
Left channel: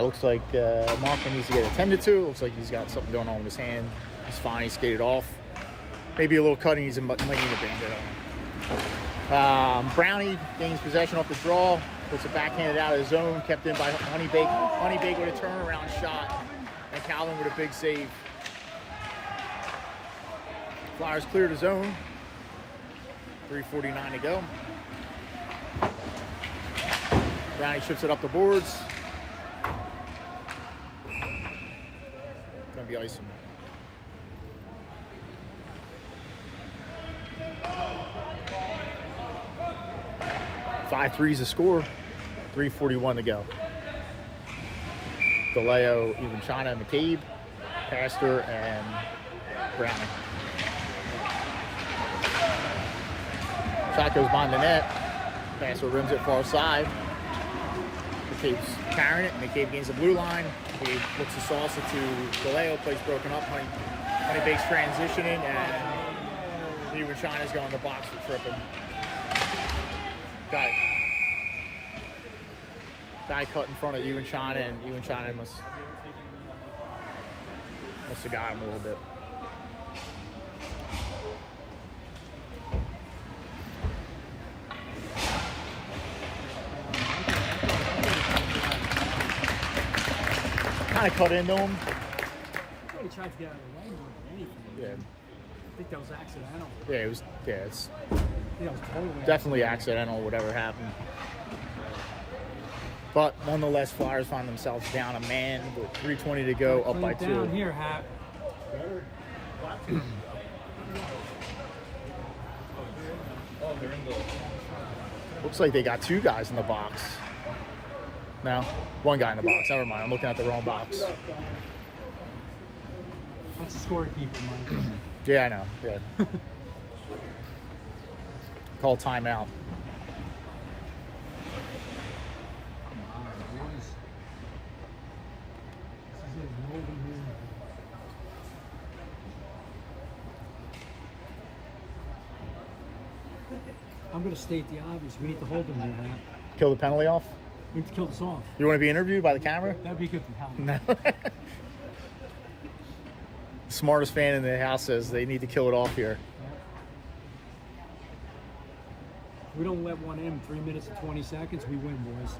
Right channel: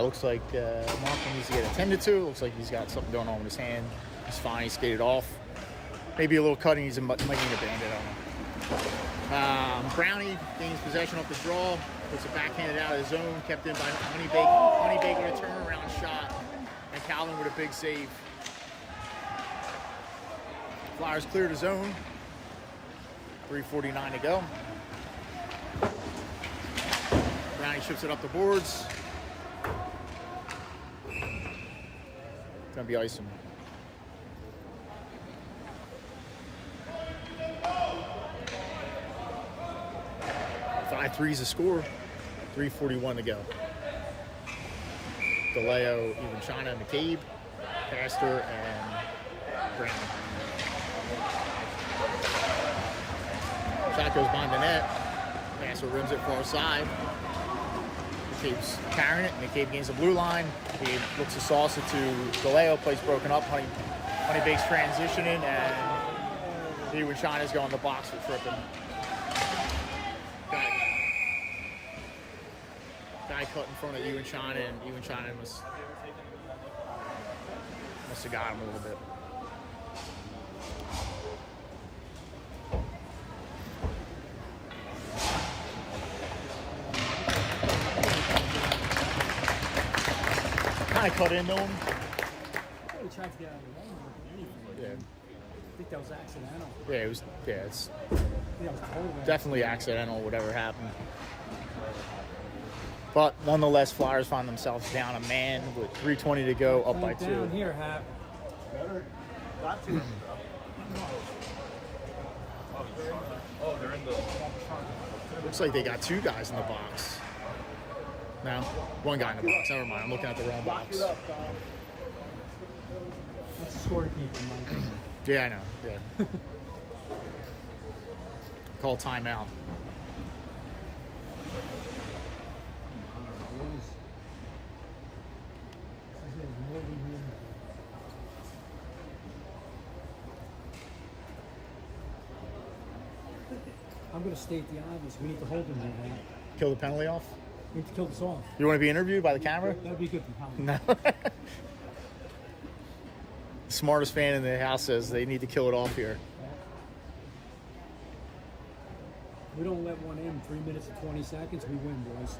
Looks like Marco needs to get attended to. Looks like he's got something going on with his hand. He's fine. He skated off. Maybe a little cutting. He might need a bandit on him. Brownie gains possession off the draw. Puts it backhanded out of his zone. Kept in by Honeybaked. Honeybaked with a turnaround shot. And Calvin with a big save. Flyers cleared the zone. 3:49 to go. Brownie chips it up the boards. Gonna be icing. 5-3's the score. 3:41 to go. DeLeo, even China, McCabe, Pastor, and Browning. Shot goes behind the net. Pastor rims it far side. McCabe's carrying it. McCabe gains the blue line. He looks to sauce it to DeLeo. Plays broken up. Honeybaked's transitioning, and even China's going to the box to trip him. Got it. Guy cut in front of you and China, and you and China must have got him a little bit. Kind of cut into him. He tried to get out of the way more than anything. Yeah. I think that was accidental. Yeah, it was. Yeah, it's Yeah, it was totally definitely accidental. Whatever happened. But nonetheless, Flyers find themselves down a man with 3:20 to go, up by 2. Down here, Hap. Looks like they got 2 guys in the box. No, 1 guy in the box. Never mind. I'm looking at the wrong box. That's a scorekeeper, man. Yeah, I know. Yeah. Call timeout. I'm going to state the obvious. We need to hold him here, man. Kill the penalty off. We need to kill this off. You want to be interviewed by the camera? That would be good for Helen. No. Smartest fan in the house says they need to kill it off here. We don't let one in 3 minutes and 20 seconds, we win, boys.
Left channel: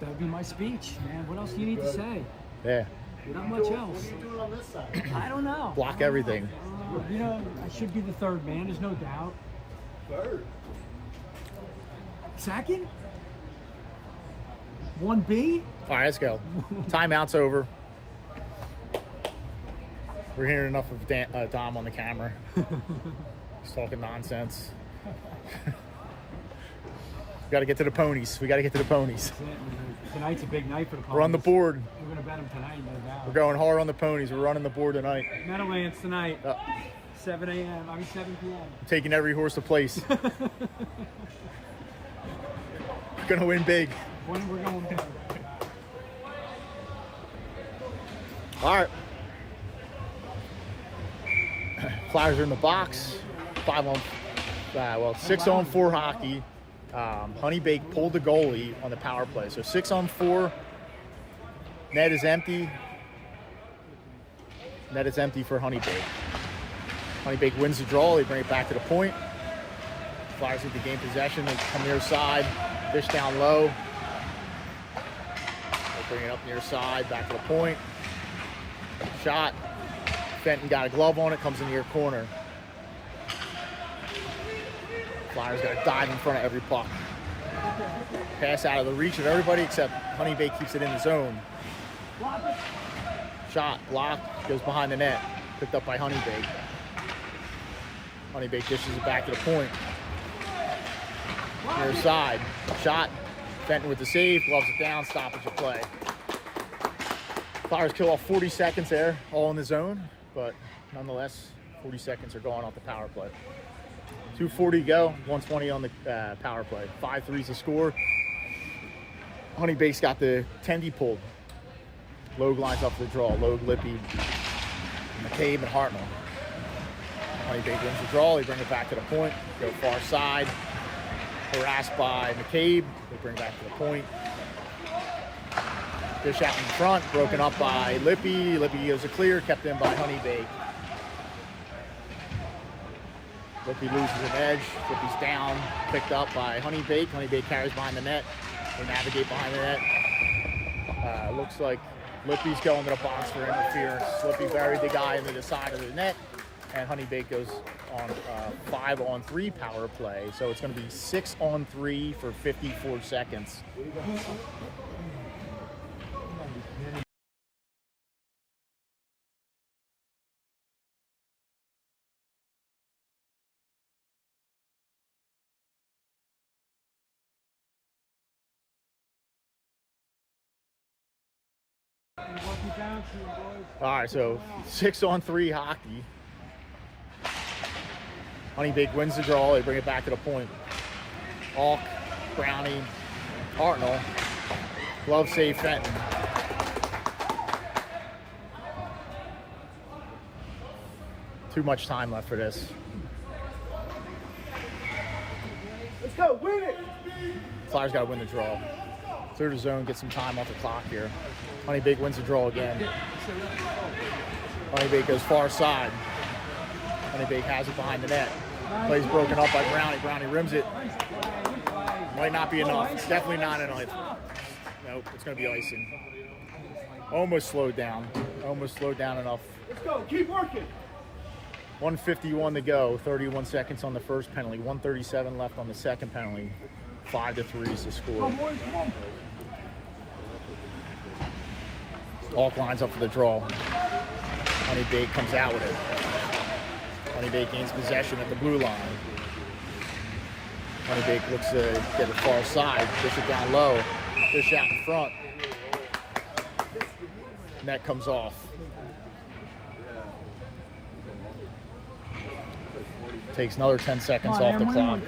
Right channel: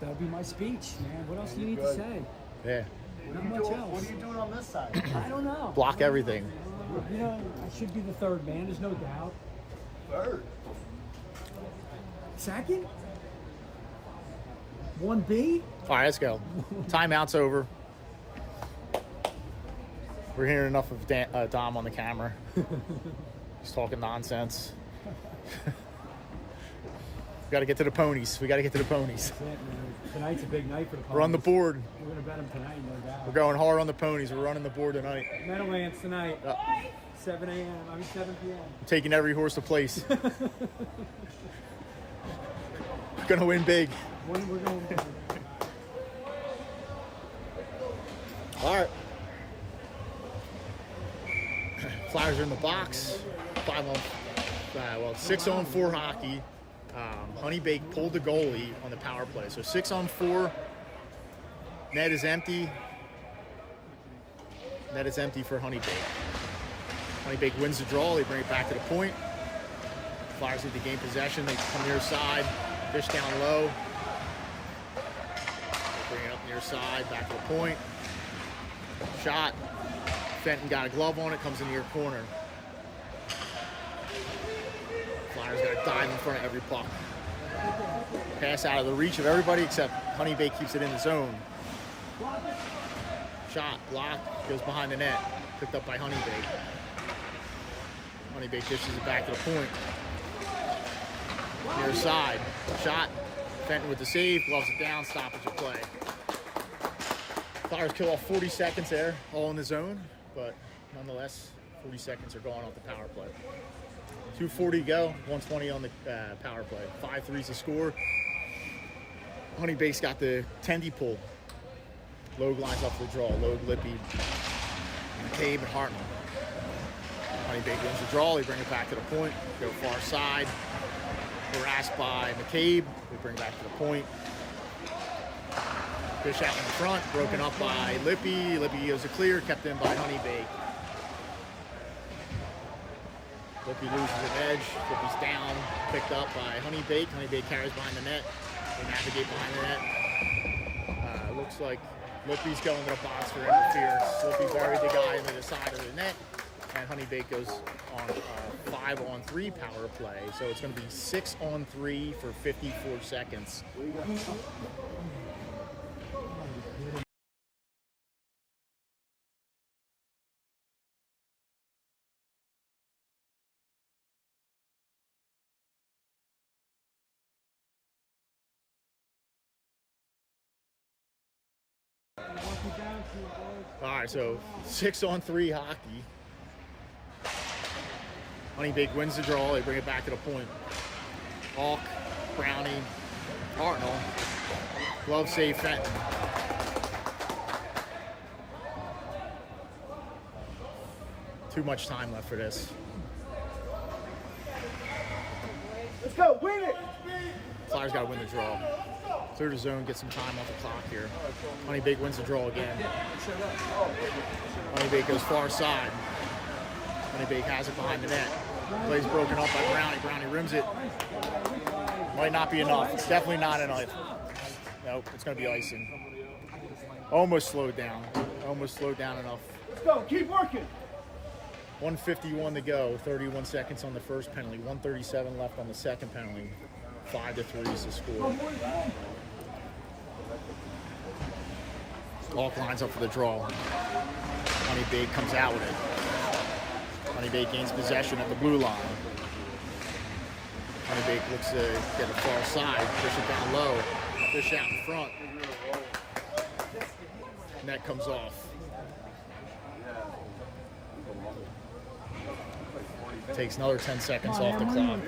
That'll be my speech, man. What else do you need to say? Yeah. Not much else. What are you doing on this side? I don't know. Block everything. You know, I should be the third man, there's no doubt. Third. Second? 1B? All right, let's go. Timeout's over. We're hearing enough of Dom on the camera. He's talking nonsense. We got to get to the ponies. That's it, man. Tonight's a big night for the Ponies. We're on the board. We're going to bet them tonight, no doubt. We're going hard on the ponies. We're running the board tonight. Meadowlands tonight. 7 p.m. Taking every horse to place. Gonna win big. We're going to All right. Flyers are in the box. 6-on-4 hockey. Honeybaked pulled the goalie on the power play. So 6-on-4. Net is empty. Net is empty for Honeybaked. Honeybaked wins the draw. They bring it back to the point. Flyers need to gain possession. They come near side. Fish down low. They bring it up near side. Back to the point. Shot. Fenton got a glove on it. Comes in the near corner. Flyers got to dive in front of every puck. Pass out of the reach of everybody except Honeybaked keeps it in the zone. Shot. Block. Goes behind the net. Picked up by Honeybaked. Honeybaked dishes it back to the point. Near side. Shot. Fenton with the save. Gloves it down. Stoppage of play. Flyers kill off 40 seconds there, all in the zone. But nonetheless, 40 seconds are going off the power play. 2:40 to go. 120 on the power play. 5-3's the score. Honeybaked's got the tendy pulled. Logue lines up for the draw. Logue, Lippy, McCabe, and Hartnell. Honeybaked wins the draw. They bring it back to the point. Go far side. Harassed by McCabe. They bring it back to the point. Fish out in front. Broken up by Lippy. Lippy goes a clear. Kept in by Honeybaked. Lippy loses an edge. Lippy's down. Picked up by Honeybaked. Honeybaked carries behind the net. They navigate behind the net. Looks like Lippy's going to the box for interference. Lippy buried the guy into the side of the net. And Honeybaked goes on 5-on-3 power play. So it's going to be 6-on-3 for 54 seconds. All right, so 6-on-3 hockey. Honeybaked wins the draw. They bring it back to the point. Alk, Brownie, Hartnell. Glove save Fenton. Too much time left for this. Let's go, win it! Flyers got to win the draw. Clear the zone, get some time off the clock here. Honeybaked wins the draw again. Honeybaked goes far side. Honeybaked has it behind the net. Play's broken up by Brownie. Brownie rims it. Might not be enough. It's definitely not enough. Nope, it's going to be icing. Almost slowed down. Almost slowed down enough. Let's go. Keep working. 1:51 to go. 31 seconds on the first penalty. 1:37 left on the second penalty. 5-3 is the score. Alk lines up for the draw. Honeybaked comes out with it. Honeybaked gains possession at the blue line. Honeybaked looks to get it far side. Dish it down low. Dish out in front. Net comes off. Takes another 10 seconds off the clock.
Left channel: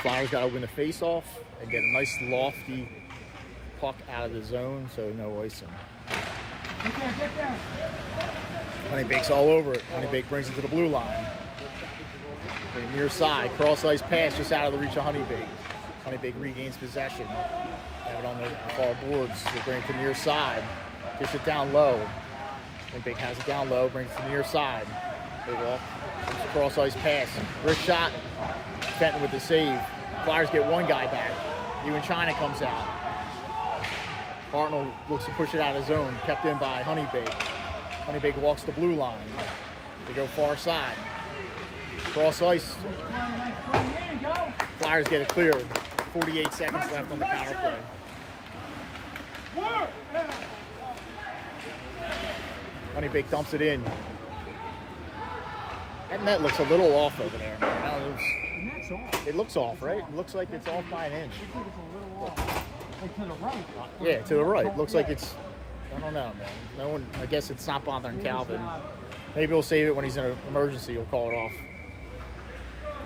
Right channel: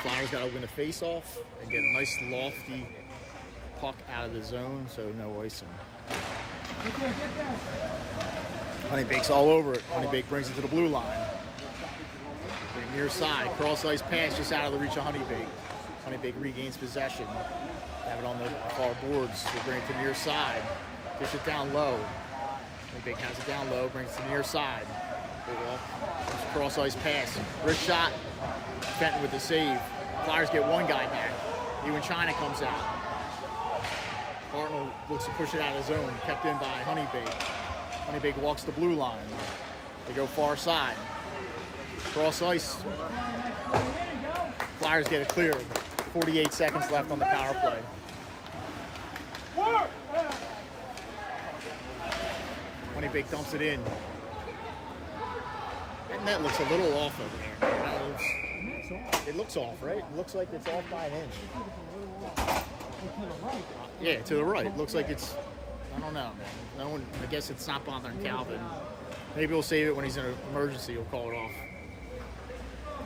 Flyers got to win the face-off and get a nice lofty puck out of the zone, so no icing. Honeybaked's all over it. Honeybaked brings it to the blue line. Near side, cross ice pass just out of the reach of Honeybaked. Honeybaked regains possession. Have it on the far boards. They bring it to near side. Dish it down low. Honeybaked has it down low, brings it to near side. They walk. Cross ice pass. Wrist shot. Fenton with the save. Flyers get one guy back. Ewan China comes out. Hartnell looks to push it out of the zone. Kept in by Honeybaked. Honeybaked walks the blue line. They go far side. Cross ice. Flyers get it cleared. 48 seconds left on the power play. Honeybaked dumps it in. That net looks a little off over there, man. It looks off, right? It looks like it's off by an inch. Yeah, to the right. Looks like it's, I don't know, man. No one, I guess it's not bothering Calvin. Maybe he'll save it when he's in an emergency. He'll call it off.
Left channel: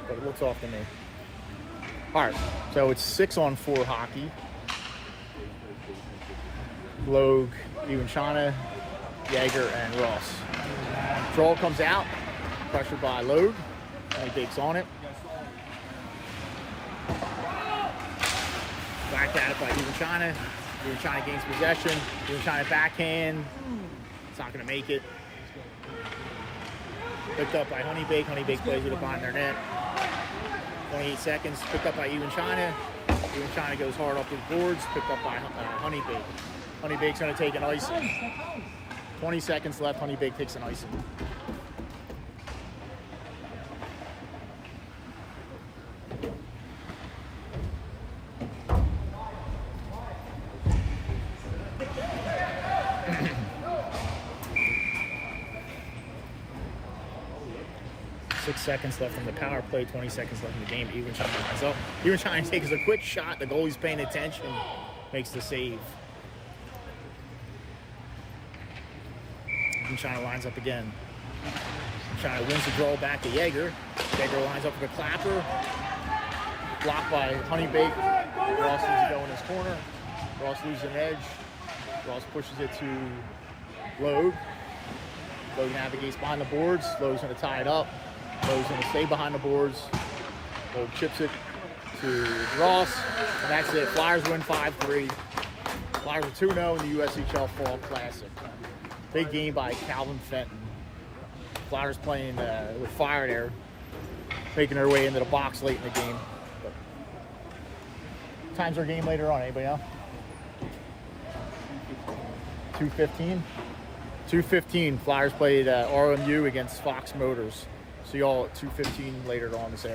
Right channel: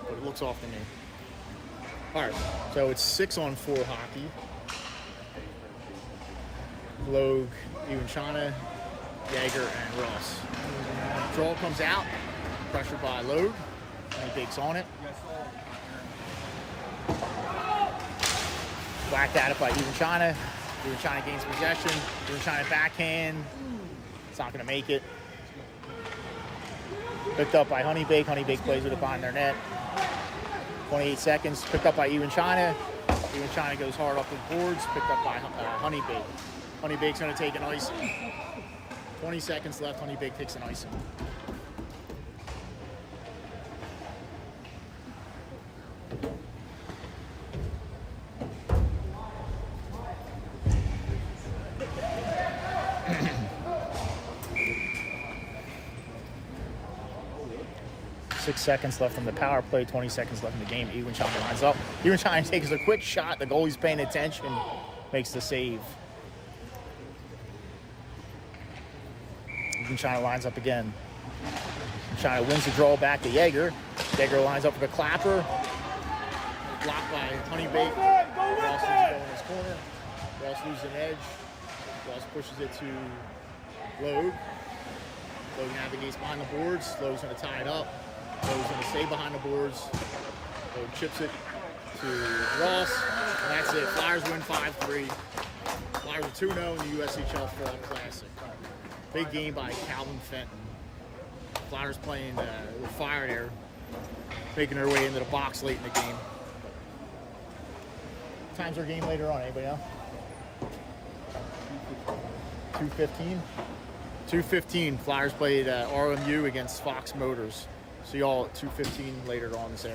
But it looks off to me. All right, so it's 6-on-4 hockey. Logue, Ewan Chana, Yeager, and Ross. Draw comes out. Pressured by Logue. Honeybaked's on it. Whacked at it by Ewan China. Ewan China gains possession. Ewan China backhand. It's not going to make it. Picked up by Honeybaked. Honeybaked plays with it behind their net. 28 seconds. Picked up by Ewan China. Ewan China goes hard up the boards. Picked up by Honeybaked. Honeybaked's going to take an icing. 20 seconds left. Honeybaked takes an icing. 6 seconds left on the power play, 20 seconds left in the game. Ewan China lines up. Ewan China takes a quick shot. The goalie's paying attention. Makes the save. Ewan China lines up again. China wins the draw back to Yeager. Yeager lines up for the clapper. Blocked by Honeybaked. Ross needs to go in his corner. Ross loses an edge. Ross pushes it to Logue. Logue navigates behind the boards. Logue's going to tie it up. Logue's going to stay behind the boards. Logue chips it to Ross. And that's it. Flyers win 5-3. Flyers are 2-0 in the USHL Fall Classic. Big game by Calvin Fenton. Flyers playing with fire there, making their way into the box late in the game. But time's our game later on. Anybody else? 2:15. 2:15. Flyers played RMU against Fox Motors. See y'all at 2:15 later on this afternoon.